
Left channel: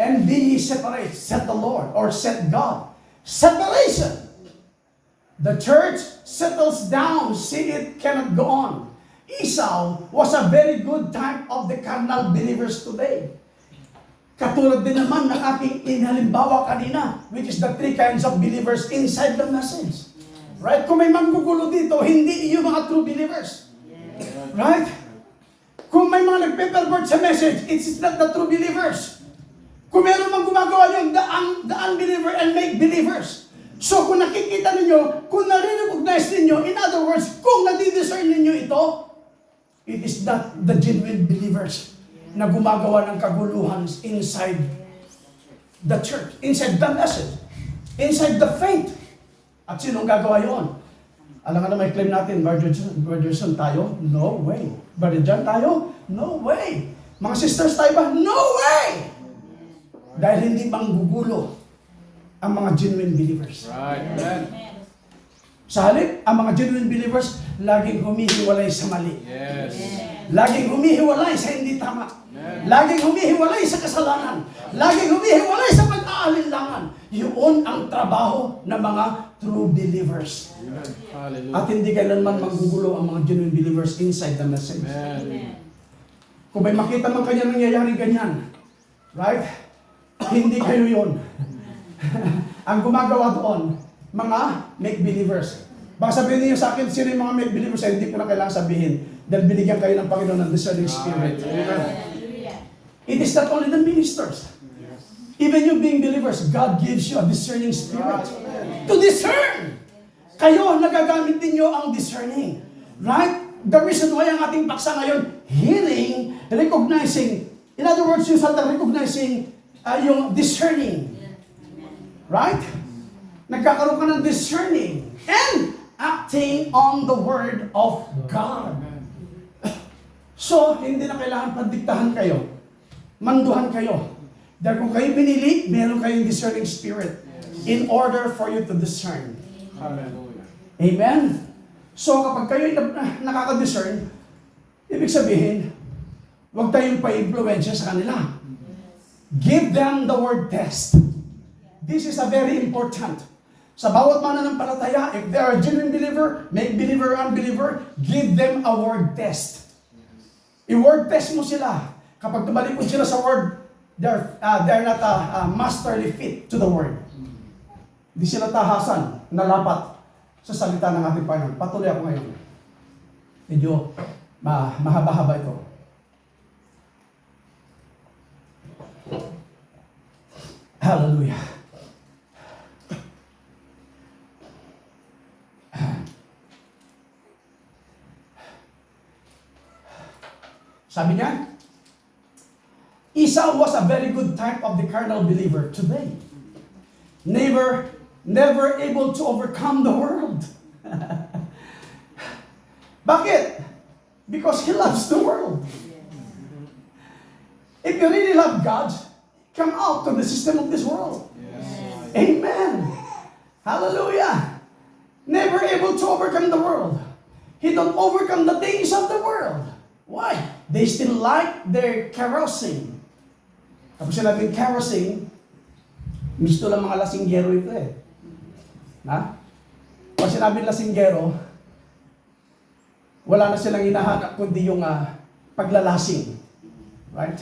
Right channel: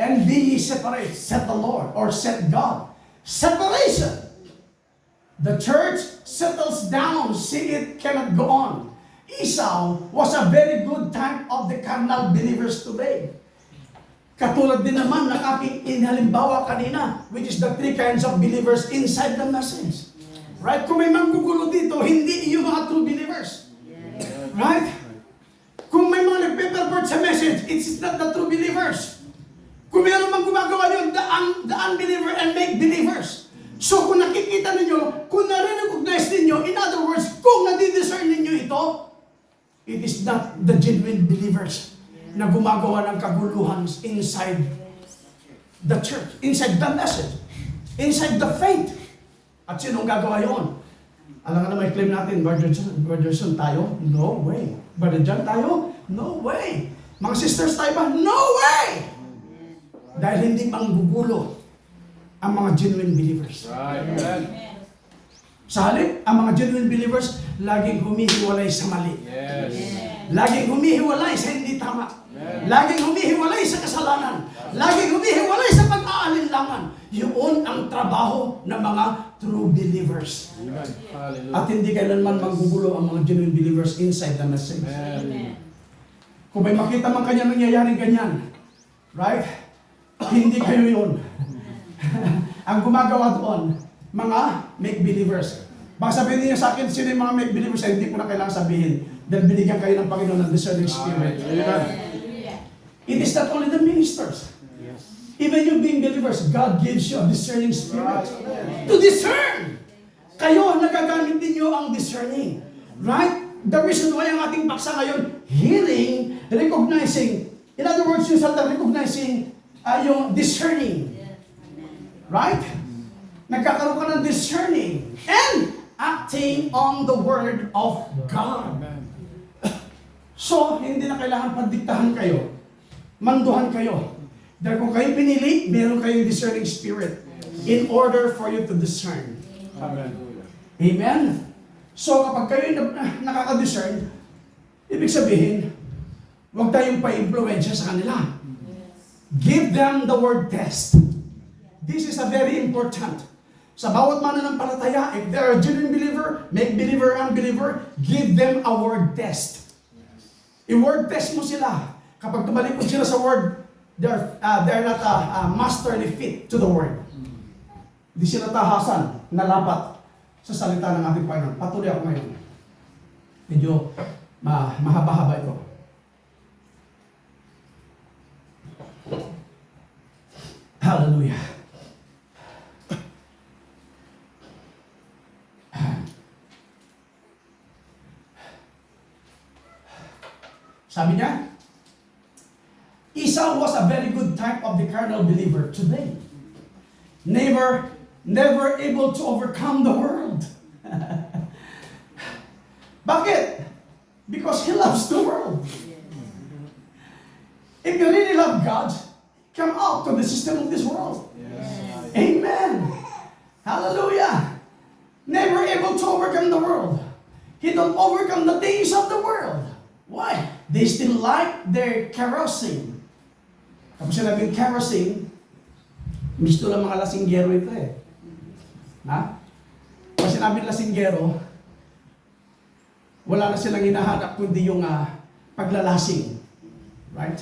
and be ye separate, said the Lord, or said God. Separation. The church settles down, see it cannot go on. Esau was a very good type of the carnal believers today. Katulad din naman ng aking inhalimbawa kanina, which is the three kinds of believers inside the message. Right? Kung may manggugulo dito, hindi yung mga true believers. Right? Kung may mga nagpe-pervert sa message, it's not the true believers. Kung meron mang gumagawa yun, the unbeliever and make believers. So kung nakikita ninyo, kung nare-recognize ninyo, in other words, kung nadidiscern ninyo ito, it is not the genuine believers na gumagawa ng kaguluhan inside the church, inside the message, inside the faith. At sinong gagawa yun? Alam nga na may claim natin, Brother John tayo? No way. Brother John tayo? No way. Mga sisters tayo ba? No way! Dahil hindi manggugulo ang mga genuine believers. Right. Sa halip, ang mga genuine believers, laging humihiwalay sa mali. Yes. Laging humihiwalay sa hindi tama. Laging humihiwalay sa kasalanan. Laging humihiwalay sa pag-aalinlangan. Yun ang trabaho ng mga true believers. Amen. Hallelujah. At hindi kailanman manggugulo ang mga genuine believers inside the message. Amen. Kung may makita man kanya nangyayaring ganyan, right? Hindi kayo yun. Ang gumagawa doon, mga make-believers. Baka sabihin niyo sa akin, sino yung mga make-believers? Ay, hindi ko na kailangan sabihin. Dahil binigyan kayo ng Panginoon ng discerning spirit. Amen. It is not only the ministers. Even you being believers, God gives you a discerning spirit. To discern! Kayo, nagagamit ninyo ang discerning. Right? The reason why ang ating paksa ngayon, healing, recognizing. In other words, you start recognizing yung discerning. Right? Nagkakaroon ka ng discerning and acting on the Word of God. So, hindi na kailangan padiktahan kayo. Manduhan kayo. Dahil kung kayo pinili, meron kayong discerning spirit in order for you to discern. Amen. Amen? So, kapag kayo nakaka-discern, ibig sabihin, huwag tayong pa-influensya sa kanila. Give them the word test. This is a very important. Sa bawat mananampalataya, if they are a genuine believer, make believer, unbeliever, give them a word test. I-word test mo sila. Kapag tumalikod sila sa word, they're not masterly fit to the word. Hindi sila tahasan, nalapat sa salita ng ating Panginoon. Patuloy ako ngayon. Medyo mahaba-haba ito. Hallelujah. Sabi niya, Esau was a very good type of the carnal believer today. Never able to overcome the world. Bakit? Because he loves the world. If you really love God, come out to the system of this world. Yes. Amen. Hallelujah. Never able to overcome the world. He don't overcome the things of the world. Why? They still like their carousing. Kapag sinabing carousing, gusto lang mga lasinggero ito eh. Ha? Kapag sinabing lasinggero, wala na silang hinahanap kundi yung paglalasing. Right?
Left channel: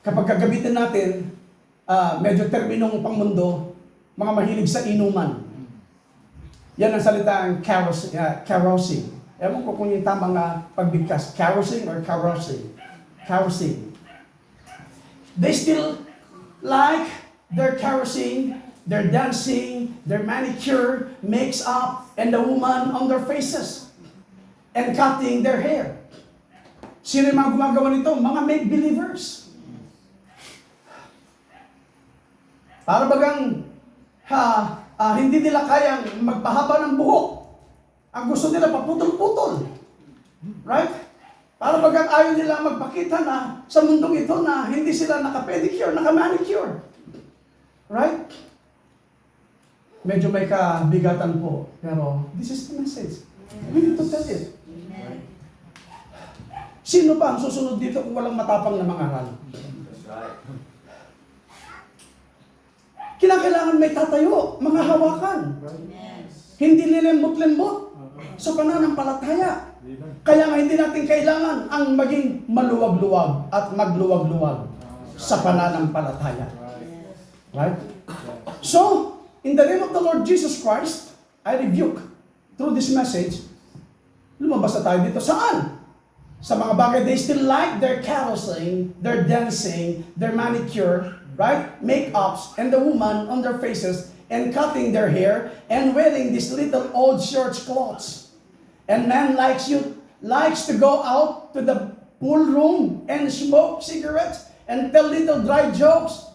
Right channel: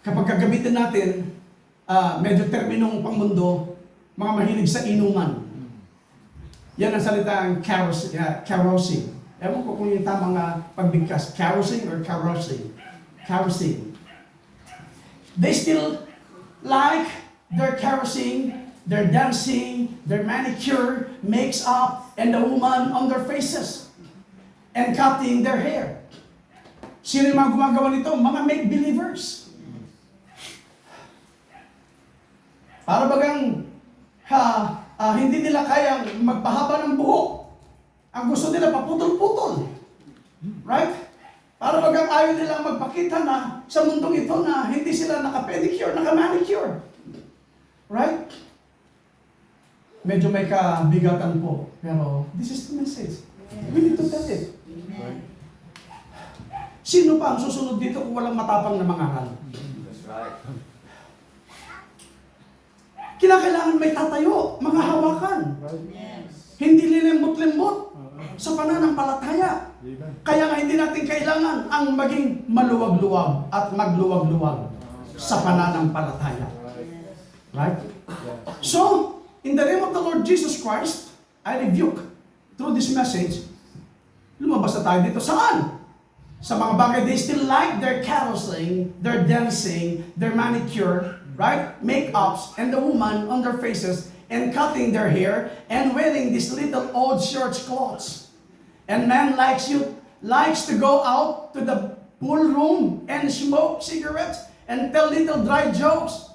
Kapag gagamitin natin, medyo terminong pangmundo, mga mahilig sa inuman. Yan ang salitang carousing. Ewan ko kung yung tamang pagbigkas. Carousing or carousing? Carousing. They still like their carousing, their dancing, their manicure, makes up, and the woman on their faces. And cutting their hair. Sino yung mga gumagawa nito? Mga make-believers. Para bagang hindi nila kayang magpahaba ng buhok. Ang gusto nila paputol-putol. Right? Para bagang ayaw nila magpakita na sa mundong ito na hindi sila naka-pedicure, naka-manicure. Right? Medyo may kabigatan po. Pero this is the message. We need to tell it. Amen. Sino pa ang susunod dito kung walang matapang na mangaral? Kinakailangan may tatayo, mga hawakan. Amen. Hindi lilimot-limot sa pananampalataya. Kaya nga hindi natin kailangan ang maging maluwag-luwag at magluwag-luwag sa pananampalataya. Right? So, in the name of the Lord Jesus Christ, I rebuke through this message, lumabas na tayo dito. Saan? Sa mga bagay, they still like their carousing, their dancing, their manicure, right? Make-ups, and the woman on their faces, and cutting their hair, and wearing these little old church clothes. And man likes to go out to the pool room and smoke cigarettes and tell little dry jokes.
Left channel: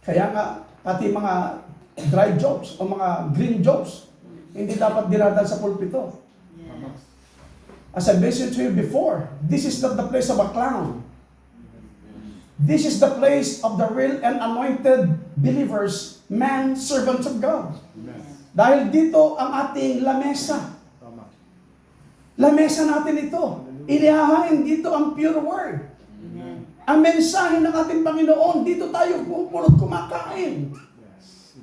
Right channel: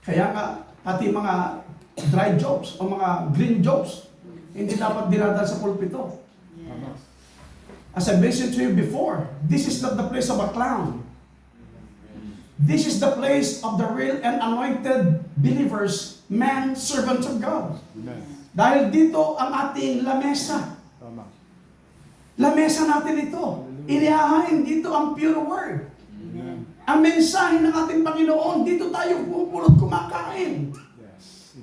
Kaya nga, pati mga dry jokes o mga green jokes, hindi dapat dinadal sa pulpito. Yes. As I mentioned to you before, this is not the place of a clown. This is the place of the real and anointed believers, man, servants of God. Dahil dito ang ating lamesa. Lamesa natin ito. Inihahain dito ang pure word. Amen. Ang mensahe ng ating Panginoon, dito tayo pupulot kumakain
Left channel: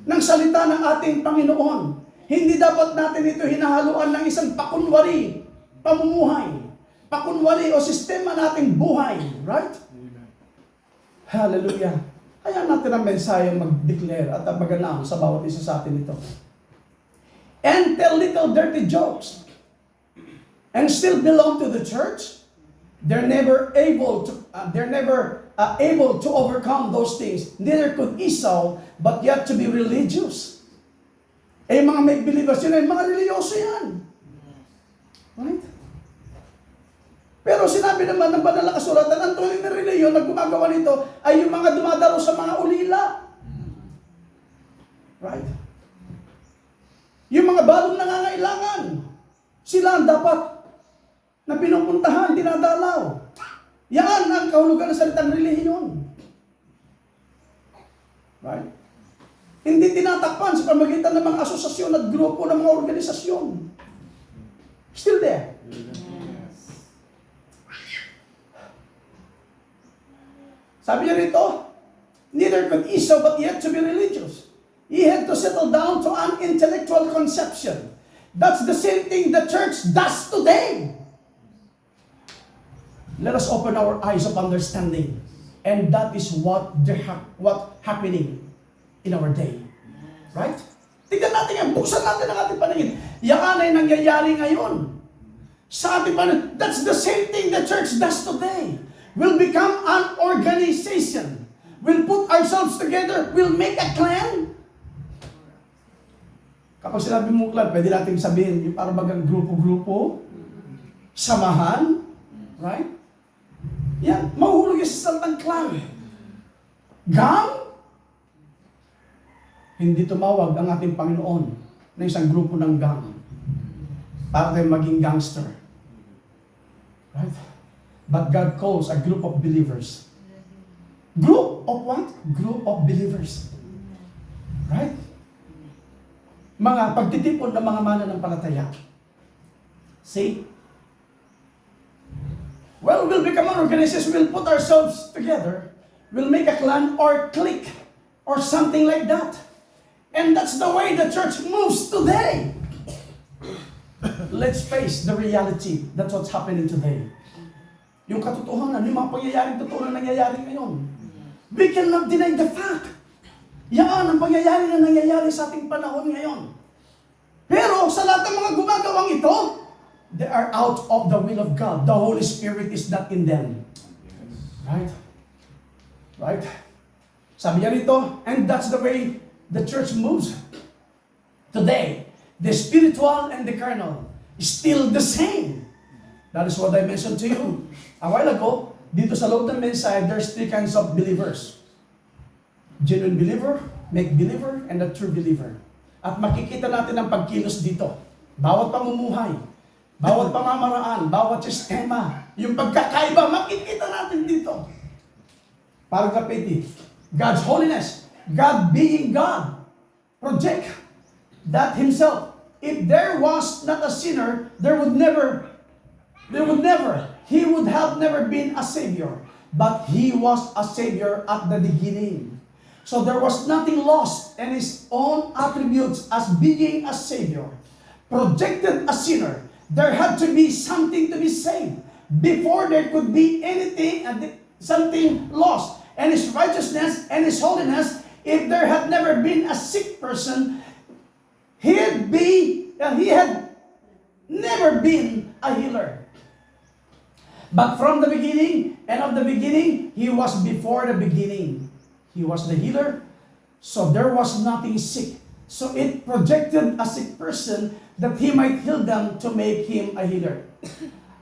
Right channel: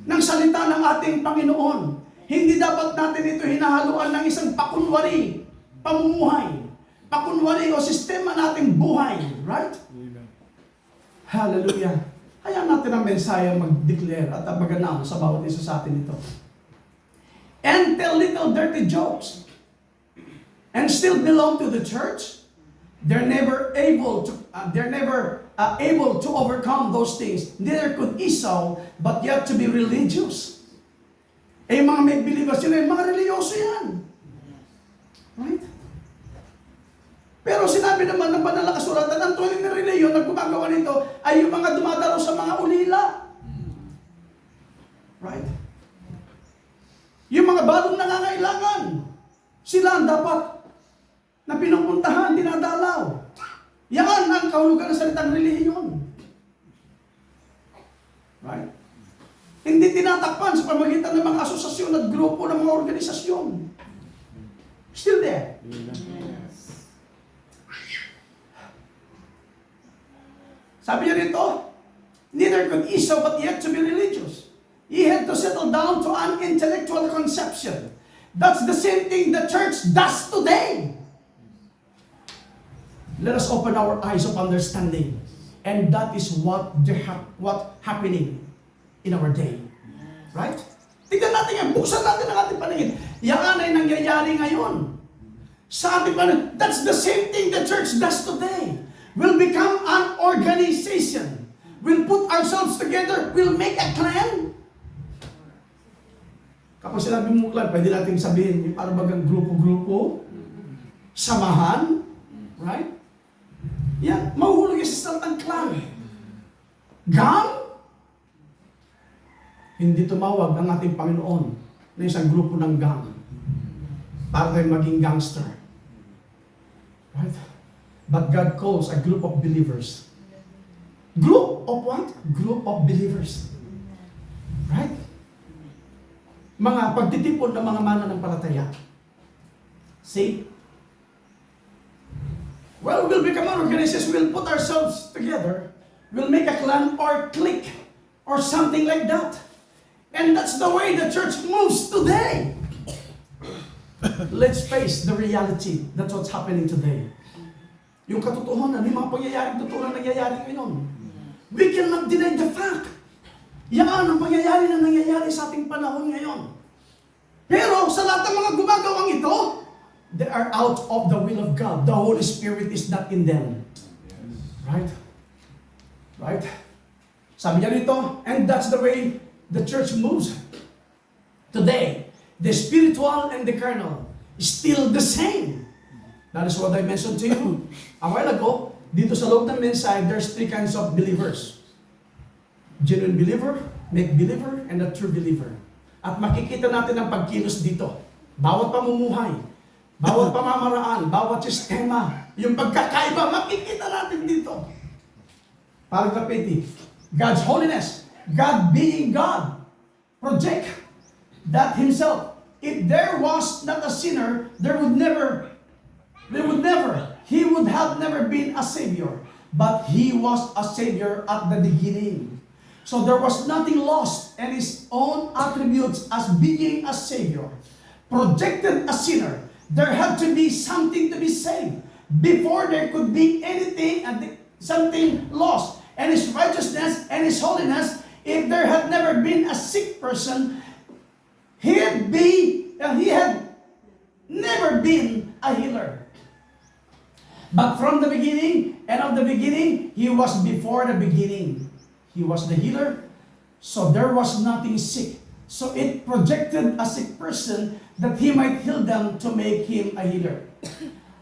ng salita ng ating Panginoon. Hindi dapat natin ito hinahaluan ng isang pakunwari, pamumuhay. Pakunwari o sistema nating buhay. Right? Hallelujah. Kaya natin ang mensahe mag-declare at mag-announce sa bawat isa sa atin ito. And tell little dirty jokes. And still belong to the church. They're never able to overcome those things. Neither could Esau, but yet to be religious. Eh, mga make-believers yun, mga religyoso yan. Right? Pero sinabi naman ng banal na kasulatan, ang tunay na reliyon na gumagawa nito ay yung mga dumadalo sa mga ulila. Right? Yung mga balong nangangailangan, sila ang dapat na pinupuntahan, dinadalaw. Yan ang kahulugan ng salitang relihiyon. Right? Hindi tinatakpan sa pamagitan ng mga asosasyon at grupo ng mga organisasyon. Still there. Yes. Sabi niya rito, neither could Esau but yet to be religious. He had to settle down to an intellectual conception. That's the same thing the church does today. Let us open our eyes of understanding. And that is what happening in our day. Right? Tignan natin yan. Buksan natin ang ating paningin. Yan ay nangyayari ngayon. Sa ating paningin, that's the same thing the church does today. We'll become an organization. We'll put ourselves together. We'll make a clan. Kapag sinabi mo clan, pwede natin sabihin, para bagang grupo-grupo, samahan, right? Yan, mahuhulog yung sa salitang clan. Gang? Hindi tumawag ang ating Panginoon na isang grupo ng gang para tayo maging gangster. Right? But God calls a group of believers. Group of what? Group of believers. Right? Mga pagtitipon ng mga mananampalataya. See? Well, we'll become an organization. We'll put ourselves together. We'll make a clan or clique or something like that. And that's the way the church moves today. Let's face the reality. That's what's happening today. Yung katotohanan, yung mga pangyayaring totoo na nangyayari ngayon. We cannot deny the fact. Yan ang pangyayari na nangyayari sa ating panahon ngayon. Pero sa lahat ng mga gumagawang ito, they are out of the will of God. The Holy Spirit is not in them. Right? Right? Sabi niya rito, and that's the way the church moves today. The spiritual and the carnal is still the same. That is what I mentioned to you a while ago. Dito sa loob ng mensahe, there's three kinds of believers. Genuine believer, make believer, and a true believer. At makikita natin ang pagkilos dito. Bawat pamumuhay. Bawat pamamaraan, bawat sistema, yung pagkakaiba, makikita natin dito. Paragraph 80. God's holiness, God being God, project that Himself. If there was not a sinner, He would have never been a Savior. But He was a Savior at the beginning. So there was nothing lost, and His own attributes as being a Savior projected a sinner. There had to be something to be saved before there could be anything and something lost. And His righteousness and His holiness, if there had never been a sick person, He had never been a healer. But from the beginning and of the beginning, He was before the beginning. He was the healer, so there was nothing sick. So it projected a sick person that He might heal them to make him a healer.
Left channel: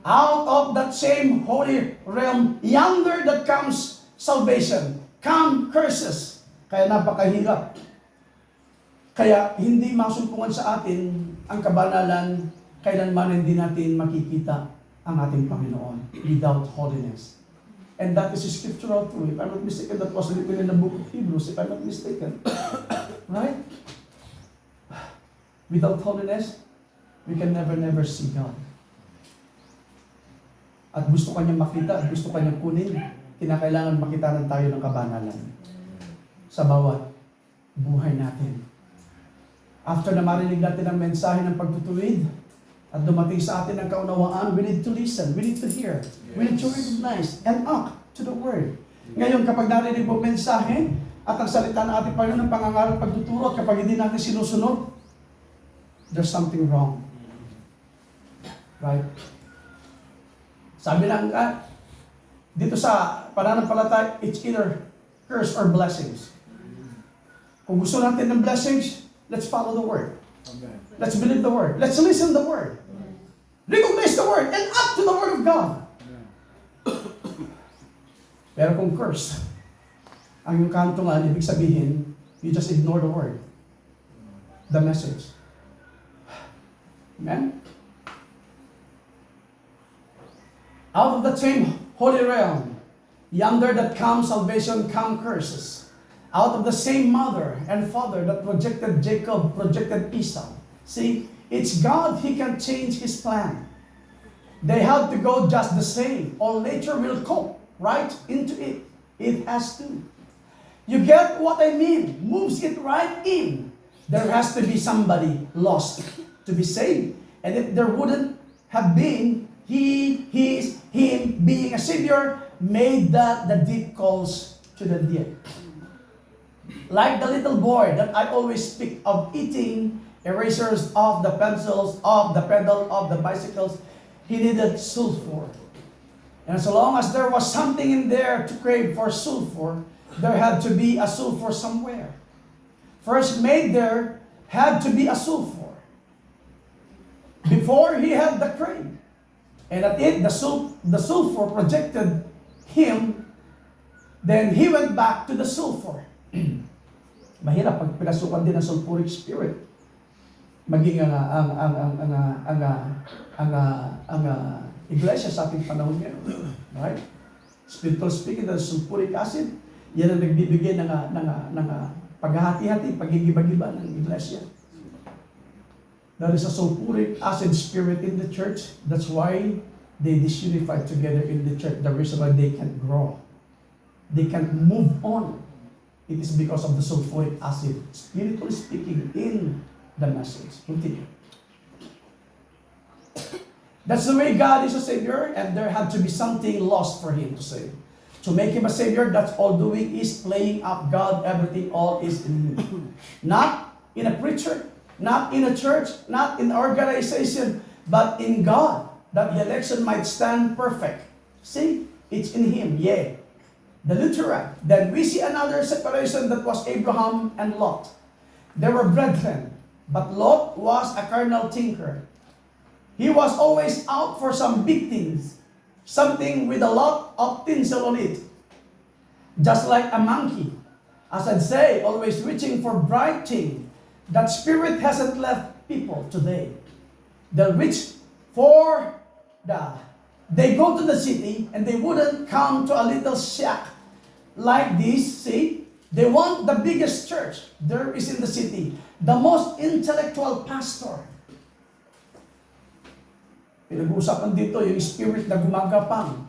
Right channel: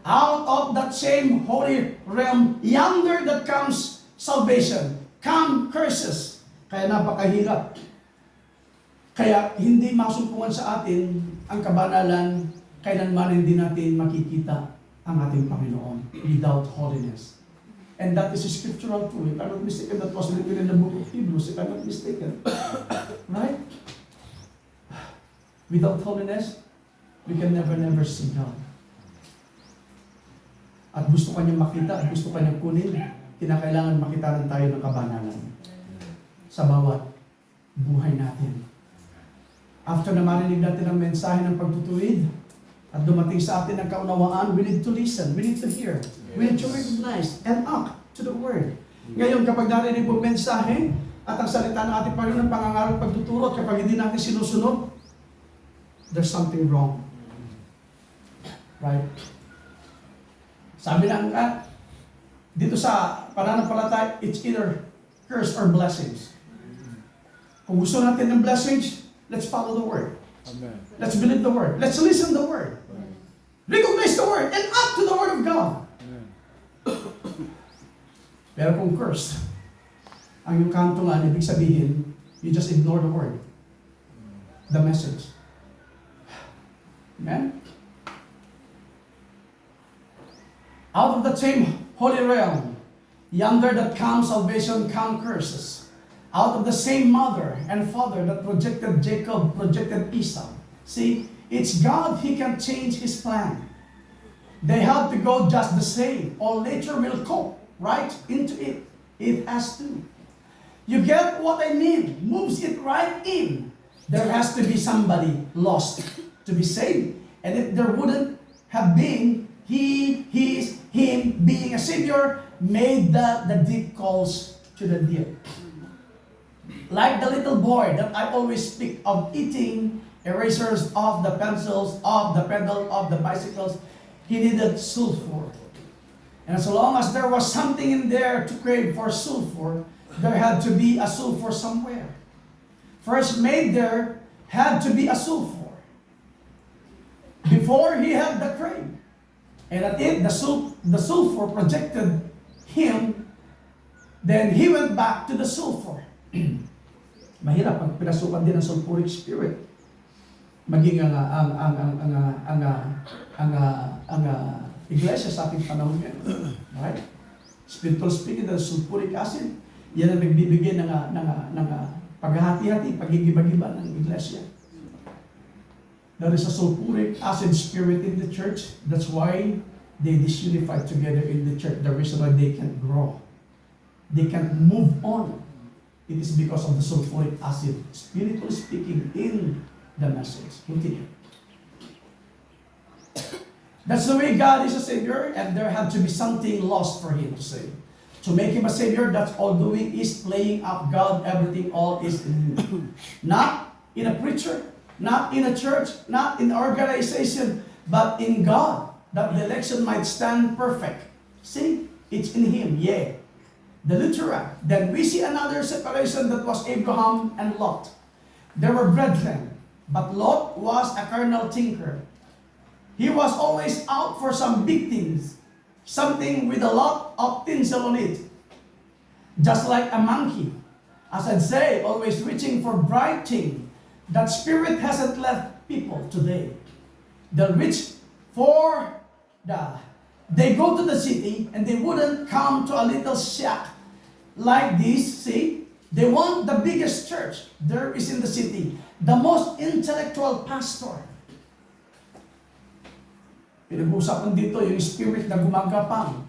Out of that same holy realm, yonder that comes salvation, come curses. Kaya napakahirap. Kaya hindi masumpungan sa atin ang kabanalan, kailanman hindi natin makikita ang ating Panginoon without holiness. And that is a scriptural truth. If I'm not mistaken, that was written in the book of Hebrews, if I'm not mistaken. Right? Without holiness, we can never see God. At gusto kanyang makita, at gusto kanyang kunin, kinakailangan makita rin tayo ng kabanalan sa bawat buhay natin. After na marinig natin ang mensahe ng pagtutuwid, at dumating sa atin ang kaunawaan, we need to listen, we need to hear, we need to recognize and act to the Word. Ngayon, kapag narinig mo mensahe, at ang salita ng ating Panginoon ng pangangaral pagtuturo, at kapag hindi natin sinusunod, there's something wrong. Right? Sabi ng dito sa pananampalataya, it's either curse or blessings. Kung gusto natin ng blessings, let's follow the Word. Amen. Let's believe the Word. Let's listen the Word. Recognize the Word and act to the Word of God. Pero kung curse, ang yung kantungan, ibig sabihin, you just ignore the Word. The message. Amen? Out of the same holy realm, yonder that comes salvation, come curses. Out of the same mother and father that projected Jacob, projected Esau. See, it's God, He can change His plan. They have to go just the same. All nature will cope right into it. It has to. You get what I mean? Moves it right in. There has to be somebody lost to be saved. And if there wouldn't have been, Him being a Savior made that the deep calls to the deep. Like the little boy that I always speak of eating erasers off the pencils, off the pedal of the bicycles, he needed sulfur. And so long as there was something in there to crave for sulfur, there had to be a sulfur somewhere. First made there had to be a sulfur. Before he had the crave. And at it, the sulfur projected him, then he went back to the sulfur. Mahirap pag pinasukan din ng sulfuric spirit. Maging ang iglesia sa ating panahon ngayon. Right? Spiritual speaking, the sulfuric acid, yan ang nagbibigay ng paghahati-hati, pag-igiba-giba ng iglesia. There is a sulfuric acid spirit in the church. That's why they disunify together in the church. The reason why they can't grow. They can't move on. It is because of the sulfuric acid, spiritually speaking, in the message. Continue. That's the way God is a Savior, and there had to be something lost for Him to save. To make Him a Savior, that's all doing is playing up God, everything, all is in Him. Not in a preacher, not in a church, not in organization, but in God, that the election might stand perfect. See, it's in Him, yeah. The Lutheran. Then we see another separation that was Abraham and Lot. They were brethren, but Lot was a carnal thinker. He was always out for some big things, something with a lot of tinsel on it. Just like a monkey, as I'd say, always reaching for bright things. That spirit hasn't left people today. They'll reach for they go to the city and they wouldn't come to a little shack like this. See, they want the biggest church there is in the city, the most intellectual pastor. Pinag-uusapan dito yung spirit na gumagapang,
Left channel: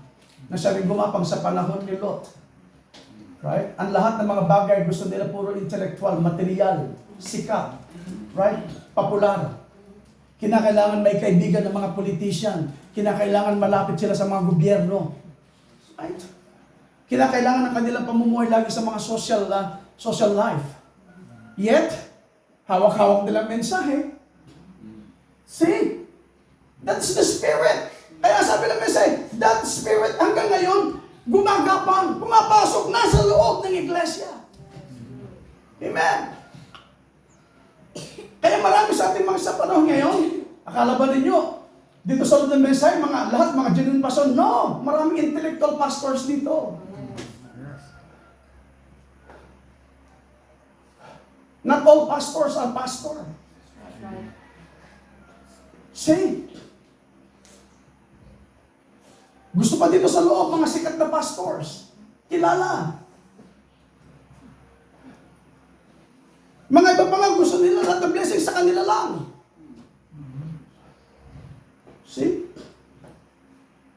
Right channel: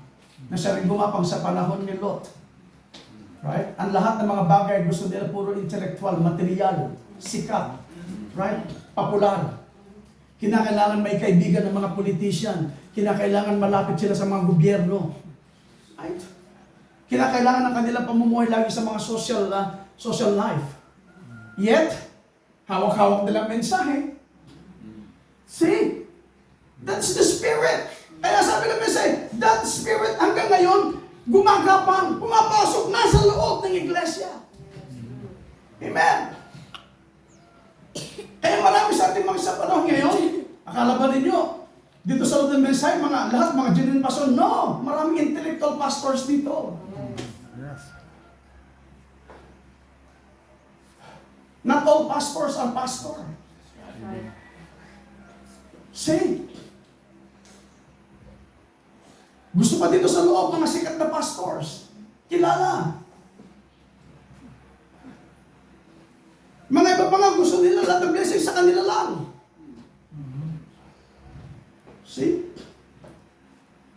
na siya rin gumapang sa panahon ni Lot. Right? Ang lahat ng mga bagay gusto nila puro intellectual, material, sikat, right? Popular. Kinakailangan may kaibigan ng mga politician. Kinakailangan malapit sila sa mga gobyerno. Right? Kinakailangan ng kanilang pamumuhay lagi sa mga social life. Yet, hawak-hawak nilang mensahe. See? That's the spirit. Kaya sabi ng mensahe, that spirit hanggang ngayon, gumagapang, pumapasok na sa loob ng iglesia. Amen. Kaya marami sa ating mga sa panahon ngayon, akala ba ninyo, dito sa loob ng mensahe, lahat mga genuine pastor, no! Maraming intellectual pastors dito. Not all pastors are pastor. See? Gusto pa dito sa loob mga sikat na pastors. Kilala. Mga iba pa nga gusto nila lahat ng blessing sa kanila lang. See?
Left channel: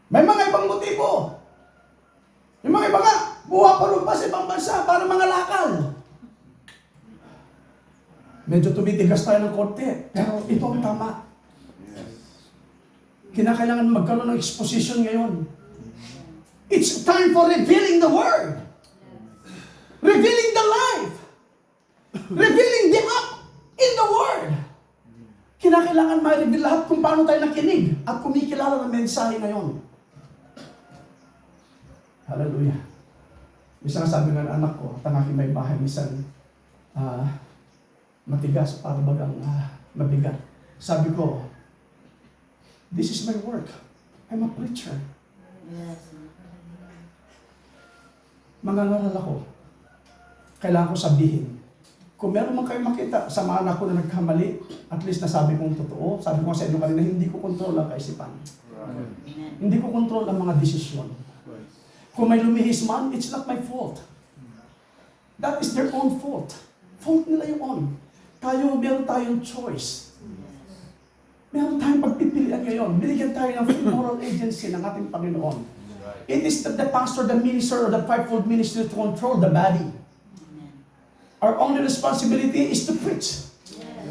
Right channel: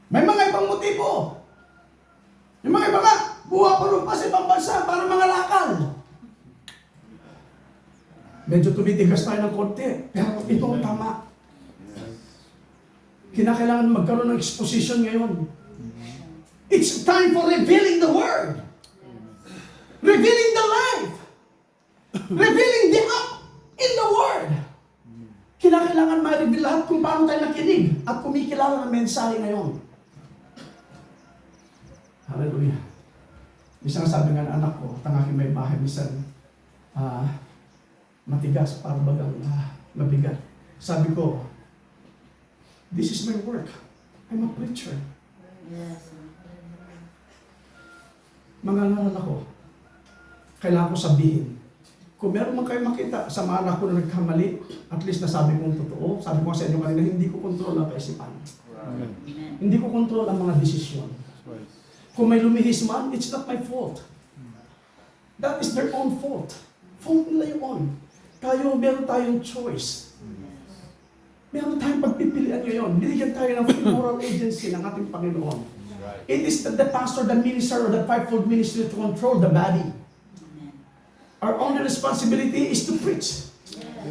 May mga ibang motibo. Yung mga iba nga, buha pa sa ibang bansa para mga lakal. Medyo tumitigas tayo ng konti, pero itong tama. Kinakailangan magkaroon ng exposition ngayon. It's time for revealing the Word. Revealing the life. Revealing the up in the Word. Kinakailangan ma-reveal lahat kung paano tayo nakinig at kumikilala ng mensahe ngayon. Hallelujah. Isang sabi nga ng anak ko, tangakin may bahay, minsan matigas, parang bagang mabigat. Sabi ko, this is my work. I'm a preacher. Yes. Mangangaral ako. Kailangan ko sabihin. Kung meron man kayo makita sa mga anak ko na nagkamali, at least nasabi kong totoo. Sabi ko sa inyo kanina, hindi ko kontrol ang kaisipan. Amen. Hindi ko kontrol ang mga desisyon. Kung may lumihis man, it's not my fault. That is their own fault. Fault nila yun. Meron tayong choice. Meron tayong pagpipilian ngayon. Binigyan tayo ng free moral agency ng ating Panginoon. It is the pastor, the minister, or the fivefold ministry to control the body. Our only responsibility is to preach.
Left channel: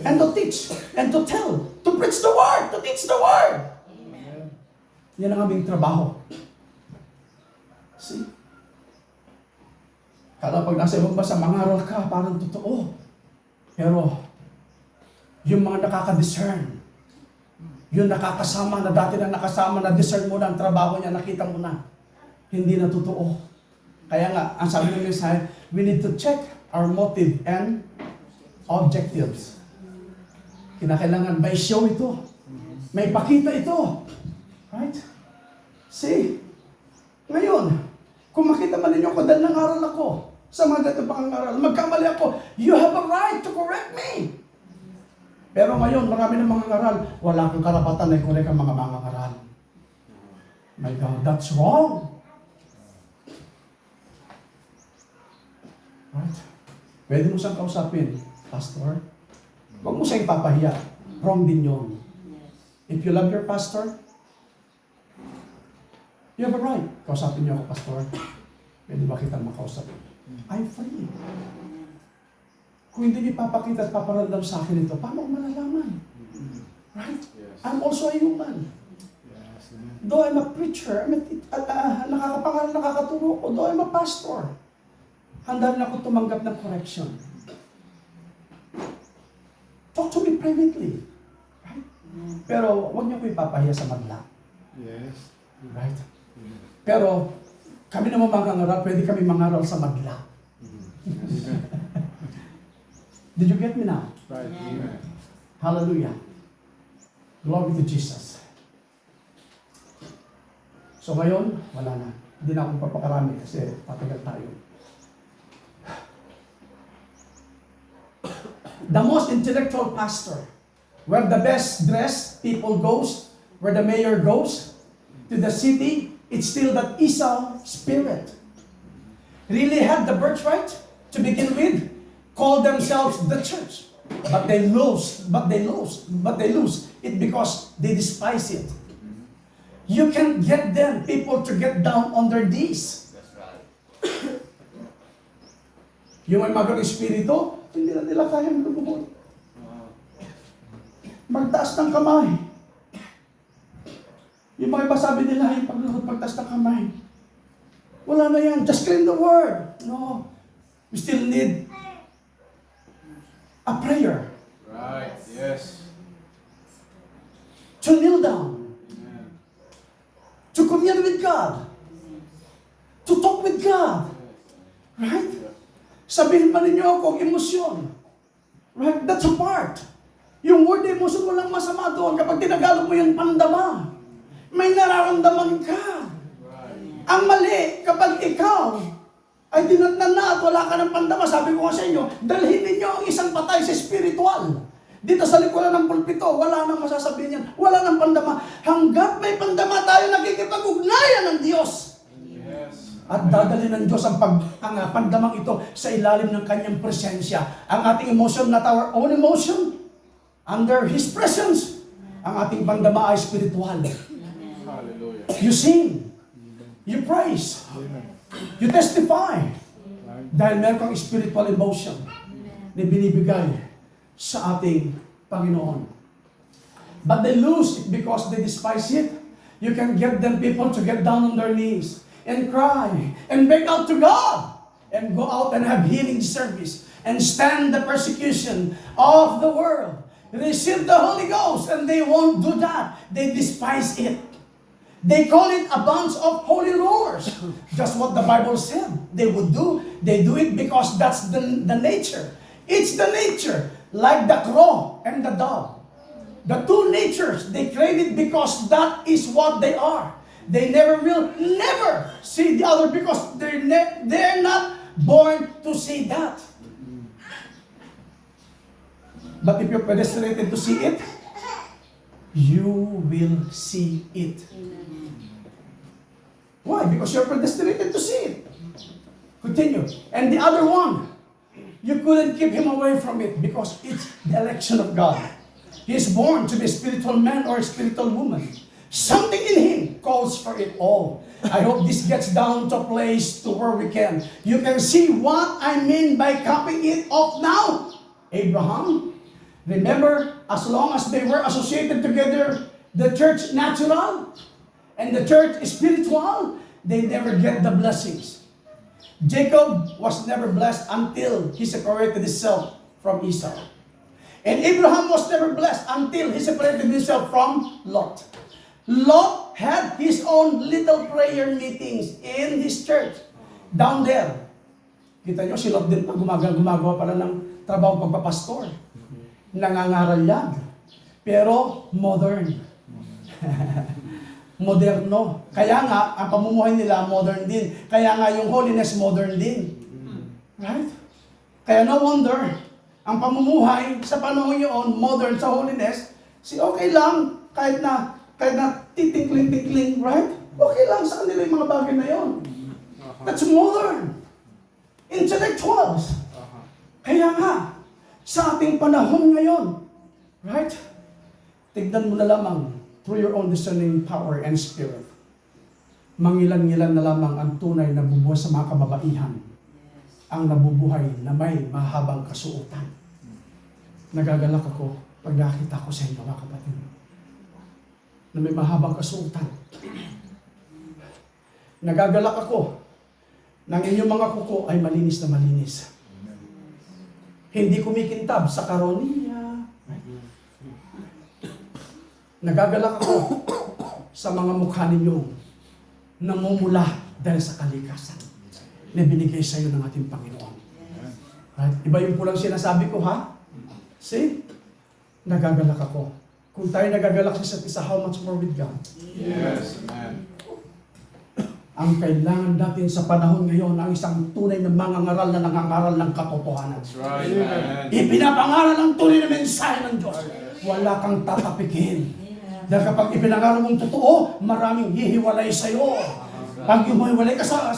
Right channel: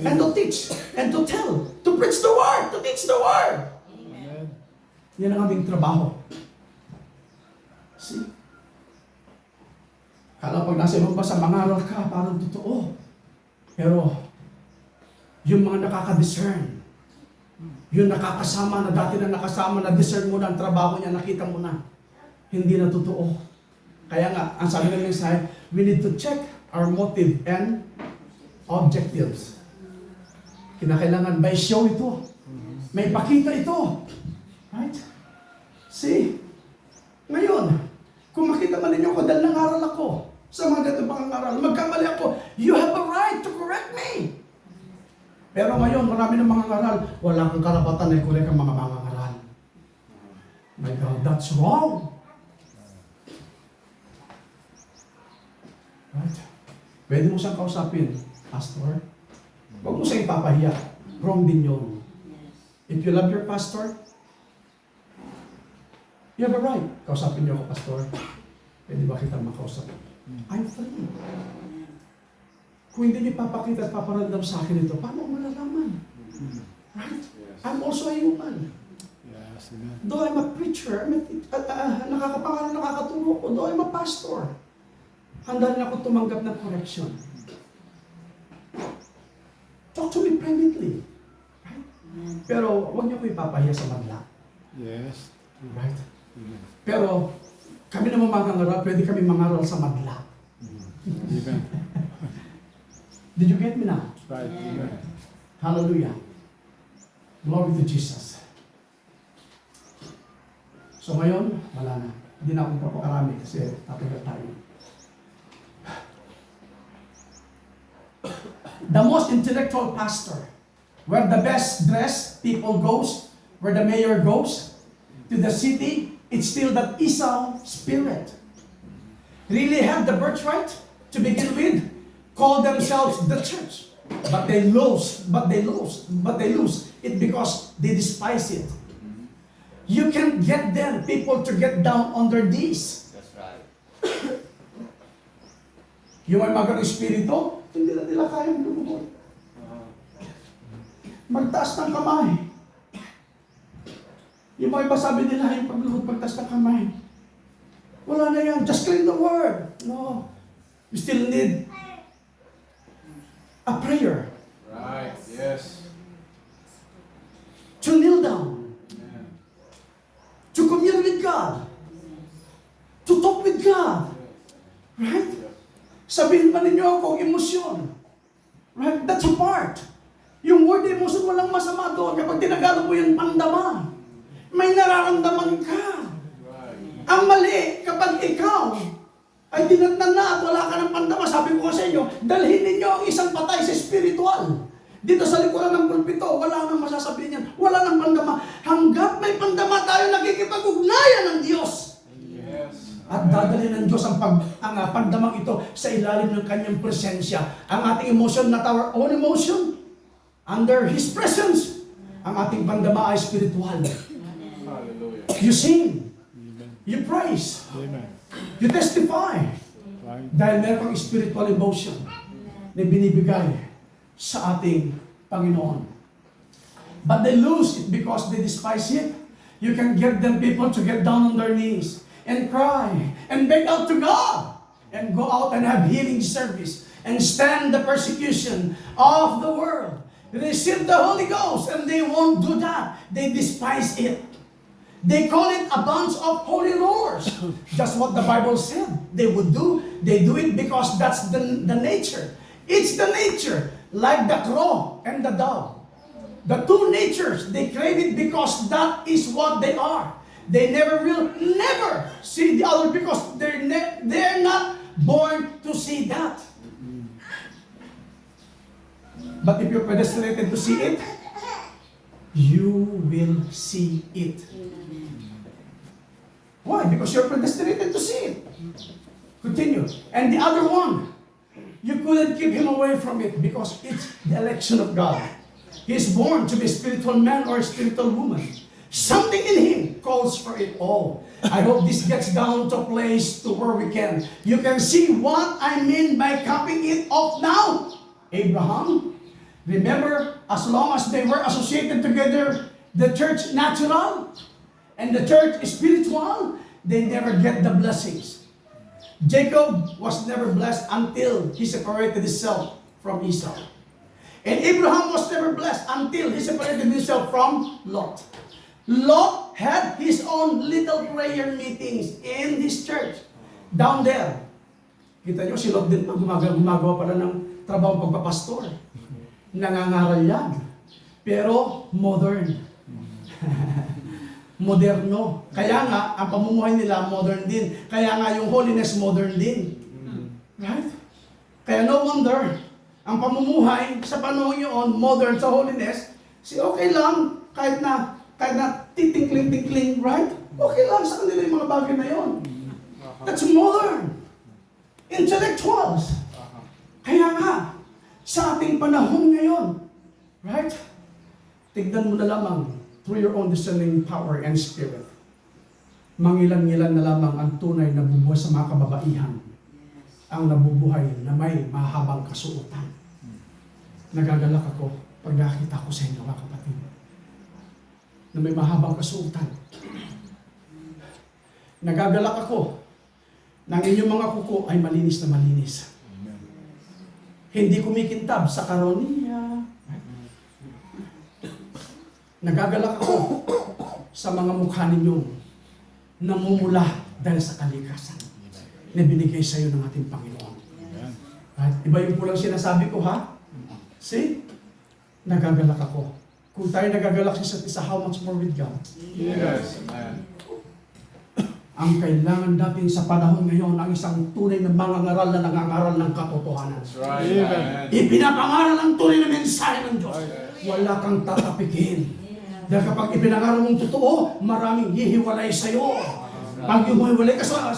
And to teach. And to tell. To preach the word. To teach the word. Amen. Yan ang aming trabaho. See? Kala pag nasa ibang bansa, mangaral ka, parang totoo. Pero, yung mga nakaka-discern, yung nakakasama na dati na nakasama, na-discern mo na ang trabaho niya, nakita mo na, hindi na totoo. Kaya nga, ang sabi ng mensahe, we need to check our motive and objectives. Kinakailangan may show ito. May pakita ito. Right? See? Ngayon, kung makita man ninyo ko dahil nangaral ako sa mga ganito pangangaral, magkamali ako, you have a right to correct me. Pero ngayon, marami ng mga ngaral, wala kang karapatan na i-correct ang mga ngaral. My God, that's wrong. Right? Pwede mo siyang kausapin, Pastor. Huwag mo siyang ipapahiya. Wrong din yun. If you love your pastor, you have a right. Kausapin niyo ako, Pastor. Pwede ba kita makausapin? I'm free. Kung hindi niyo papakita at paparamdam sa akin ito, paano ko malalaman? Right? I'm also a human. Though I'm a preacher, nakakapangaral, nakakaturo ko, though I'm a pastor, handa rin ako tumanggap ng correction. Talk to me privately. Right? Pero huwag niyo ko ipapahiya sa madla. Yes. Right? Pero kami naman mangangaral, pwede kami mangaral sa madla. Did you get me now? Right. Amen. Hallelujah. Glory to Jesus. So ngayon, wala na. Hindi na akong papakarami kasi tatagal tayo. The most intellectual pastor, where the best dressed people goes, where the mayor goes to the city, it's still that Esau spirit. Really had the birthright to begin with, call themselves the church. But they lose it because they despise it. You can get them, people, to get down on their knees. That's right. Yung may magandang espiritu, hindi na nila kaya lumubog. Magtaas ng kamay. Yung mga iba sabi nila, yung paglubog, pagtaas ng kamay. Wala na yan, just claim the word. No. You still need a prayer. Right. Yes. To kneel down. Amen. To commune with God. To talk with God. Right? Sabihin ba ninyo ako emosyon? Right? That's a part. Yung word emosyon, walang masama doon kapag ginagalo mo yung pandama. May nararamdaman ka. Right. Ang mali, kapag ikaw ay dinatnan na at wala ka ng pandama, sabi ko nga sa inyo, dalhin ninyo ang isang patay sa spiritual. Dito sa likuran ng pulpito, wala nang masasabihin yan. Wala nang pandama. Hanggat may pandama tayo, nakikipag-ugnayan ng Diyos. Yes. At dadalhin ng Diyos ang pandamang ito sa ilalim ng kanyang presensya. Ang ating emotion, not our own emotion, under His presence. Ang ating pandama ay spiritual. Hallelujah. You sing. You praise. You testify. Dahil meron kang spiritual emotion na binibigay sa ating Panginoon. But they lose it because they despise it. You can get them people to get down on their knees and cry and beg out to God and go out and have healing service and stand the persecution of the world. Receive the Holy Ghost, and they won't do that. They despise it. They call it a bunch of holy rollers. Just what the Bible said they would do. They do it because that's the nature. It's the nature, like the crow and the dove. The two natures, they crave it because that is what they are. They never see the other because they're not born to see that. But if you're predestinated to see it, you will see it. Why? Because you're predestinated to see it. Continue. And the other one, you couldn't keep him away from it because it's the election of God. He's born to be a spiritual man or a spiritual woman. Something in him calls for it all. I hope this gets down to a place to where we can. You can see what I mean by copying it off now. Abraham, remember, as long as they were associated together, the church natural and the church spiritual, they never get the blessings. Jacob was never blessed until he separated himself from Esau. And Abraham was never blessed until he separated himself from Lot. Lot had his own little prayer meetings in his church down there. Kita nyo, si Lot din pa gumagawa pala ng trabaho pagpapastor. Nangangaral yan. Pero modern. Moderno. Kaya nga, ang pamumuhay nila modern din. Kaya nga yung holiness modern din. Right? Kaya no wonder, ang pamumuhay sa panahon yun, modern sa holiness, okay lang, kahit na titikling-tikling, right? Okay lang sa kanila yung mga bagay na yun. That's modern. Intellectuals. Kaya nga, sa ating panahon ngayon, right? Tignan mo na lamang through your own discerning power and spirit. Mangilan-ngilan na lamang ang tunay na bubuhay sa mga kababaihan. Ang nabubuhay na may mahabang kasuotan. Nagagalak ako pag nakita ko sa inyo, mga kapatid, na may mahabang kasuotan. Nagagalak ako na ang inyong mga kuko ay malinis na malinis. Hindi kumikintab sa karoniya. Nagagalak ako sa mga mukha ninyong namumula dahil sa kalikasan na binigay sa iyo ng ating Panginoon. Right? Iba yung pulang sinasabi ko, ha? See? Nagagalak ako. Kung tayo nagagalak sa isa't isa, how much more with God? Yes, amen. Ang kailangan natin sa panahon ngayon ang isang tunay na mangangaral na nangangaral ng katotohanan. That's right, amen. Ipinapangaral ang tunay na mensahe ng Diyos. Wala kang tatapikin. Dahil kapag ipinangaro mong totoo, maraming hihiwalay sa'yo. Pag humiwalay ka sa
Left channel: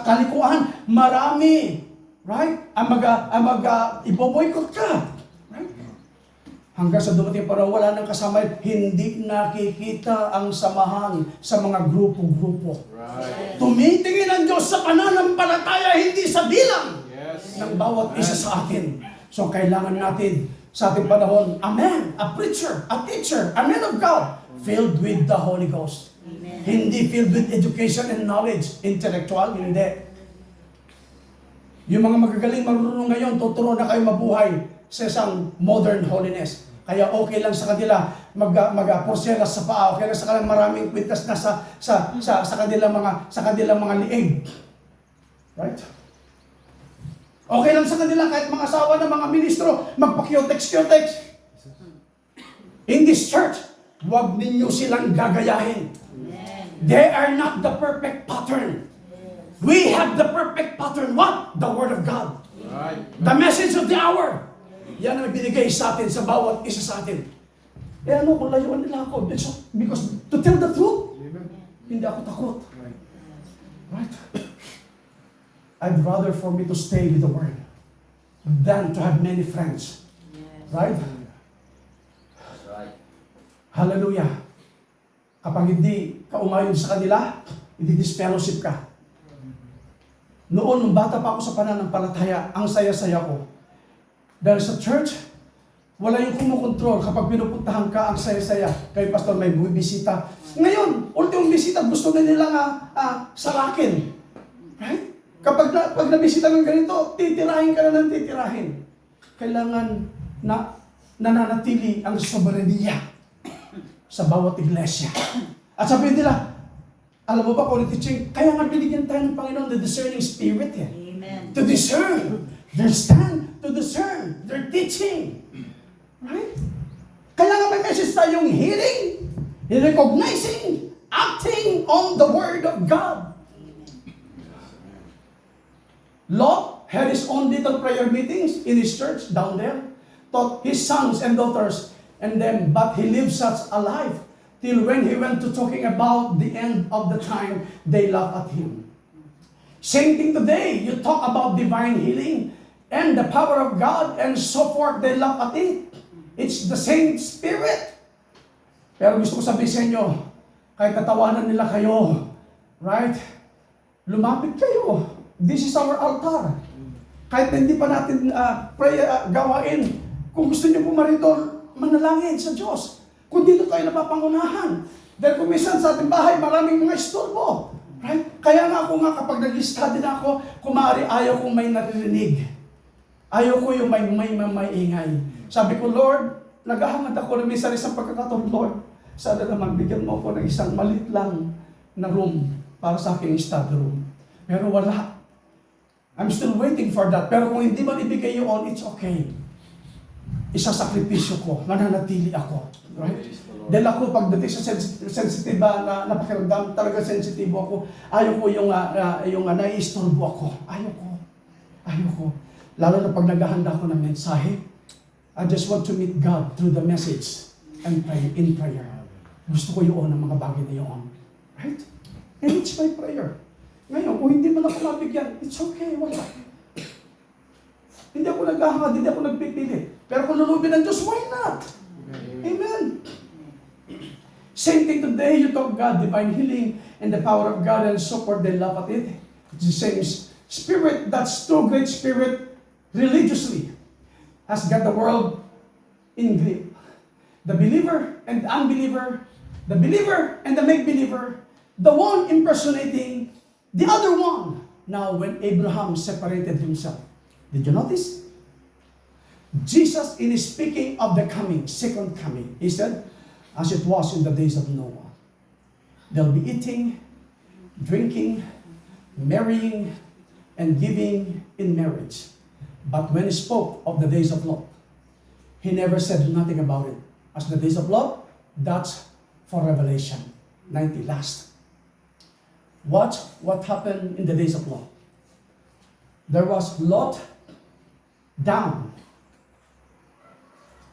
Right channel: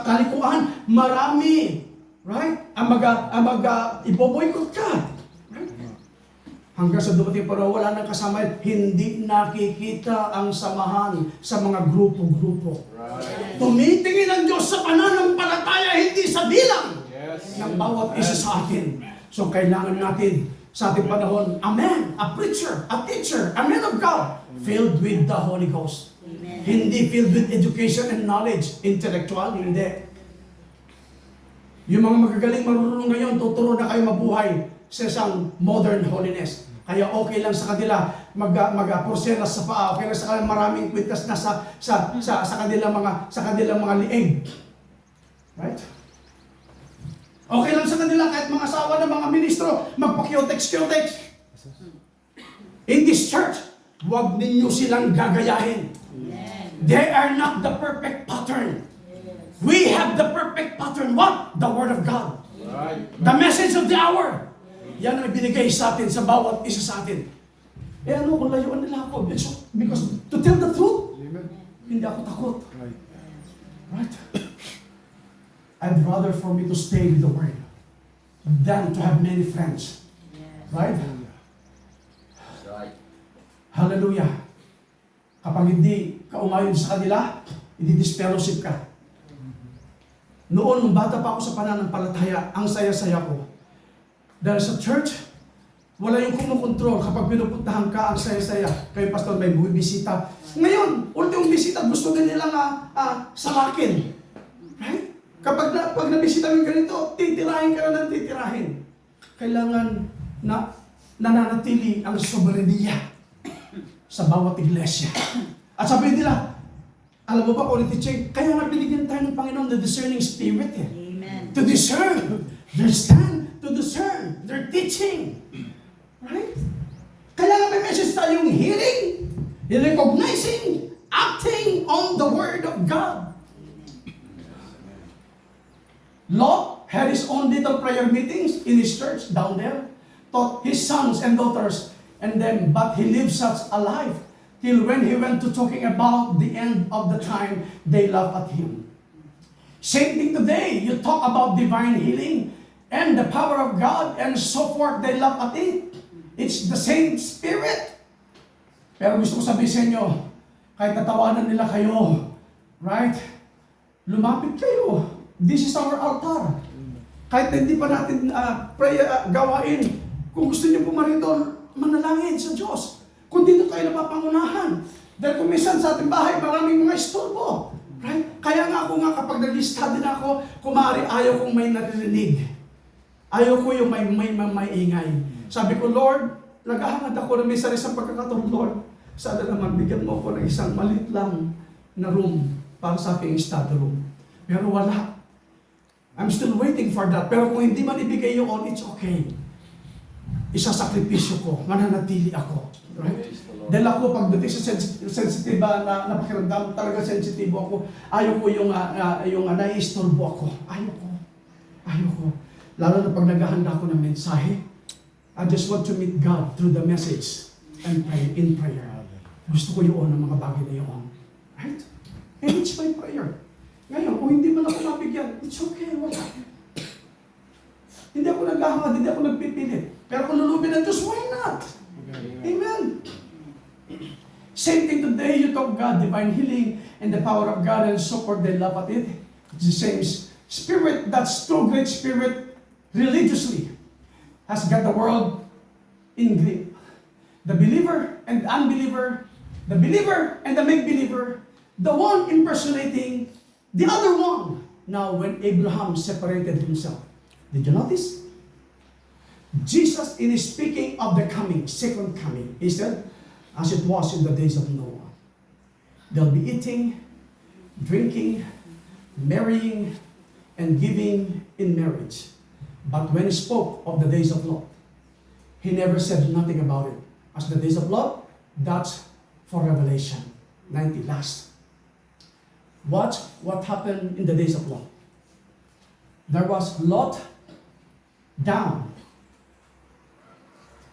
kalikuan, marami, right? Iboboykot ka. Right? Hanggang sa dumating panahon, wala nang kasama, hindi nakikita ang samahan sa mga grupo-grupo. Right. Tumitingin ang Diyos sa pananampalataya, hindi sa bilang Yes. ng bawat isa sa atin. So kailangan natin sa ating panahon, a man, a preacher, a teacher, a man of God, filled with the Holy Ghost. Amen. Hindi filled with education and knowledge, intellectual, hindi. Yung mga magagaling marunong ngayon, tuturo na kayo mabuhay sa isang modern holiness. Kaya okay lang sa kanila mag-porselas sa paa, okay lang sa kanila maraming kwintas na sa kanilang mga liig. Right? Okay lang sa kanila kahit mga asawa ng mga ministro magpa-kyotex. In this church, huwag ninyo silang gagayahin. Amen. They are not the perfect pattern. We have the perfect pattern. What? The Word of God. Right. The message of the hour. Yan ang binigay sa atin, sa bawat isa sa atin. Kung layuan nila ako. Because to tell the truth, hindi ako takot. Right? I'd rather for me to stay with the Word than to have many friends. Yes. Right? That's right. Hallelujah. Kapag hindi ka umayon sa kanila, hindi disfellowship ka. Noon, nung bata pa ako sa pananampalataya, ang saya-saya ko. Dahil sa church, wala yung kumukontrol. Kapag pinupuntahan ka, ang saya-saya. Kay pastor may bumibisita. Ngayon, ultimong bisita, gusto na nilang salakin. Right? Pag nabisita ng ganito, titirahin ka na ng titirahin. Kailangan na nananatili ang soberenya sa bawat iglesia. At sabihin nila, alam mo ba, teaching, kaya nga binigyan tayo ng Panginoon the discerning spirit. Amen. To discern their stand, to discern their teaching. Right? Kaya nga may message tayong hearing, recognizing, acting on the Word of God. Lot had his own little prayer meetings in his church down there, taught his sons and daughters, but he lived such a life till when he went to talking about the end of the time, they laughed at him. Same thing today, you talk about divine healing and the power of God and so forth, they laugh at it. It's the same spirit. Pero gusto ko sabihin sa inyo, kahit tatawanan nila kayo, right? Lumapit kayo. This is our altar. Kahit hindi pa natin gawain, kung gusto niyo pumarito, manalangin sa Diyos. Kung dito tayo napapangunahan. Dahil kung minsan sa ating bahay, maraming mga istorbo. Right? Kaya nga ako kapag nag-study na ako, kumari ayaw kong may naririnig. Ayaw ko yung may ingay. Sabi ko, Lord, naghahangad ako na minsan isang pagkakataon, Lord, sana naman bigyan mo ako ng isang maliit lang na room para sa aking study room. Pero wala. I'm still waiting for that. Pero kung hindi man ibigay yun, it's okay. Isasakripisyo ko, mananatili ako. Right? Dahil ako, pagdating sa sensitive na pakiramdam, talaga sensitibo ako. Ayaw ko yung naiistorbo ako. Ayaw ko. Lalo na pag naghahanda ako ng mensahe, I just want to meet God through the message and pray in prayer. Gusto ko yun ang mga bagay na yun. Right? And it's my prayer. Ngayon, kung hindi man ako mabigyan, it's okay, wala. Hindi ako naghahangad, hindi ako nagpipilit. Pero kung lulubin ng Diyos, why not? Amen. Same thing today, you talk God, divine healing, and the power of God, and so forth, they laugh at it. It's the same spirit, that's true great spirit, religiously, has got the world in grip. The believer and the unbeliever, the believer and the make-believer, the one impersonating the other one. Now, when Abraham separated himself, did you notice? Jesus, in speaking of the coming, second coming, he said, as it was in the days of Noah, they'll be eating, drinking, marrying, and giving in marriage. But when he spoke of the days of Lot, he never said nothing about it. As the days of Lot, that's for Revelation 90 last. Watch what happened in the days of Lot. There was Lot down.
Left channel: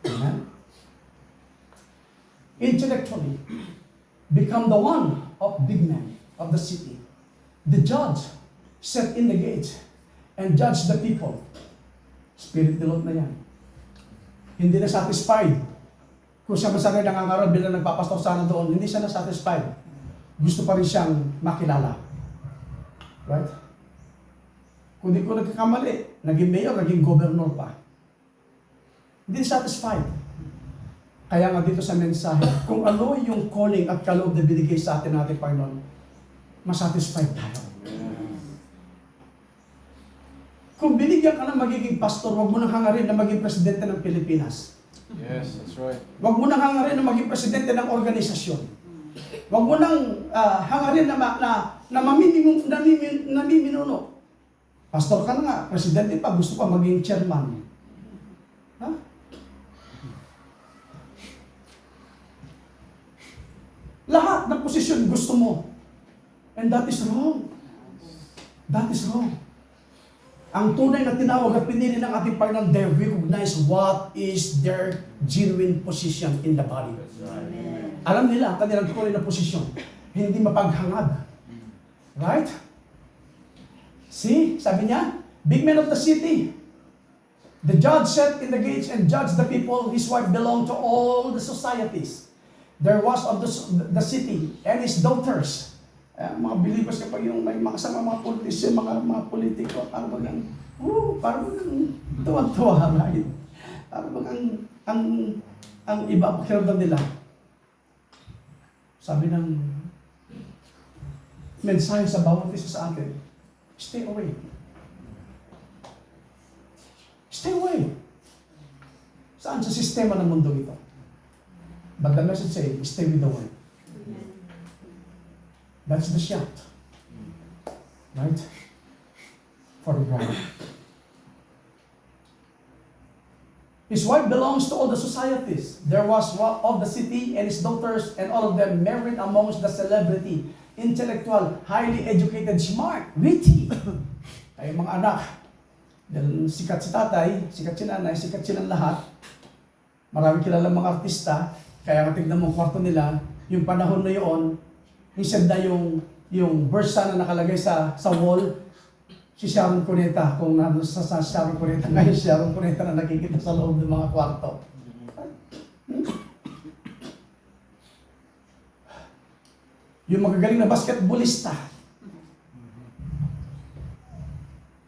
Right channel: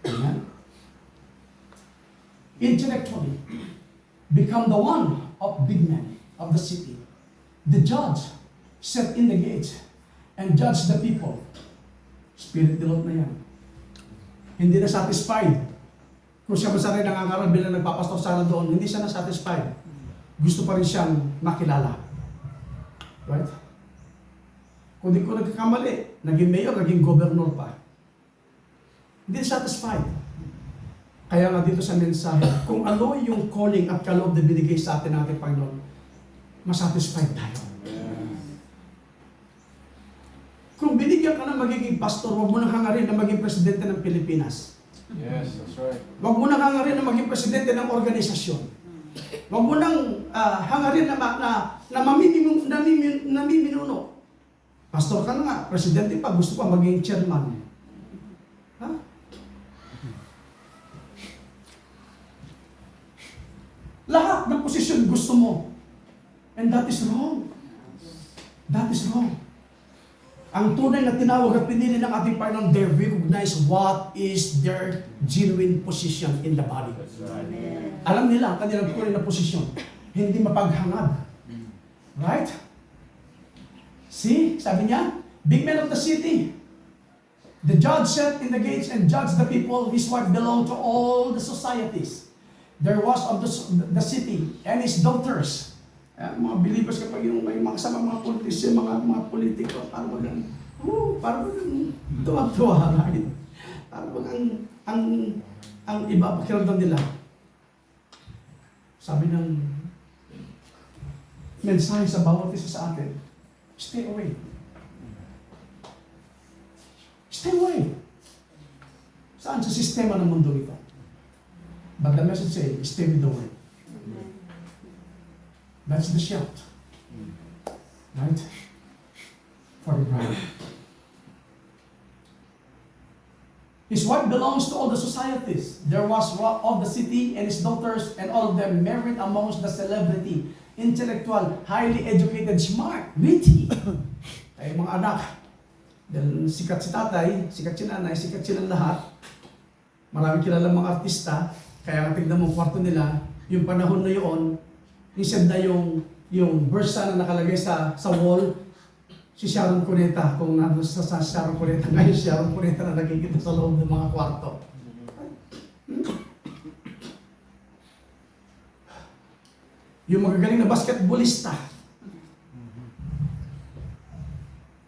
Amen. intellectually, become the one of big men of the city. The judge set in the gates and judge the people. Spirit ni Lot na yan. Hindi na satisfied. Kung siya masarili nangangaral bilang nagpapastor sana doon, hindi siya na satisfied. Gusto pa rin siyang makilala. Right? Kung di ko nagkakamali, naging mayor, naging governor pa. Hindi satisfied. Kaya nga dito sa mensahe, kung ano yung calling at kaloob na binigay sa atin ng ating Panginoon, masatisfied tayo. Kung binigyan ka na magiging pastor, huwag mo nang hangarin na maging presidente ng Pilipinas. Yes, that's right. Huwag mo nang hangarin na maging presidente ng organisasyon. Huwag mo nang hangarin na namiminuno. Pastor ka na nga, presidente pa, gusto pa maging chairman. Ha? Lahat ng posisyon gusto mo. And that is wrong. That is wrong. Ang tunay na tinawag at pinili ng ating Panginoon, they recognize what is their genuine position in the body. Amen. Alam nila ang kanilang tunay na posisyon. Hindi mapaghangad. Right? See? Sabi niya, big men of the city. The judge sat in the gates and judged the people. His wife belonged to all the societies. There was of the city and his daughters. Mga believers kapag yung may mga kasama mga politician, mga politiko, parang tuwa-tuwa, right? Parang ang iba, pakiramdam nila. Sabi ng mensahe sa bawat isa sa atin, stay away. Stay away. Saan sa sistema ng mundo ito? But the message says, stay with the word. That's the shout. Right? For the bride. His wife belongs to all the societies. There was of the city and his daughters, and all of them married amongst the celebrity, intellectual, highly educated, smart, witty. Ay mga anak. Dahil sikat si tatay, sikat si nanay, sikat silang lahat. Maraming kilalang mga artista. Kaya tignan mo kwarto nila, yung panahon na yun, instead na yung verse na nakalagay sa wall, si Sharon Cuneta, kung nasa sa Sharon Cuneta, ngayon Sharon Cuneta na nakikita sa loob ng mga kwarto. Yung magagaling na basketballista.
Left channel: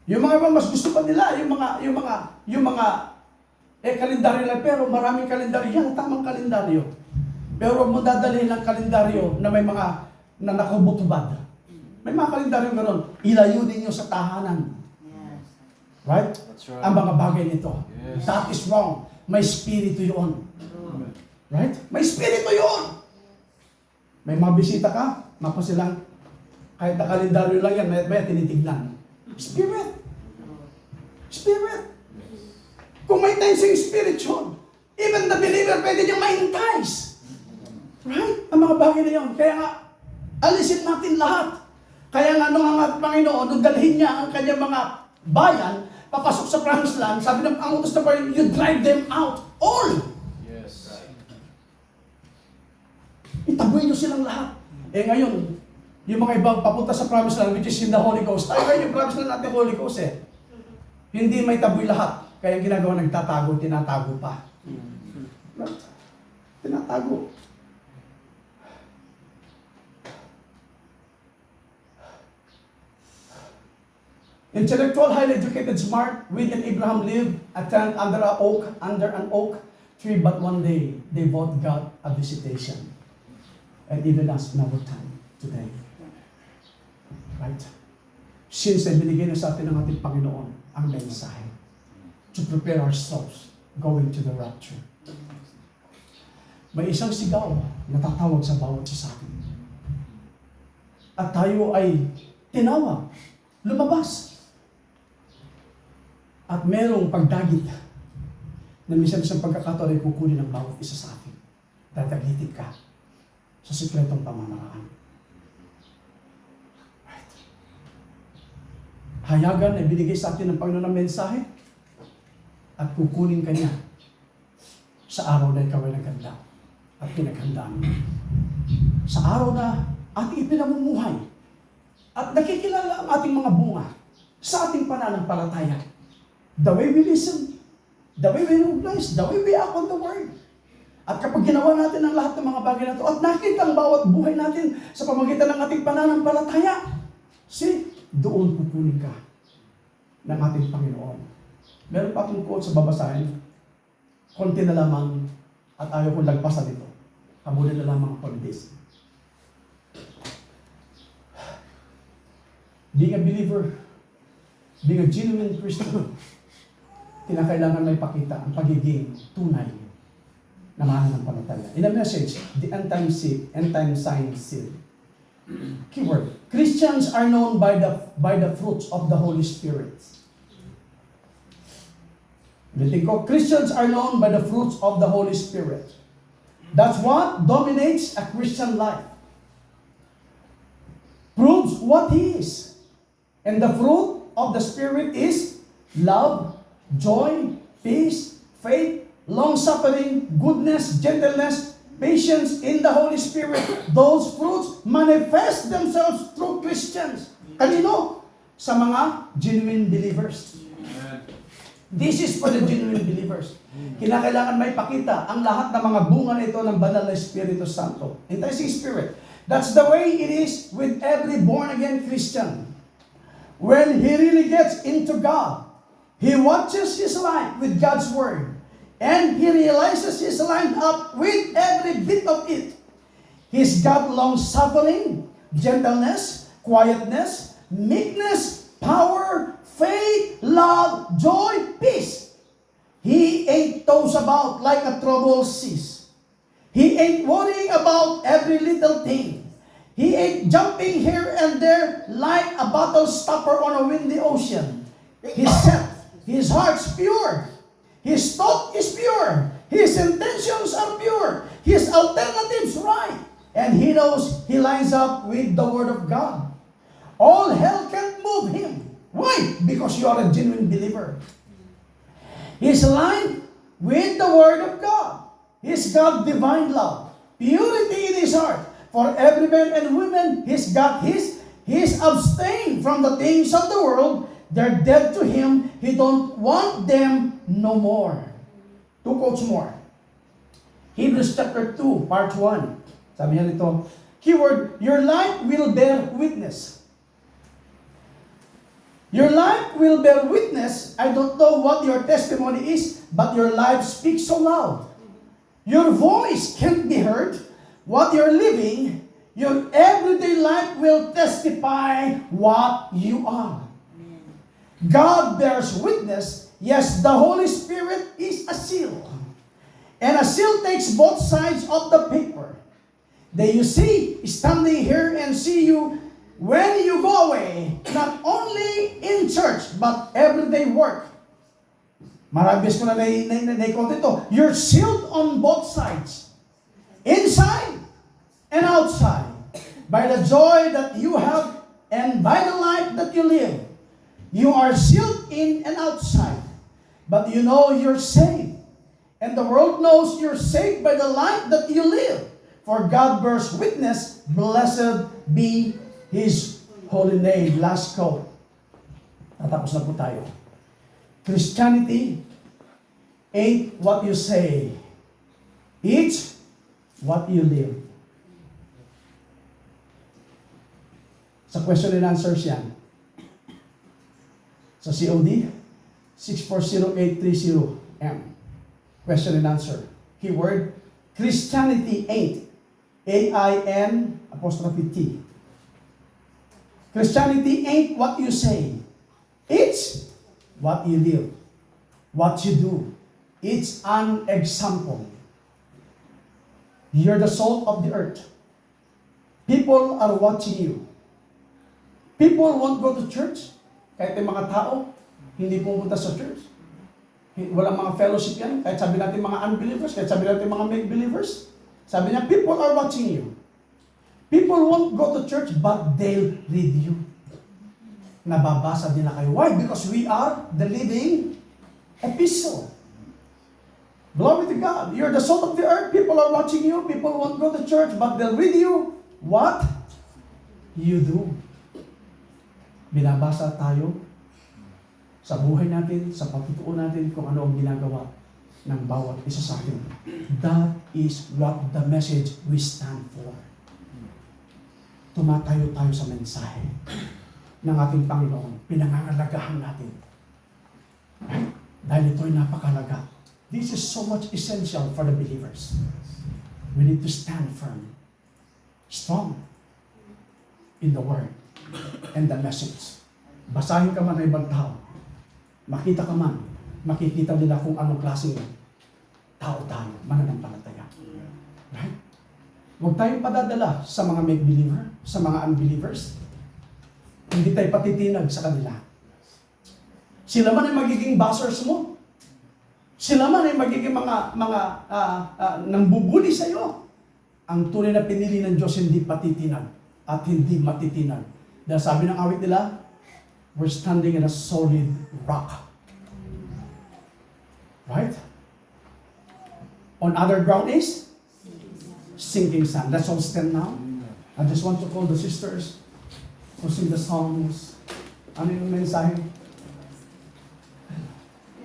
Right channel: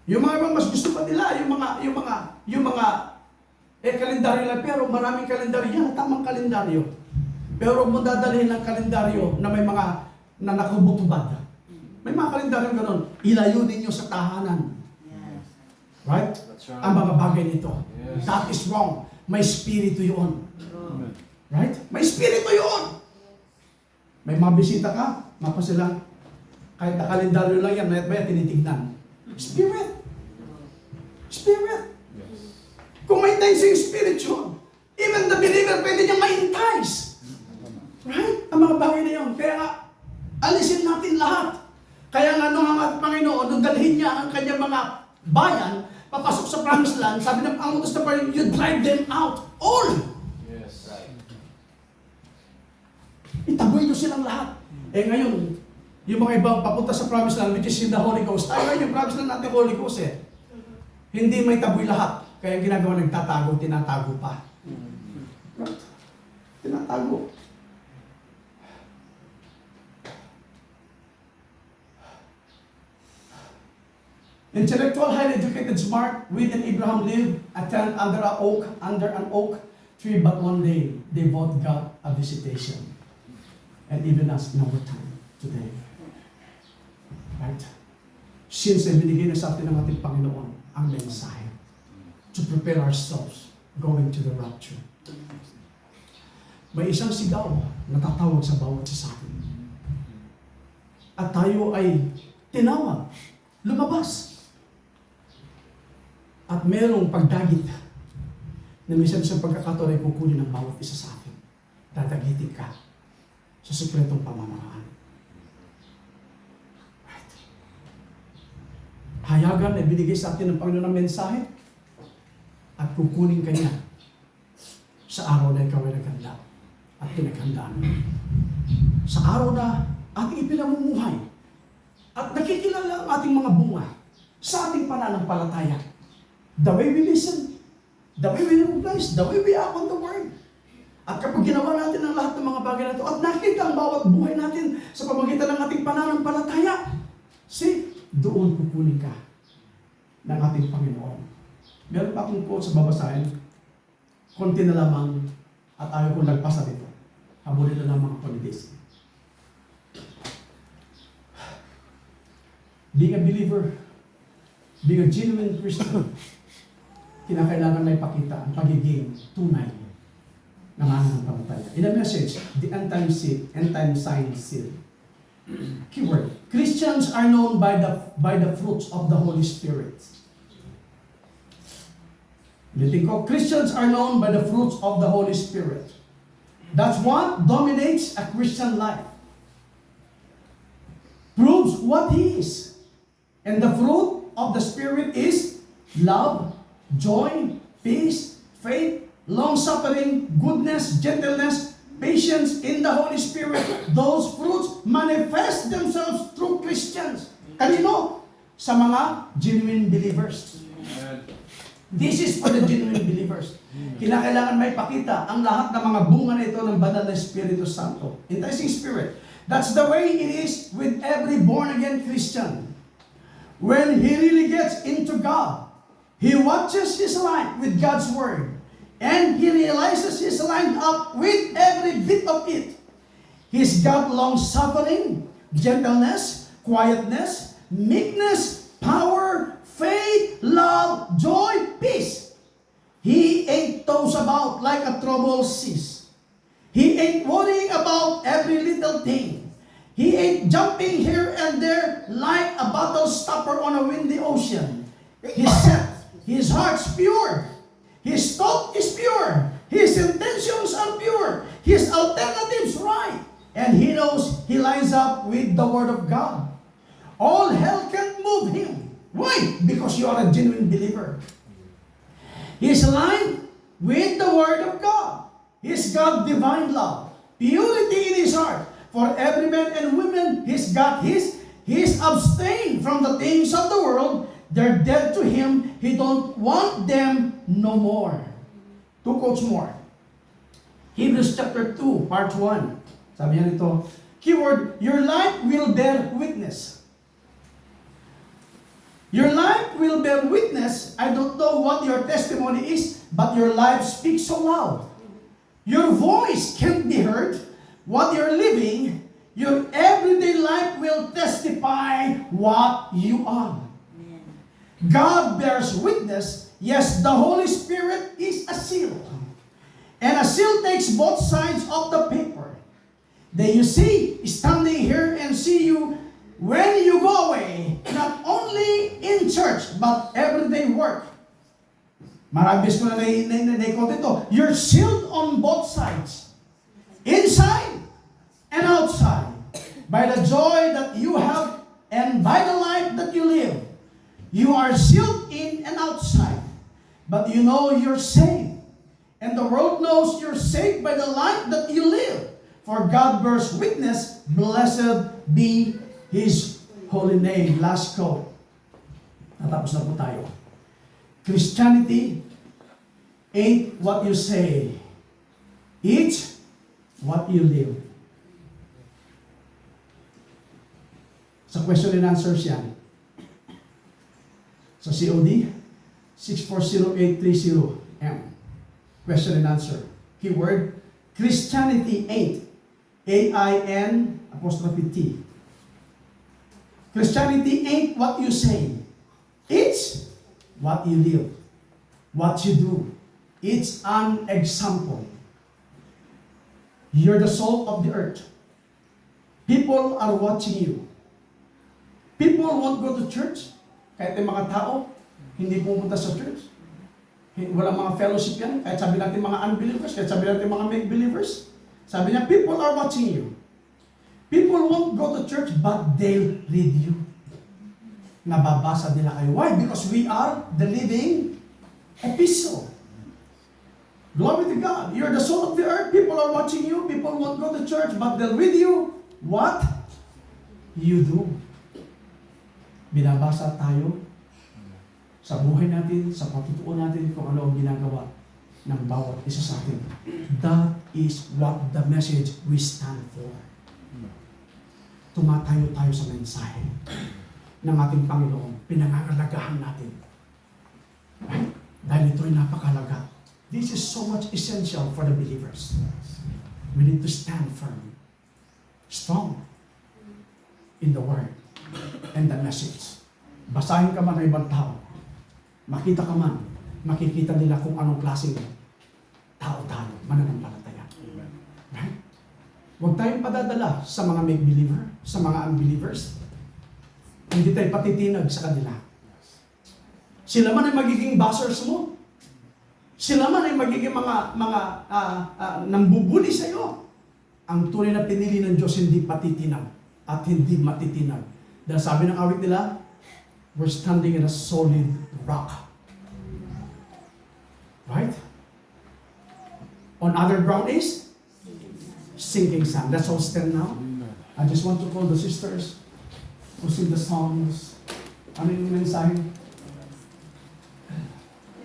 Yung mga mas gusto pa nila, yung mga kalendaryo lang, pero maraming kalendaryo yan, tamang kalendaryo. Pero huwag mo dadalhin ng kalendaryo na may mga na nakabutubad. May mga kalendaryo gano'n, ilayo ninyo sa tahanan. Yes. Right? That's right. Ang mga bagay nito. Yes. That is wrong. May spirito yun. True. Right? May spirito yun! May mga bisita ka, mapa sila, kahit na kalendaryo lang yan, may tinitignan. Spirit! Spirit! Kung may enticing spirit yun, even the believer pwede niyang ma-entice. Right? Ang mga bagay na yun. Kaya nga, alisin natin lahat. Kaya nga nung ang Panginoon, nung dalhin niya ang kanyang mga bayan, papasok sa promised land, sabi ng pangutos na Panginoon, you drive them out. All! Yes. Itaboy niyo silang lahat. Ngayon, yung mga ibang papunta sa promised land, which is in the Holy Ghost, tayo ngayon yung promised land natin Holy Ghost Hindi may taboy lahat. Kaya ang ginagawa, nagtatago, tinatago pa. Right? Tinatago. Intellectual, highly educated, smart, Reed and Abraham lived under an oak tree, but one day they both got a visitation. And even us in our time today. Right? Since ay binigay na sa atin ng ating Panginoon ang mensahe to prepare ourselves going to the rapture. May isang sigaw na tatawag sa bawat isa sa atin. At tayo ay tinawag, lumabas. At merong pagdagit na minsan sa pagkakataon ay kukunin ng bawat isa sa atin. Dadagitin ka sa sikretong pamamaraan. Right. Hayagan na binigay sa atin ng Panginoon ng mensahe at kukunin ka niya sa araw na ikaw ay nagkanda. at pinaghandaan mo. Sa araw na ating ipinamumuhay at nakikilala ang ating mga bunga sa ating pananampalataya. The way we listen, the way we recognize, the way we act on the word. At kapag ginawa natin ang lahat ng mga bagay na ito at nakita ang bawat buhay natin sa pamagitan ng ating pananampalataya, doon pupunin ka ng ating Panginoon. Meron pa akong quote sa babasahin. Konti na lamang at ayaw kong lagpasan ito. Habulin na lamang ako ni this. Being a believer, being a genuine Christian, kinakailangan may pakita ang pagiging tunay na mananampalataya. In a message, the end time sign seal. Keyword: Christians are known by the fruits of the Holy Spirit. Ulitin ko, Christians are known by the fruits of the Holy Spirit. That's what dominates a Christian life. Proves what he is. And the fruit of the Spirit is love, joy, peace, faith, long-suffering, goodness, gentleness, patience in the Holy Spirit. Those fruits manifest themselves through Christians. Kanino? Sa mga genuine believers. This is for the genuine believers. Kinakailangan may pakita ang lahat ng mga bunga na ito ng banal na Espiritu Santo. Enticing Spirit. That's the way it is with every born-again Christian. When he really gets into God, he watches his life with God's Word. And he realizes he's lined up with every bit of it. He's got long-suffering, gentleness, quietness, meekness, power, faith, love, joy, peace. He ain't tossed about like a troubled seas. He ain't worrying about every little thing. He ain't jumping here and there like a bottle stopper on a windy ocean. He's set. His heart's pure. His thought is pure. His intentions are pure. His alternatives right. And he knows he lines up with the Word of God. All hell can't move him. Why? Because you are a genuine believer. He's aligned with the Word of God. He's got divine love, purity in his heart. For every man and woman, he's abstained from the things of the world. They're dead to him. He don't want them no more. 2 quotes more. Hebrews chapter 2, part 1. Sabi niya nito, keyword, your life will bear witness. Your life will bear witness. I don't know what your testimony is, but your life speaks so loud. Your voice can't be heard. What you're living, your everyday life will testify what you are. God bears witness. Yes, the Holy Spirit is a seal. And a seal takes both sides of the paper. Then you see, standing here and see you when you go away, not only in church, but everyday work. Marabis ko na na-quote ito. You're sealed on both sides. Inside and outside. By the joy that you have and by the life that you live. You are sealed in and outside, but you know you're saved. And the world knows you're saved by the life that you live. For God bears witness, blessed be His holy name. Last quote. Tatapos na po tayo. Christianity ain't what you say. It's what you live. Sa question and answers yan. Sa COD, 640-830-M. Question and answer. Keyword, Christianity ain't. A-I-N apostrophe T. Christianity ain't what you say. It's what you live. What you do. It's an example. You're the salt of the earth. People are watching you. People won't go to church. Kahit yung mga tao, hindi pumunta sa church. Walang mga fellowship yan. Kahit sabi natin mga unbelievers, kahit sabi natin mga make-believers. Sabi niya, people are watching you. People won't go to church, but they'll read you. Nababasa nila kayo. Why? Because we are the living epistle. Glory to God. You're the salt of the earth. People are watching you. People won't go to church, but they'll read you what you do. Binabasa tayo sa buhay natin, sa patutuo natin kung ano ang ginagawa ng bawat isa sa atin. That is what the message we stand for. Tumatayo tayo sa mensahe ng ating Panginoon. Pinangangalagahan natin. Right? Dahil ito'y napakalaga. This is so much essential for the believers. We need to stand firm, strong in the Word and the message. Basahin ka man ng ibang tao, makita ka man, makikita nila kung anong klaseng tao tayo, mananampalataya. Right? Huwag tayong padadala sa mga make-believer, sa mga unbelievers. Hindi tayo patitinag sa kanila. Sila man ay magiging buzzers mo. Sila man ay magiging mga nambubuli sa iyo. Ang tunay na pinili ng Diyos hindi patitinag at hindi matitinag. Dahil sabi ng awit nila, we're standing in a solid rock. Right? On other ground is sinking sand. Let's all stand now. I just want to call the sisters to sing the songs. Ano yung mensahe?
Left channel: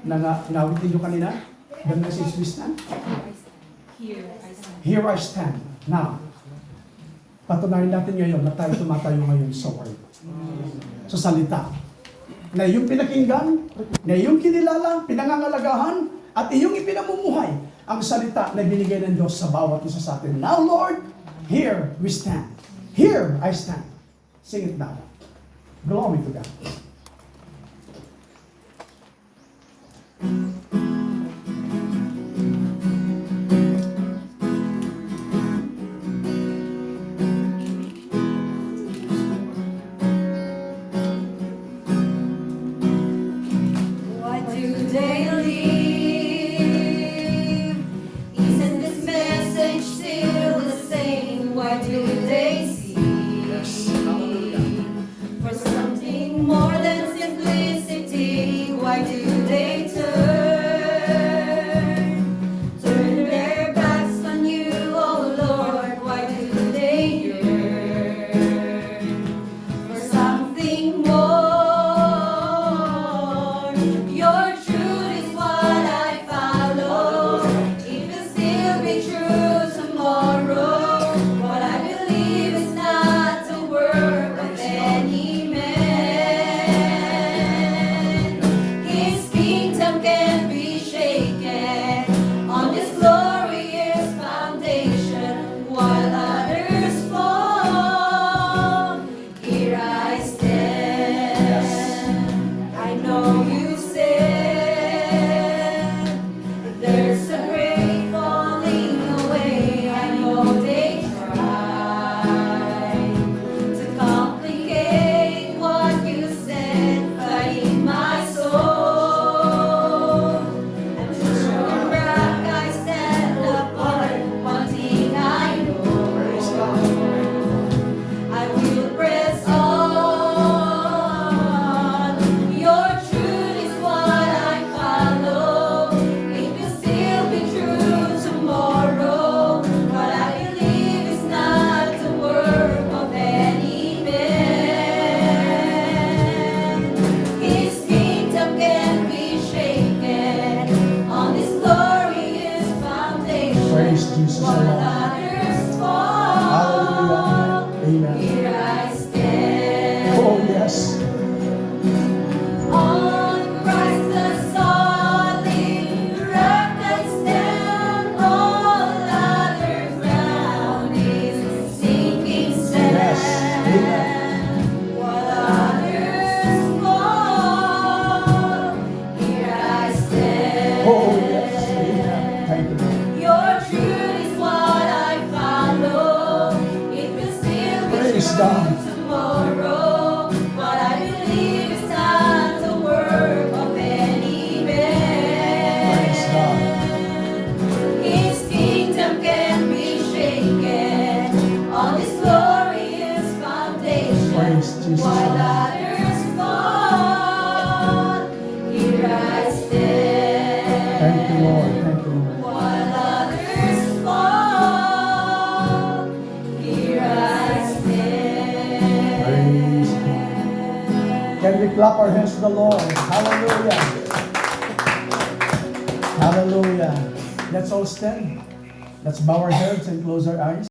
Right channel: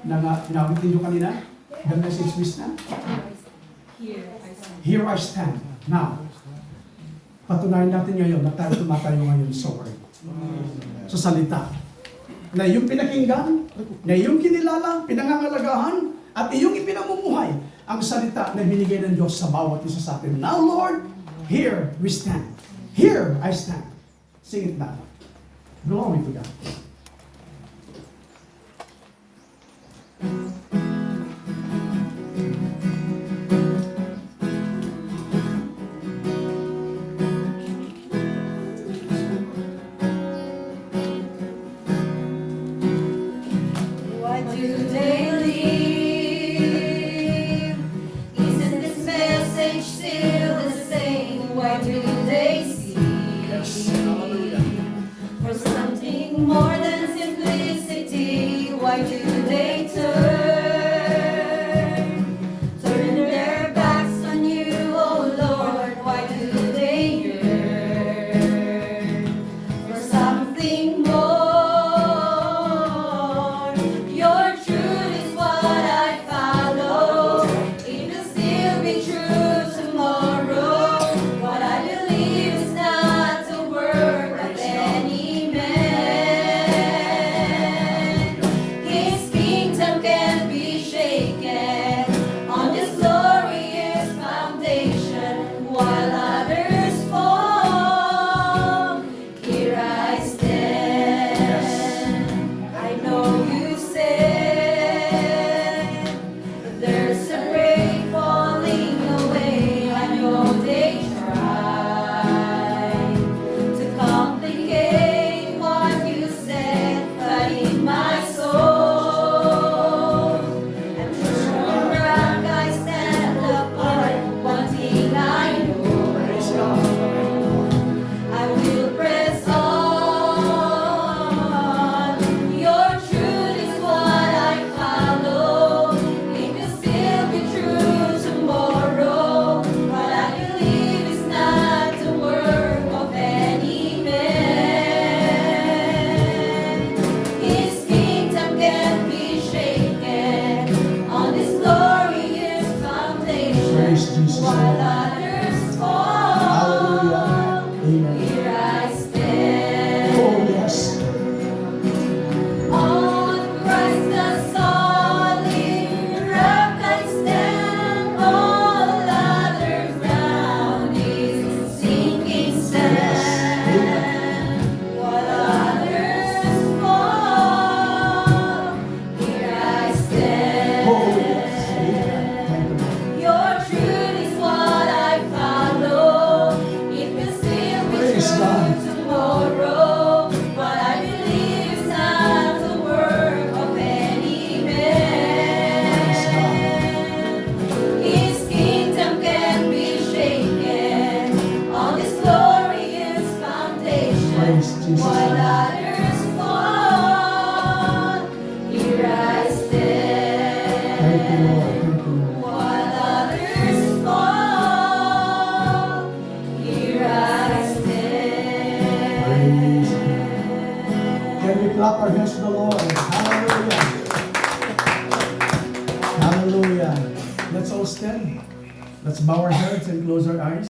Inawitin nyo kanina? The message we stand? Here I stand. Now, patunayan natin ngayon na tayo tumatayo ngayon sa word. Sa salita. Na iyong pinakinggan, na iyong kinilala, pinangangalagahan, at iyong ipinamumuhay ang salita na binigay ng Diyos sa bawat isa sa atin. Now, Lord, here we stand. Here I stand. Sing it now. Glory to God. Why do they leave? Isn't this message still the same? Why do they seek for something more than simplicity? Why do they turn their backs on you, oh Lord? Why do they yearn for something more? Your truth is what I follow. It will still be true tomorrow. What I believe is not the work of any man. While others fall, here I stand. Praise God. Can we clap our hands to the Lord? Hallelujah. Hallelujah. Let's all stand. Let's bow our heads and close our eyes.